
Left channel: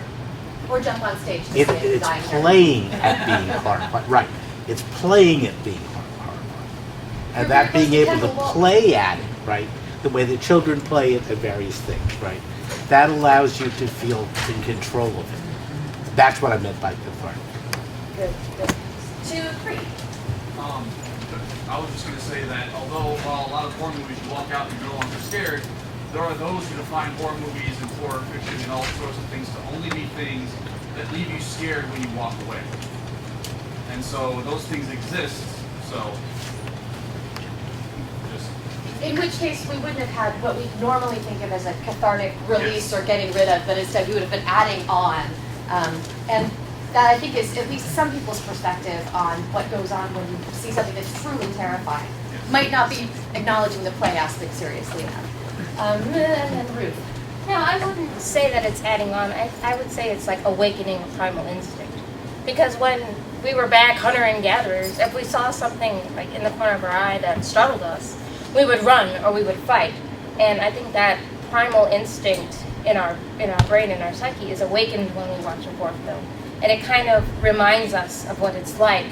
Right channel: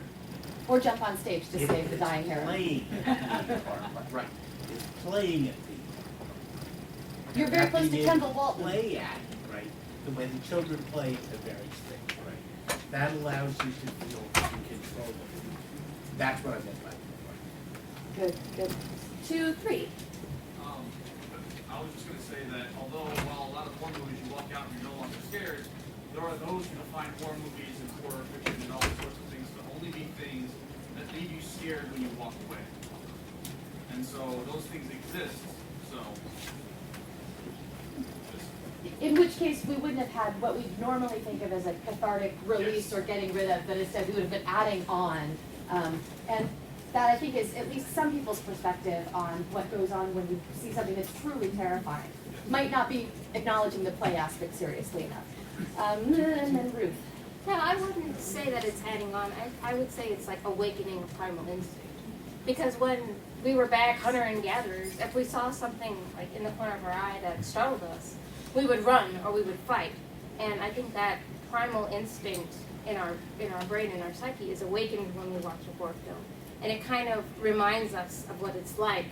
Or jump on stage to It's say design here. playing at being horrified. Right. It's playing at being horrified. And that being able to play at it, right? The way that children play at various things, right? That allows you to feel in control of it. That's what I meant by cathartic. Good, good. 2, 3. I was just going to say that although while a lot of horror movies you walk out and you're no longer scared, there are those who define horror movies and horror fiction and all sorts of things to only be things that leave you scared when you walk away. And so those things exist, so just... In which case we wouldn't have had what we normally think of as a cathartic release or getting rid of, but instead we would have been adding on. And that, I think, is at least some people's perspective on what goes on when you see something that's truly terrifying. Might not be acknowledging the play aspect seriously enough. And Ruth. No, I wouldn't say that it's adding on. I would say it's like awakening a primal instinct. Because when we were back hunter and gatherers, if we saw something like in the corner of our eye that startled us, we would run or we would fight. And I think that primal instinct in our brain and our psyche is awakened when we watch a horror film. And it kind of reminds us of what it's like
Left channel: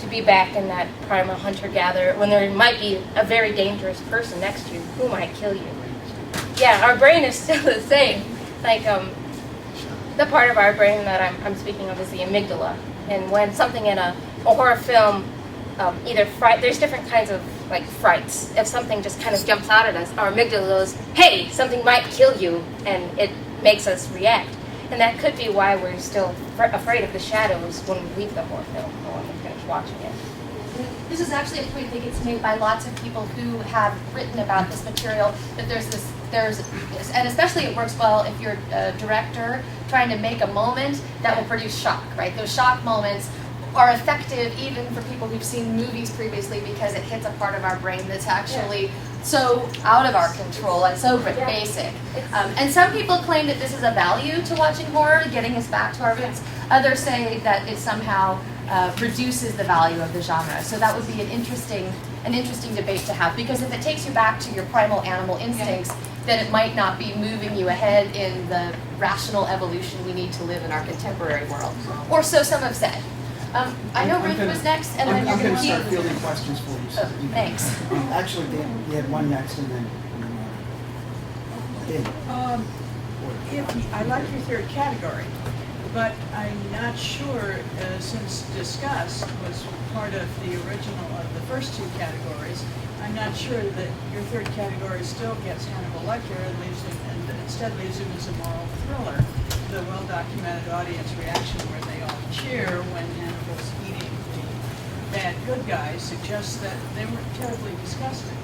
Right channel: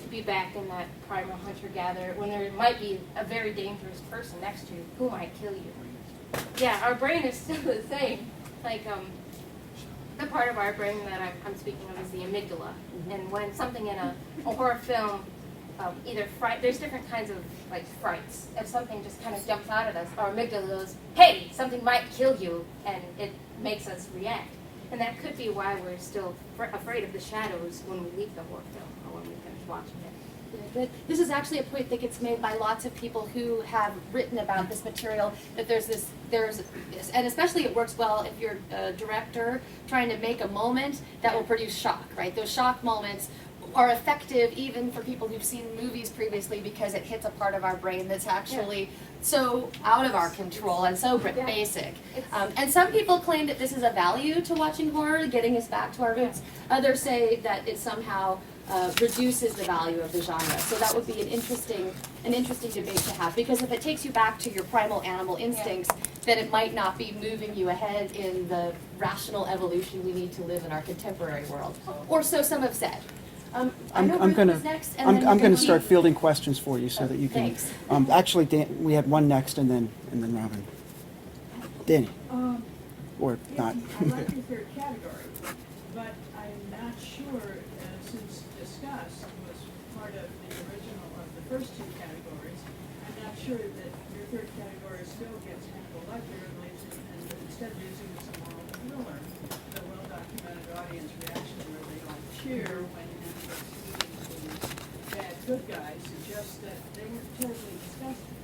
to be back in that primal hunter-gatherer when there might be a very dangerous person next to you who might kill you. Yeah, our brain is still the same. Like, the part of our brain that I'm speaking of is the amygdala. And when something in a horror film, either there's different kinds of like frights. If something just kind of jumps out at us, our amygdala goes, hey, something might kill you, and it makes us react. And that could be why we're still afraid of the shadows when we leave the horror film or when we finish watching it. This is actually a point that gets made by lots of people who have written about this material, that and especially it works well if you're a director trying to make a moment that will produce shock, right? Those shock moments are effective even for people who've seen movies previously because it hits a part of our brain that's actually so out of our control and so basic. And some people claim that this is a value to watching horror, getting us back to our roots. Others say that it somehow reduces the value of the genre. So that would be an interesting debate to have, because if it takes you back to your primal animal instincts, then it might not be moving you ahead in the rational evolution we need to live in our contemporary world. Or so some have said. I know Ruth was next, and then I'm going to start fielding questions for you so that you can. Thanks. Actually, Dan, we had one next, and then Robin. Dan. Or not. I like your third category, but I'm not sure, since discuss was part of the original of the first two categories, I'm not sure that your third category still gets Hannibal Lecter and instead leaves him as a moral thriller. The well-documented audience reaction where they all cheer when Hannibal's eating the bad good guys suggests that they were terribly disgusting.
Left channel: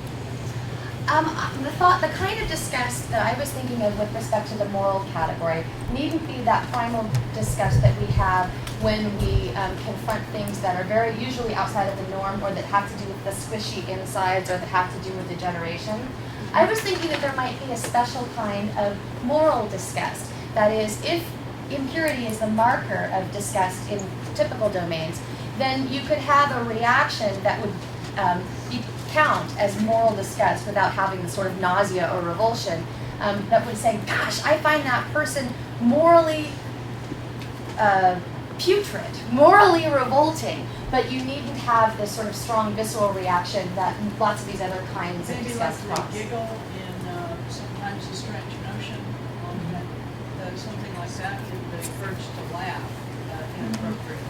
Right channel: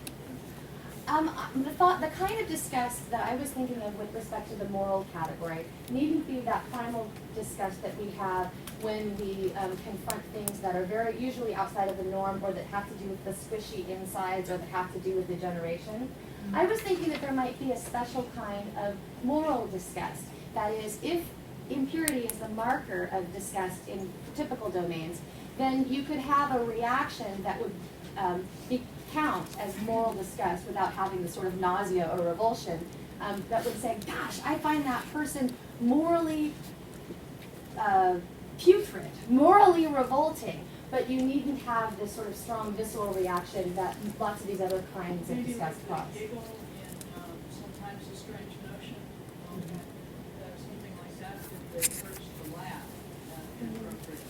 The kind of disgust that I was thinking of with respect to the moral category needn't be that primal disgust that we have when we confront things that are very usually outside of the norm, or that have to do with the squishy insides, or that have to do with degeneration. I was thinking that there might be a special kind of moral disgust. That is, if impurity is the marker of disgust in typical domains, then you could have a reaction that would count as moral disgust without having the sort of nausea or revulsion, that would say, gosh, I find that person morally putrid, morally revolting, but you needn't have this sort of strong visceral reaction that lots of these other kinds of Maybe disgust like cause. the giggle in Sometimes a Strange Notion, something like that, the urge to laugh inappropriately.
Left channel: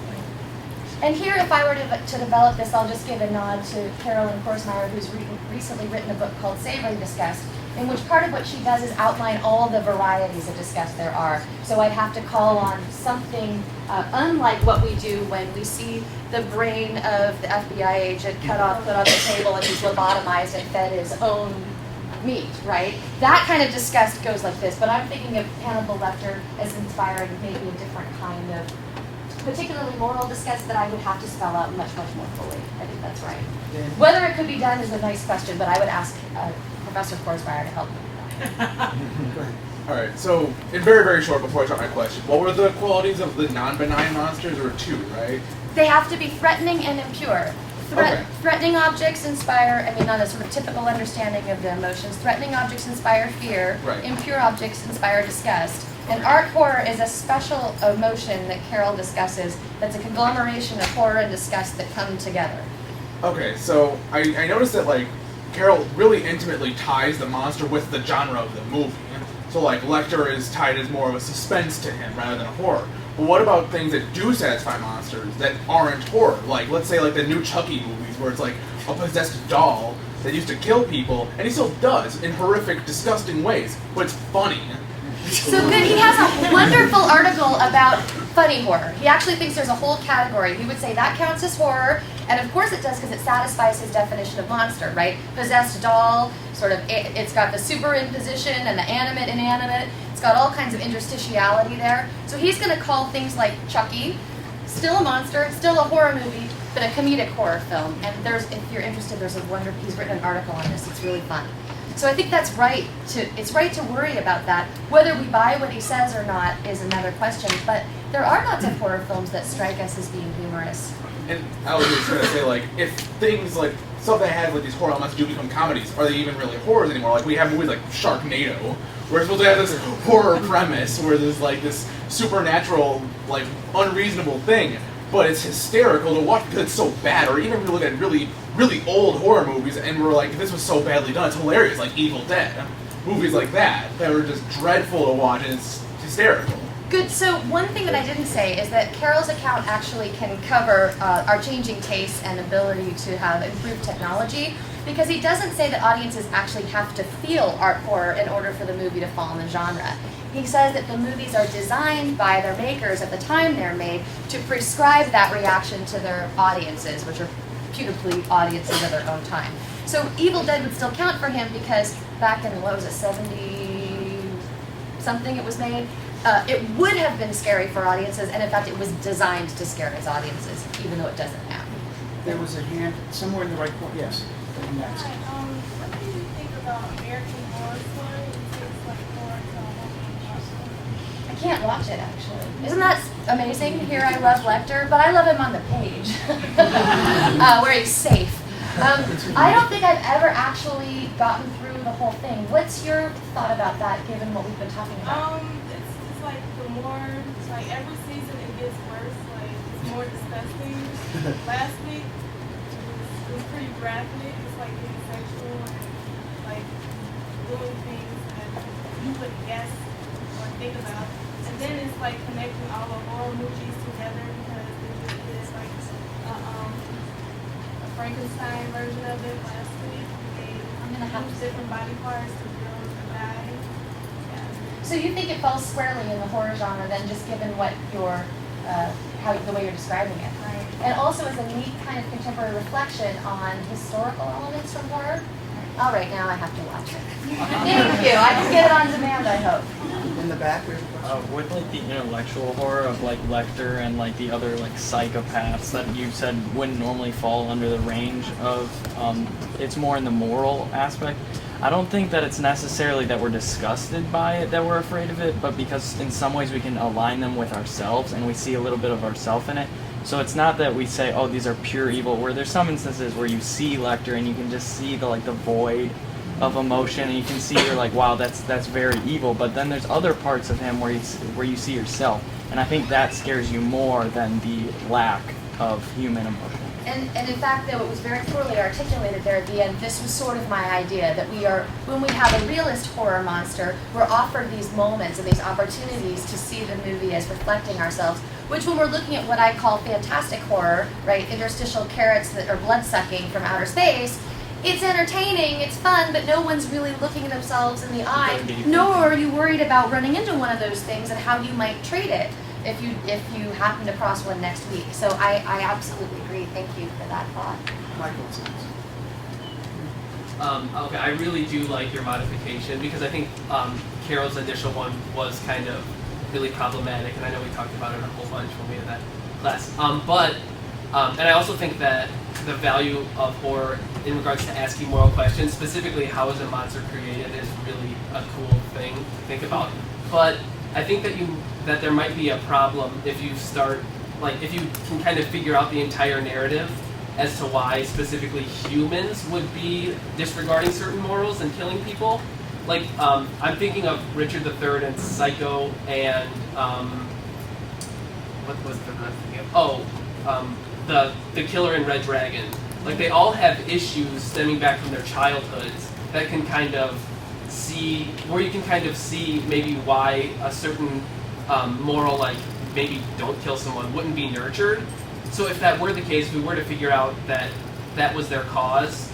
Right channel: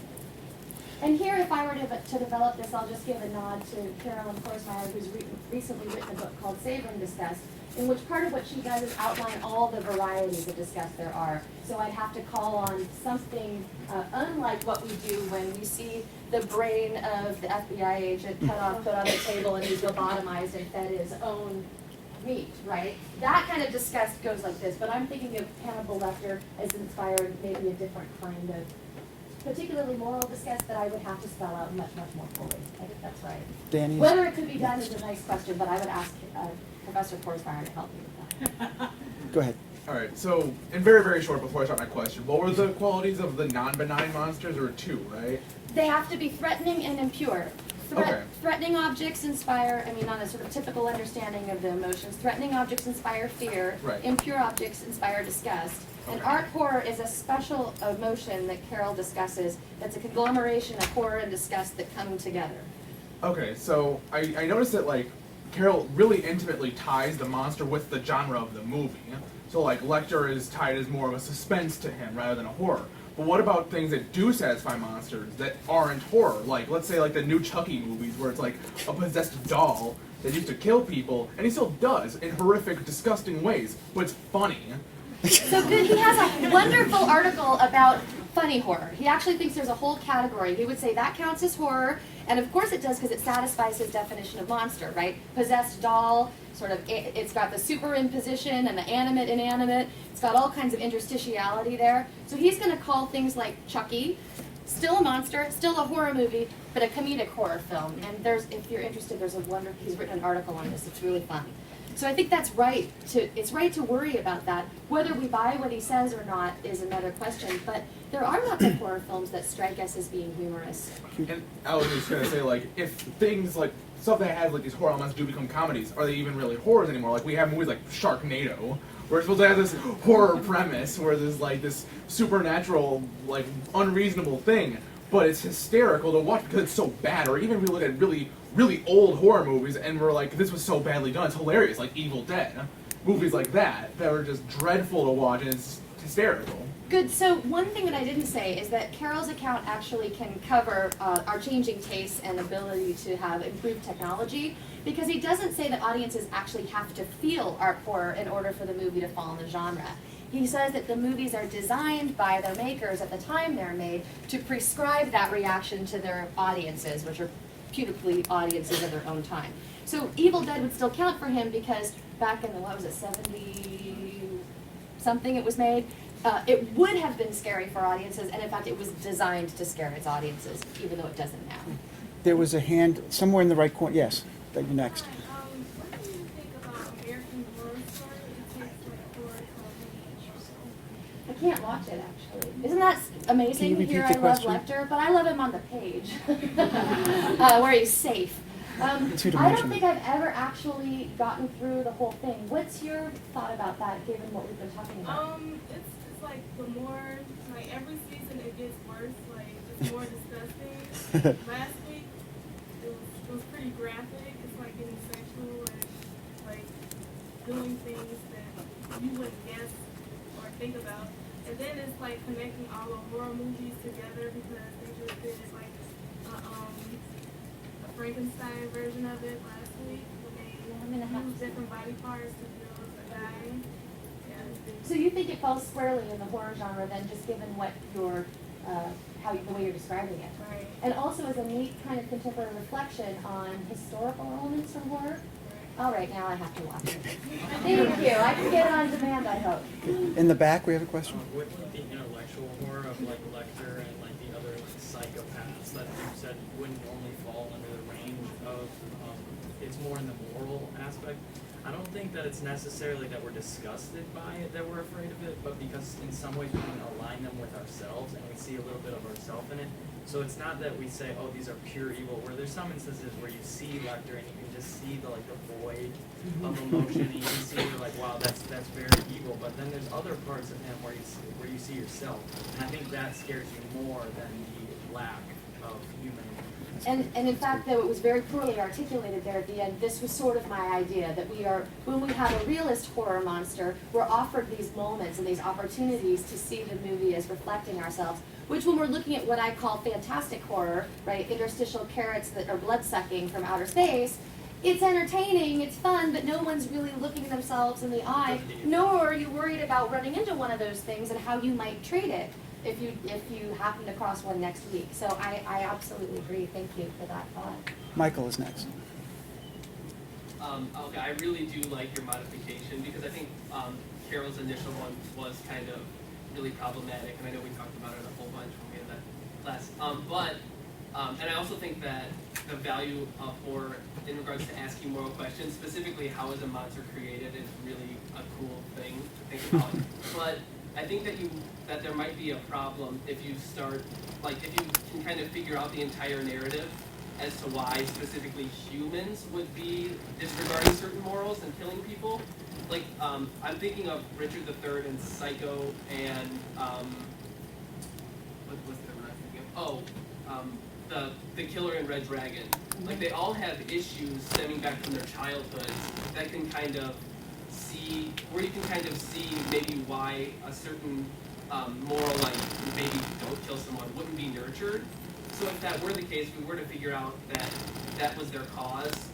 And here, if I were to develop this, I'll just give a nod to Carolyn Korsmeyer, who's recently written a book called Savoring Disgust, in which part of what she does is outline all the varieties of disgust there are. So I'd have to call on something unlike what we do when we see the brain of the FBI agent cut off, put on the table, and he's lobotomized and fed his own meat, right? That kind of disgust goes like this, but I'm thinking of Hannibal Lecter as inspiring maybe a different kind of particularly moral disgust that I would have to spell out much, much more fully. I think that's right. Then, Whether it could be done is a nice question, but I would ask Professor Korsmeyer to help me with that. go ahead. All right, so in very, very short, before I start my question, what were the qualities of the non-benign monsters? There were two, right? They have to be threatening and impure. Okay. Threatening objects inspire, I mean, not a sort of typical understanding of the emotions. Threatening objects inspire fear. Right. Impure objects inspire disgust. And art horror is a special emotion that Carol discusses that's a conglomeration of horror and disgust that come together. Okay, so I noticed that, like, Carol really intimately ties the monster with the genre of the movie. So, like, Lecter is tied as more of a suspense to him rather than a horror. But what about things that do satisfy monsters that aren't horror? Like, let's say, like, the new Chucky movies, where it's, like, a possessed doll that used to kill people, and he still does, in horrific, disgusting ways, but it's funny. So good. He has a wonderful article about funny horror. He actually thinks there's a whole category. He would say that counts as horror, and of course it does because it satisfies his definition of monster, right? Possessed doll, sort of, it's got the superimposition and the animate, inanimate. It's got all kinds of interstitiality there. So he's going to call things like Chucky still a monster, still a horror movie, but a comedic horror film. And if you're interested, he's written an article on this. It's really fun. So I think that's right. It's right to worry about that. Whether we buy what he says or not is another question. But there are lots of horror films that strike us as being humorous. And I was just gonna say, like, if things like stuff that has like these horror elements do become comedies, are they even really horrors anymore? Like, we have movies like Sharknado, where it's supposed to have this horror premise, where there's like this supernatural, like, unreasonable thing, but it's hysterical to watch because it's so bad. Or even if we look at really, really old horror movies and we're like, this was so badly done, it's hilarious, like Evil Dead. Movies like that are just dreadful to watch, and it's hysterical. Good. So one thing that I didn't say is that Carol's account actually can cover our changing tastes and ability to have improved technology, because he doesn't say that audiences actually have to feel art horror in order for the movie to fall in the genre. He says that the movies are designed by their makers at the time they're made to prescribe that reaction to their audiences, which are putatively audiences of their own time. So Evil Dead would still count for him because back in, 70-something it was made, it would have been scary for audiences, and in fact it was designed to scare its audiences, even though it doesn't now. There was a hand somewhere in the right corner. Yes, but next. What do you think about American Horror Story? It seems like horror to I can't watch it, actually. Isn't that amazing? Can you Here I repeat the love question? Lecter, but I love him on the page, where he's safe. I don't think I've ever actually gotten through the whole thing. What's your thought about that, given what we've been talking about? It's like the more, like every season it gets worse, like it's more disgusting. Last week it was pretty graphic. It's like getting sexual and like doing things that you wouldn't guess or think about. And then it's like connecting all the horror movies together because they just did like a Frankenstein version of it last week. I'm gonna have to different body parts to girls and guys. So you think it falls squarely in the horror genre, then, just given what your, the way you're describing it? Right. And also as a neat kind of contemporary reflection on historical elements from horror. All right, now I have to watch it. Thank you. I can get it on demand, I hope. In the back, we have a question. With like the intellectual horror of like Lecter and like the other like psychopaths that you said wouldn't normally fall under the range of, it's more in the moral aspect. I don't think that it's necessarily that we're disgusted by it, that we're afraid of it, but because in some ways we can align them with ourselves and we see a little bit of ourself in it. So it's not that we say, oh, these are pure evil, where there's some instances where you see Lecter and you can just see the void of emotion, and you can see you're like, wow, that's very evil. But then there's other parts of him where you see yourself, and I think that scares you more than the lack of human emotion. And in fact, though it was very poorly articulated there at the end, this was sort of my idea, that when we have a realist horror monster, we're offered these moments and these opportunities to see the movie as reflecting ourselves, which when we're looking at what I call fantastic horror, right, interstitial carrots that are blood-sucking from outer space, it's entertaining, it's fun, but no one's really looking themselves in the eye, nor are you worried about running into one of those things and how you might treat it if you happen to cross one next week. So I absolutely agree. Thank you for that thought. Michael is next. Okay, I really do like your modification because I think Carol's initial one was kind of really problematic, and I know we talked about it a whole bunch when we had that class. And I also think that the value of horror in regards to asking moral questions, specifically how is a monster created, is really a cool thing to think about. But I think that there might be a problem if you start, like, if you can kind of figure out the entire narrative as to why specifically humans would be disregarding certain morals and killing people. Like, I'm thinking of Richard III and Psycho and, what was the other thing? Oh, the Killer in Red Dragon. Like, they all have issues stemming back from their childhoods that can kind of see, where you can kind of see maybe why a certain moral, like maybe don't kill someone, wouldn't be nurtured. So if that were the case, we were to figure out that that was their cause,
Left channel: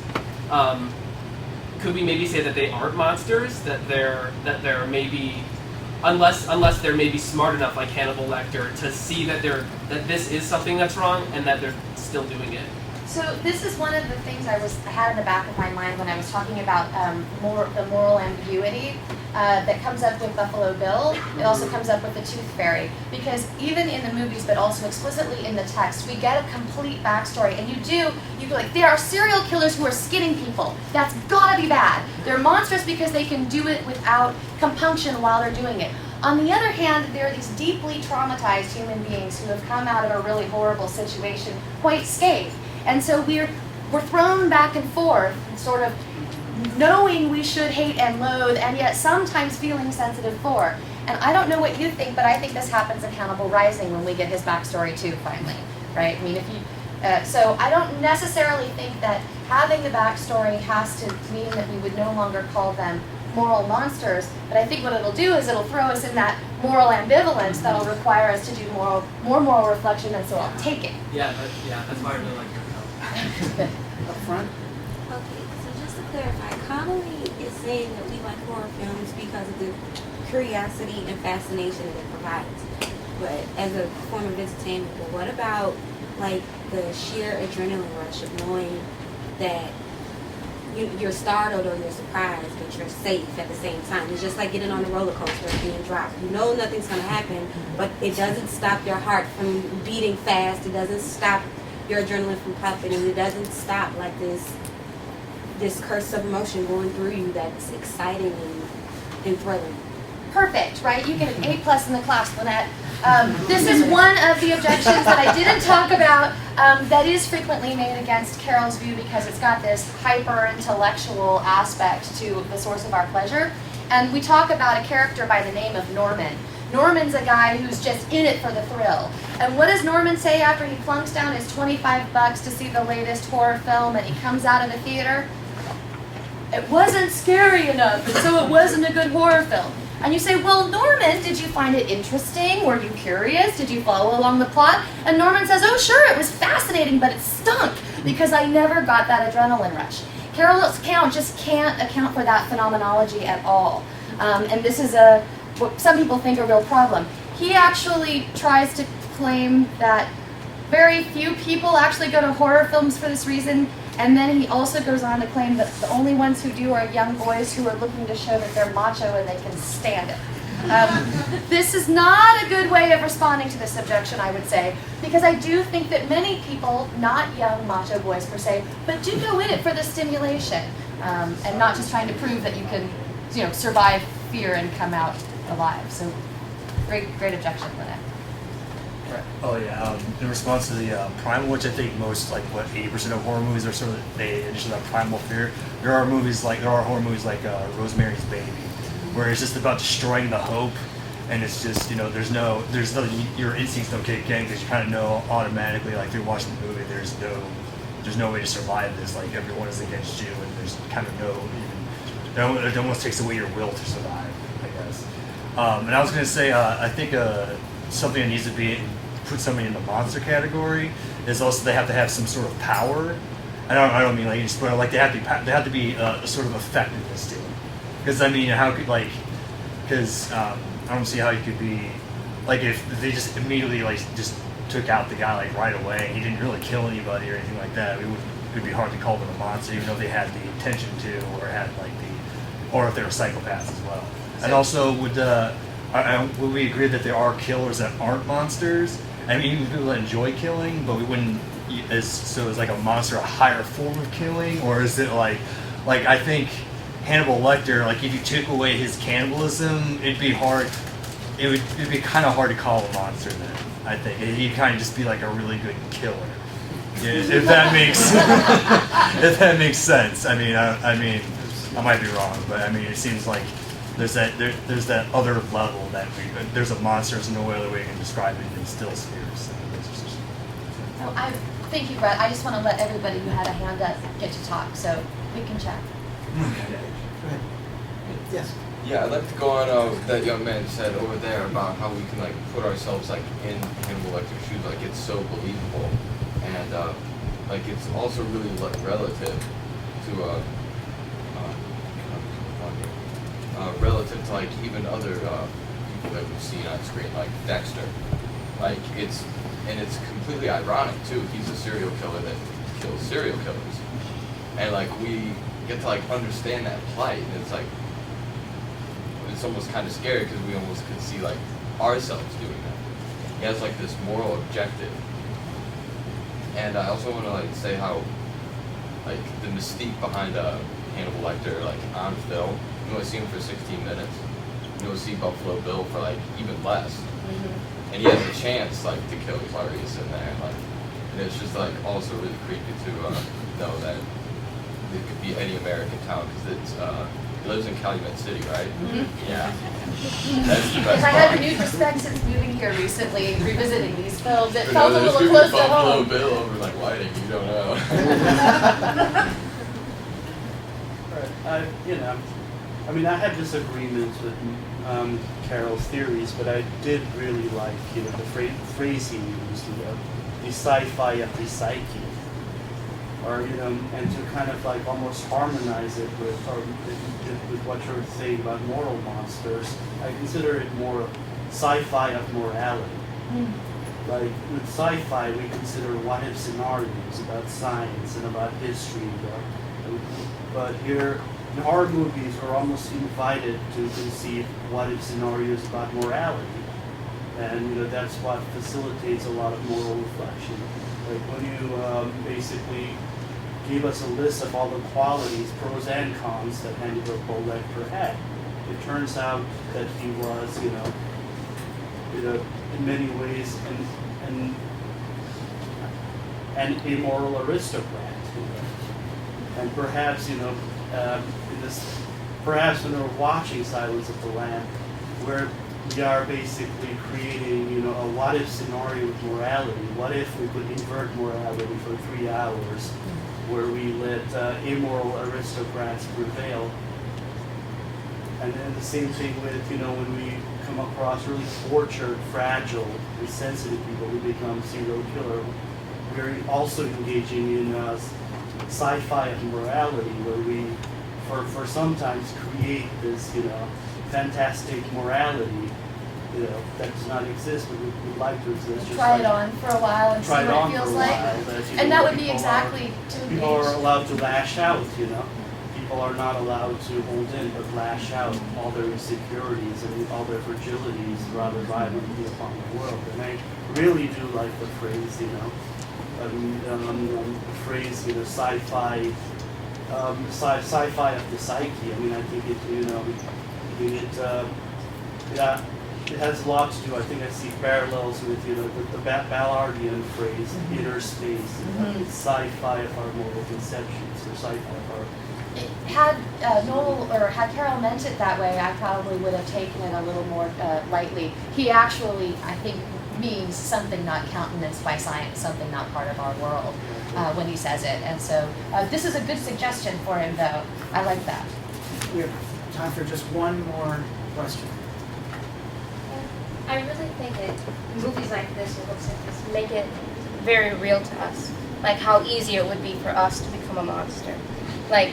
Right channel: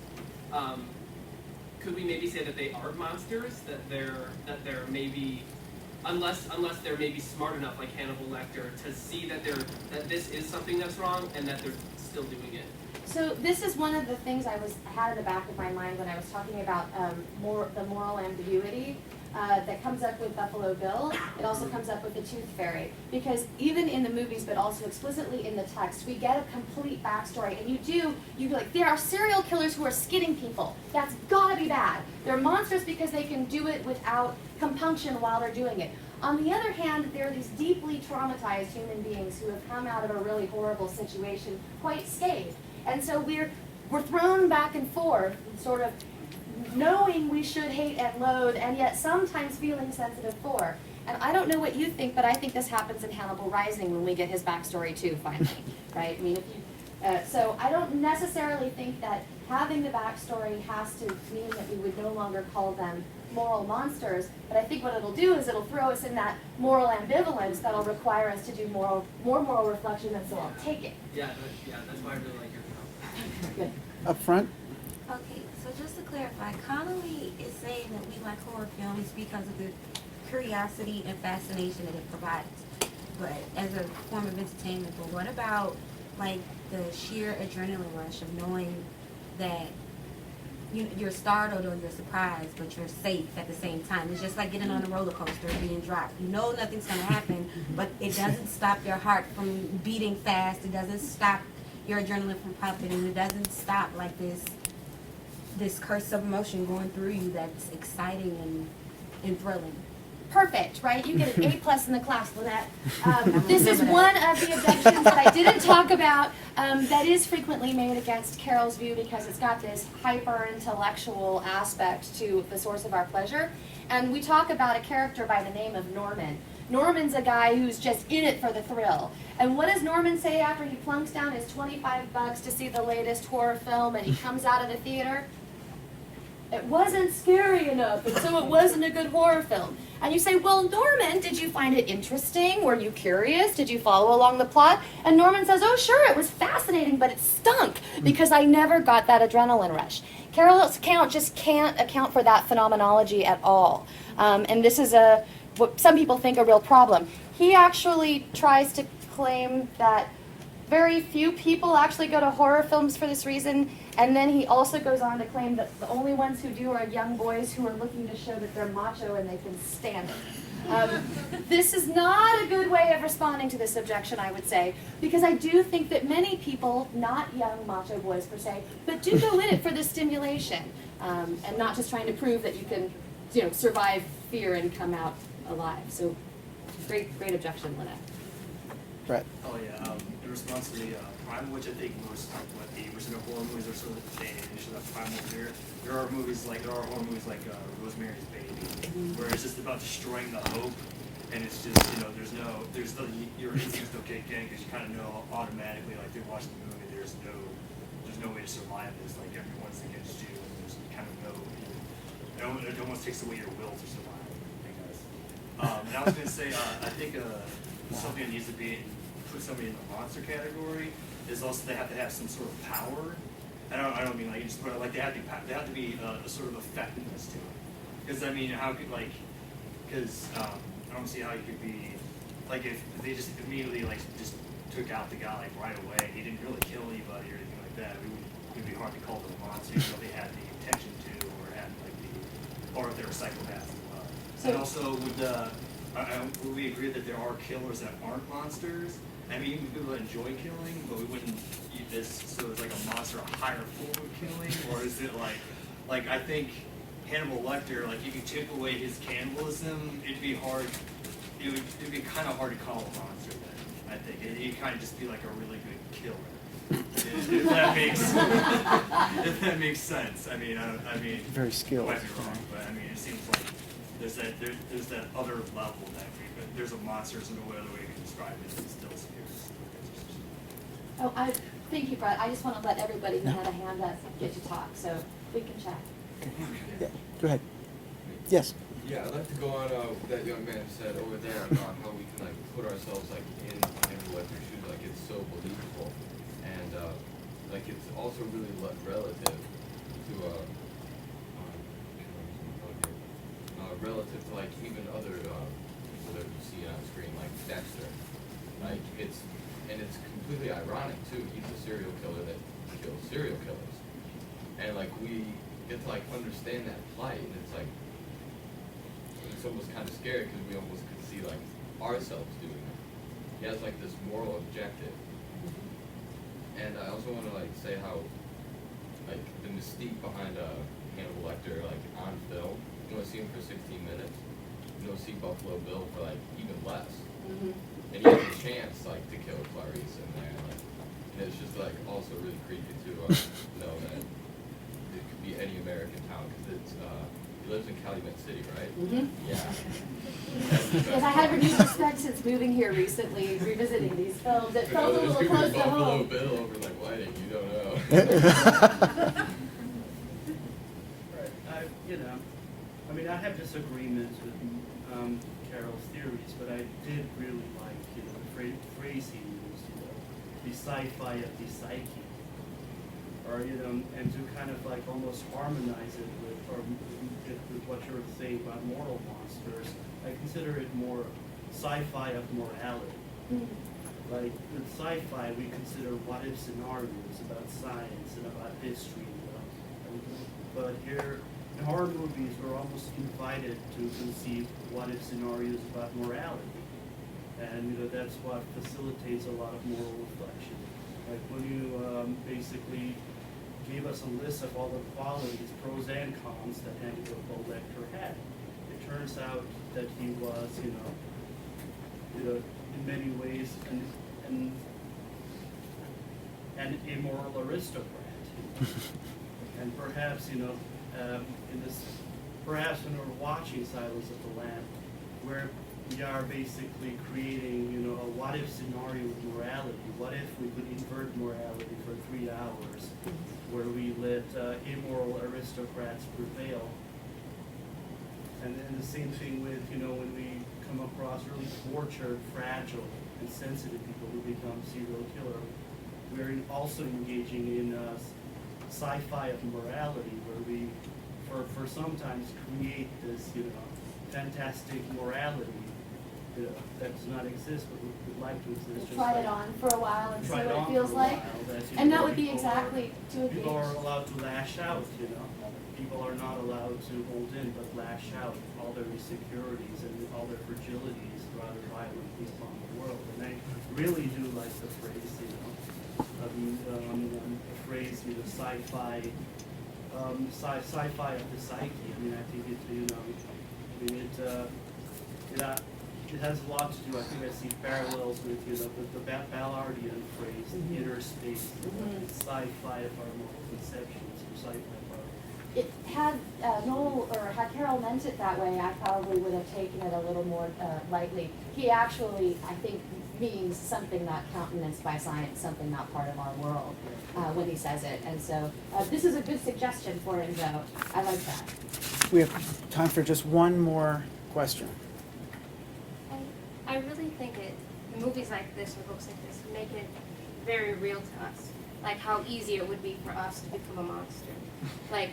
could we maybe say that they aren't monsters, that they're maybe, unless they're maybe smart enough, like Hannibal Lecter, to see that this is something that's wrong and that they're still doing it? So this is one of the things I had in the back of my mind when I was talking about the moral ambiguity that comes up with Buffalo Bill. It also comes up with the Tooth Fairy, because even in the movies, but also explicitly in the text, we get a complete backstory. And you're like, there are serial killers who are skinning people. That's gotta be bad. They're monstrous because they can do it without compunction while they're doing it. On the other hand, there are these deeply traumatized human beings who have come out of a really horrible situation quite scathed. And so we're thrown back and forth, sort of knowing we should hate and loathe, and yet sometimes feeling sensitive for. And I don't know what you think, but I think this happens in Hannibal Rising when we get his backstory too, finally, right? I mean, so I don't necessarily think that having the backstory has to mean that we would no longer call them moral monsters, but I think what it'll do is it'll throw us in that moral ambivalence that'll require us to do more moral reflection, and so I'll take it. Yeah, that's why I really like your Up front. Okay, so just to clarify, Connolly is saying that we like horror films because of the curiosity and fascination that it provides, but as a form of entertainment. But what about like the sheer adrenaline rush of knowing that you're startled or you're surprised, but you're safe at the same time? It's just like getting on a roller coaster and being dropped. You know nothing's going to happen, but it doesn't stop your heart from beating fast. It doesn't stop your adrenaline from pumping, and it doesn't stop like this curse of emotion going through you that's exciting and thrilling. Perfect, right? You get an A+ in the class, Lynette. This is one of the objections that I didn't talk about that is frequently made against Carol's view, because it's got this hyper-intellectual aspect to the source of our pleasure. And we talk about a character by the name of Norman. Norman's a guy who's just in it for the thrill. And what does Norman say after he plunks down his $25 to see the latest horror film and he comes out of the theater? It wasn't scary enough, and so it wasn't a good horror film. And you say, well, Norman, did you find it interesting? Were you curious? Did you follow along the plot? And Norman says, oh, sure, it was fascinating, but it stunk because I never got that adrenaline rush. Carol's account just can't account for that phenomenology at all. And this is what some people think a real problem. He actually tries to claim that very few people actually go to horror films for this reason, and then he also goes on to claim that the only ones who do are young boys who are looking to show that they're macho and they can stand it. This is not a good way of responding to this objection, I would say, because I do think that many people, not young macho boys per se, but do go in it for the stimulation, and not just trying to prove that you can, survive fear and come out alive. So, great objection, Lynette. Right. Oh yeah. In response to the primal, which I think most, like, what 80% of horror movies are sort of, they initially have primal fear. There are horror movies like Rosemary's Baby, where it's just about destroying the hope, and it's just, you know, there's no your instincts don't kick in because you kind of know automatically, like through watching the movie, there's no way to survive this. Like everyone is against you, and there's kind of it almost takes away your will to survive, I guess. And I was gonna say, I think something that needs to put somebody in the monster category is also they have to have some sort of power. I don't mean like you spoil, like they have to be a sort of effectiveness to it. Because I mean, how could I don't see how you could be like if they just immediately like just took out the guy like right away. He didn't really kill anybody or anything like that. It would be hard to call them a monster, even though they had the intention to, or had or if they were psychopaths as well. And also, would we agree that there are killers that aren't monsters? I mean, even people that enjoy killing, but we wouldn't. So is like a monster a higher form of killing, or is it like I think Hannibal Lecter, like if you took away his cannibalism, it'd be hard. It'd be kind of hard to call a monster then. I think he'd kind of just be like a really good killer, if that makes sense. I mean, I might be wrong, but I mean, it seems like there's that other level that there's a monster. There's no other way you can describe it. It's still spirits. Oh, thank you, Brett. I just want to let everybody who had a hand up get to talk, so we can chat. Go ahead. Yes. Yeah, I'd like to go on what that young man said over there about how we can like put ourselves like in Hannibal Lecter's shoes, like it's so believable, and like it's also really like relative to relative to like even other people that we've seen on screen, like Dexter. Like it's completely ironic too. He's a serial killer that kills serial killers, and like we get to like understand that plight, and it's like it's almost kind of scary because we almost could see like ourselves doing that. He has like this moral objective, and I also want to like say how like the mystique behind Hannibal Lecter, like on film, you know, see him for 16 minutes, you know, see Buffalo Bill for like even less. And he has a chance like to kill Clarice in there, like, and it's just like also really creepy to know that it could be any American town because it's he lives in Calumet City, right? Yeah. That's the best If I had part. renewed respect since moving here recently, revisiting these films, it But felt no, a there's little gonna be close to Buffalo home. Bill over like Whiting, you don't know. I mean, I have disagreements with Carol's theories, but I did really like, the phrase he used, the sci-fi of the psyche, or and to kind of like almost harmonize it with what you're saying about moral monsters. I consider it more sci-fi of morality. Like with sci-fi, we consider what-if scenarios about science and about history, but here. And horror movies are almost invited to conceive what-if scenarios about morality, and that's what facilitates a lot of moral reflection. Like when you basically gave us a list of all the qualities, pros and cons, that Hannibal Lecter had, it turns out that he was, in many ways, an immoral aristocrat, and perhaps, perhaps when we're watching Silence of the Lambs, where we are basically creating, a what-if scenario with morality. What if we could invert morality for 3 hours, where we let immoral aristocrats prevail? And then the same thing with, when we come across really tortured, fragile, and sensitive people who become serial killer, we're also engaging in sci-fi of morality, where we for sometimes create this, fantastic morality, that does not exist, but would like to exist. Just Try it like, on for a while and see what it feels like. And that would be exactly to people are allowed to lash out, People are not allowed to hold in, but lash out all their insecurities and all their fragilities rather violently upon the world. And I really do like the phrase, the phrase, sci-fi, sci-fi of the psyche. I mean, I think it, it has a lot to do. I think I see parallels with the Ballardian phrase, inner space, sci-fi of our moral conceptions, or sci-fi of our. Had Noel or had Carol meant it that way, I probably would have taken it a little more lightly. He actually, I think, means something not countenanced by science, something not part of our world when he says it. And so this is a good suggestion for him, though. I like that. We have time for just one more question. I really think movies like this or books like this make it very real to us. Like how easy it would be for us to become a monster. Like,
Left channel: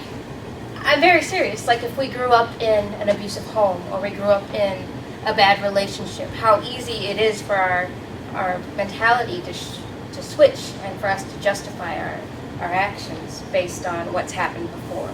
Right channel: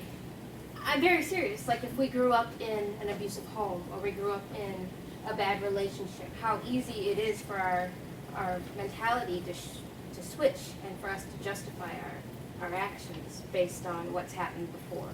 I'm very serious. Like if we grew up in an abusive home or we grew up in a bad relationship, how easy it is for our mentality to switch and for us to justify our actions based on what's happened before.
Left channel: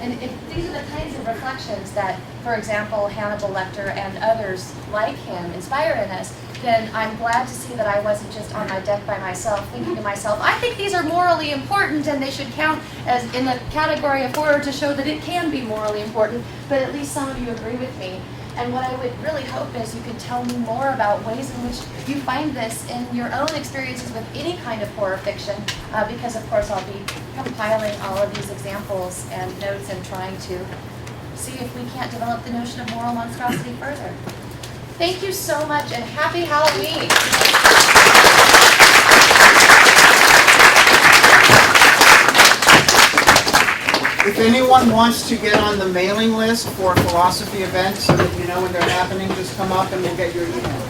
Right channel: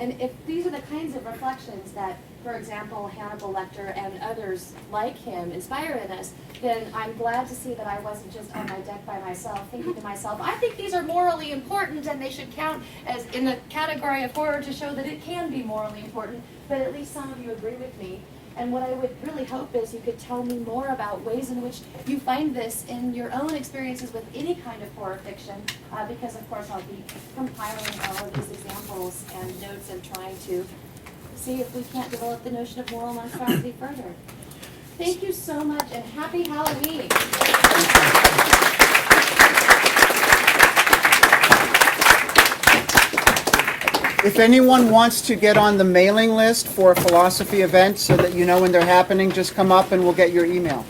And if these are the kinds of reflections that, for example, Hannibal Lecter and others like him inspire in us, then I'm glad to see that I wasn't just on my deck by myself, thinking to myself, I think these are morally important and they should count as in the category of horror to show that it can be morally important, but at least some of you agree with me. And what I would really hope is you could tell me more about ways in which you find this in your own experiences with any kind of horror fiction, because of course I'll be compiling all of these examples and notes and trying to see if we can't develop the notion of moral monstrosity further. Thank you so much and happy Halloween! If anyone wants to get on the mailing list for a philosophy event so that you know when they're happening, just come up and we'll get your email.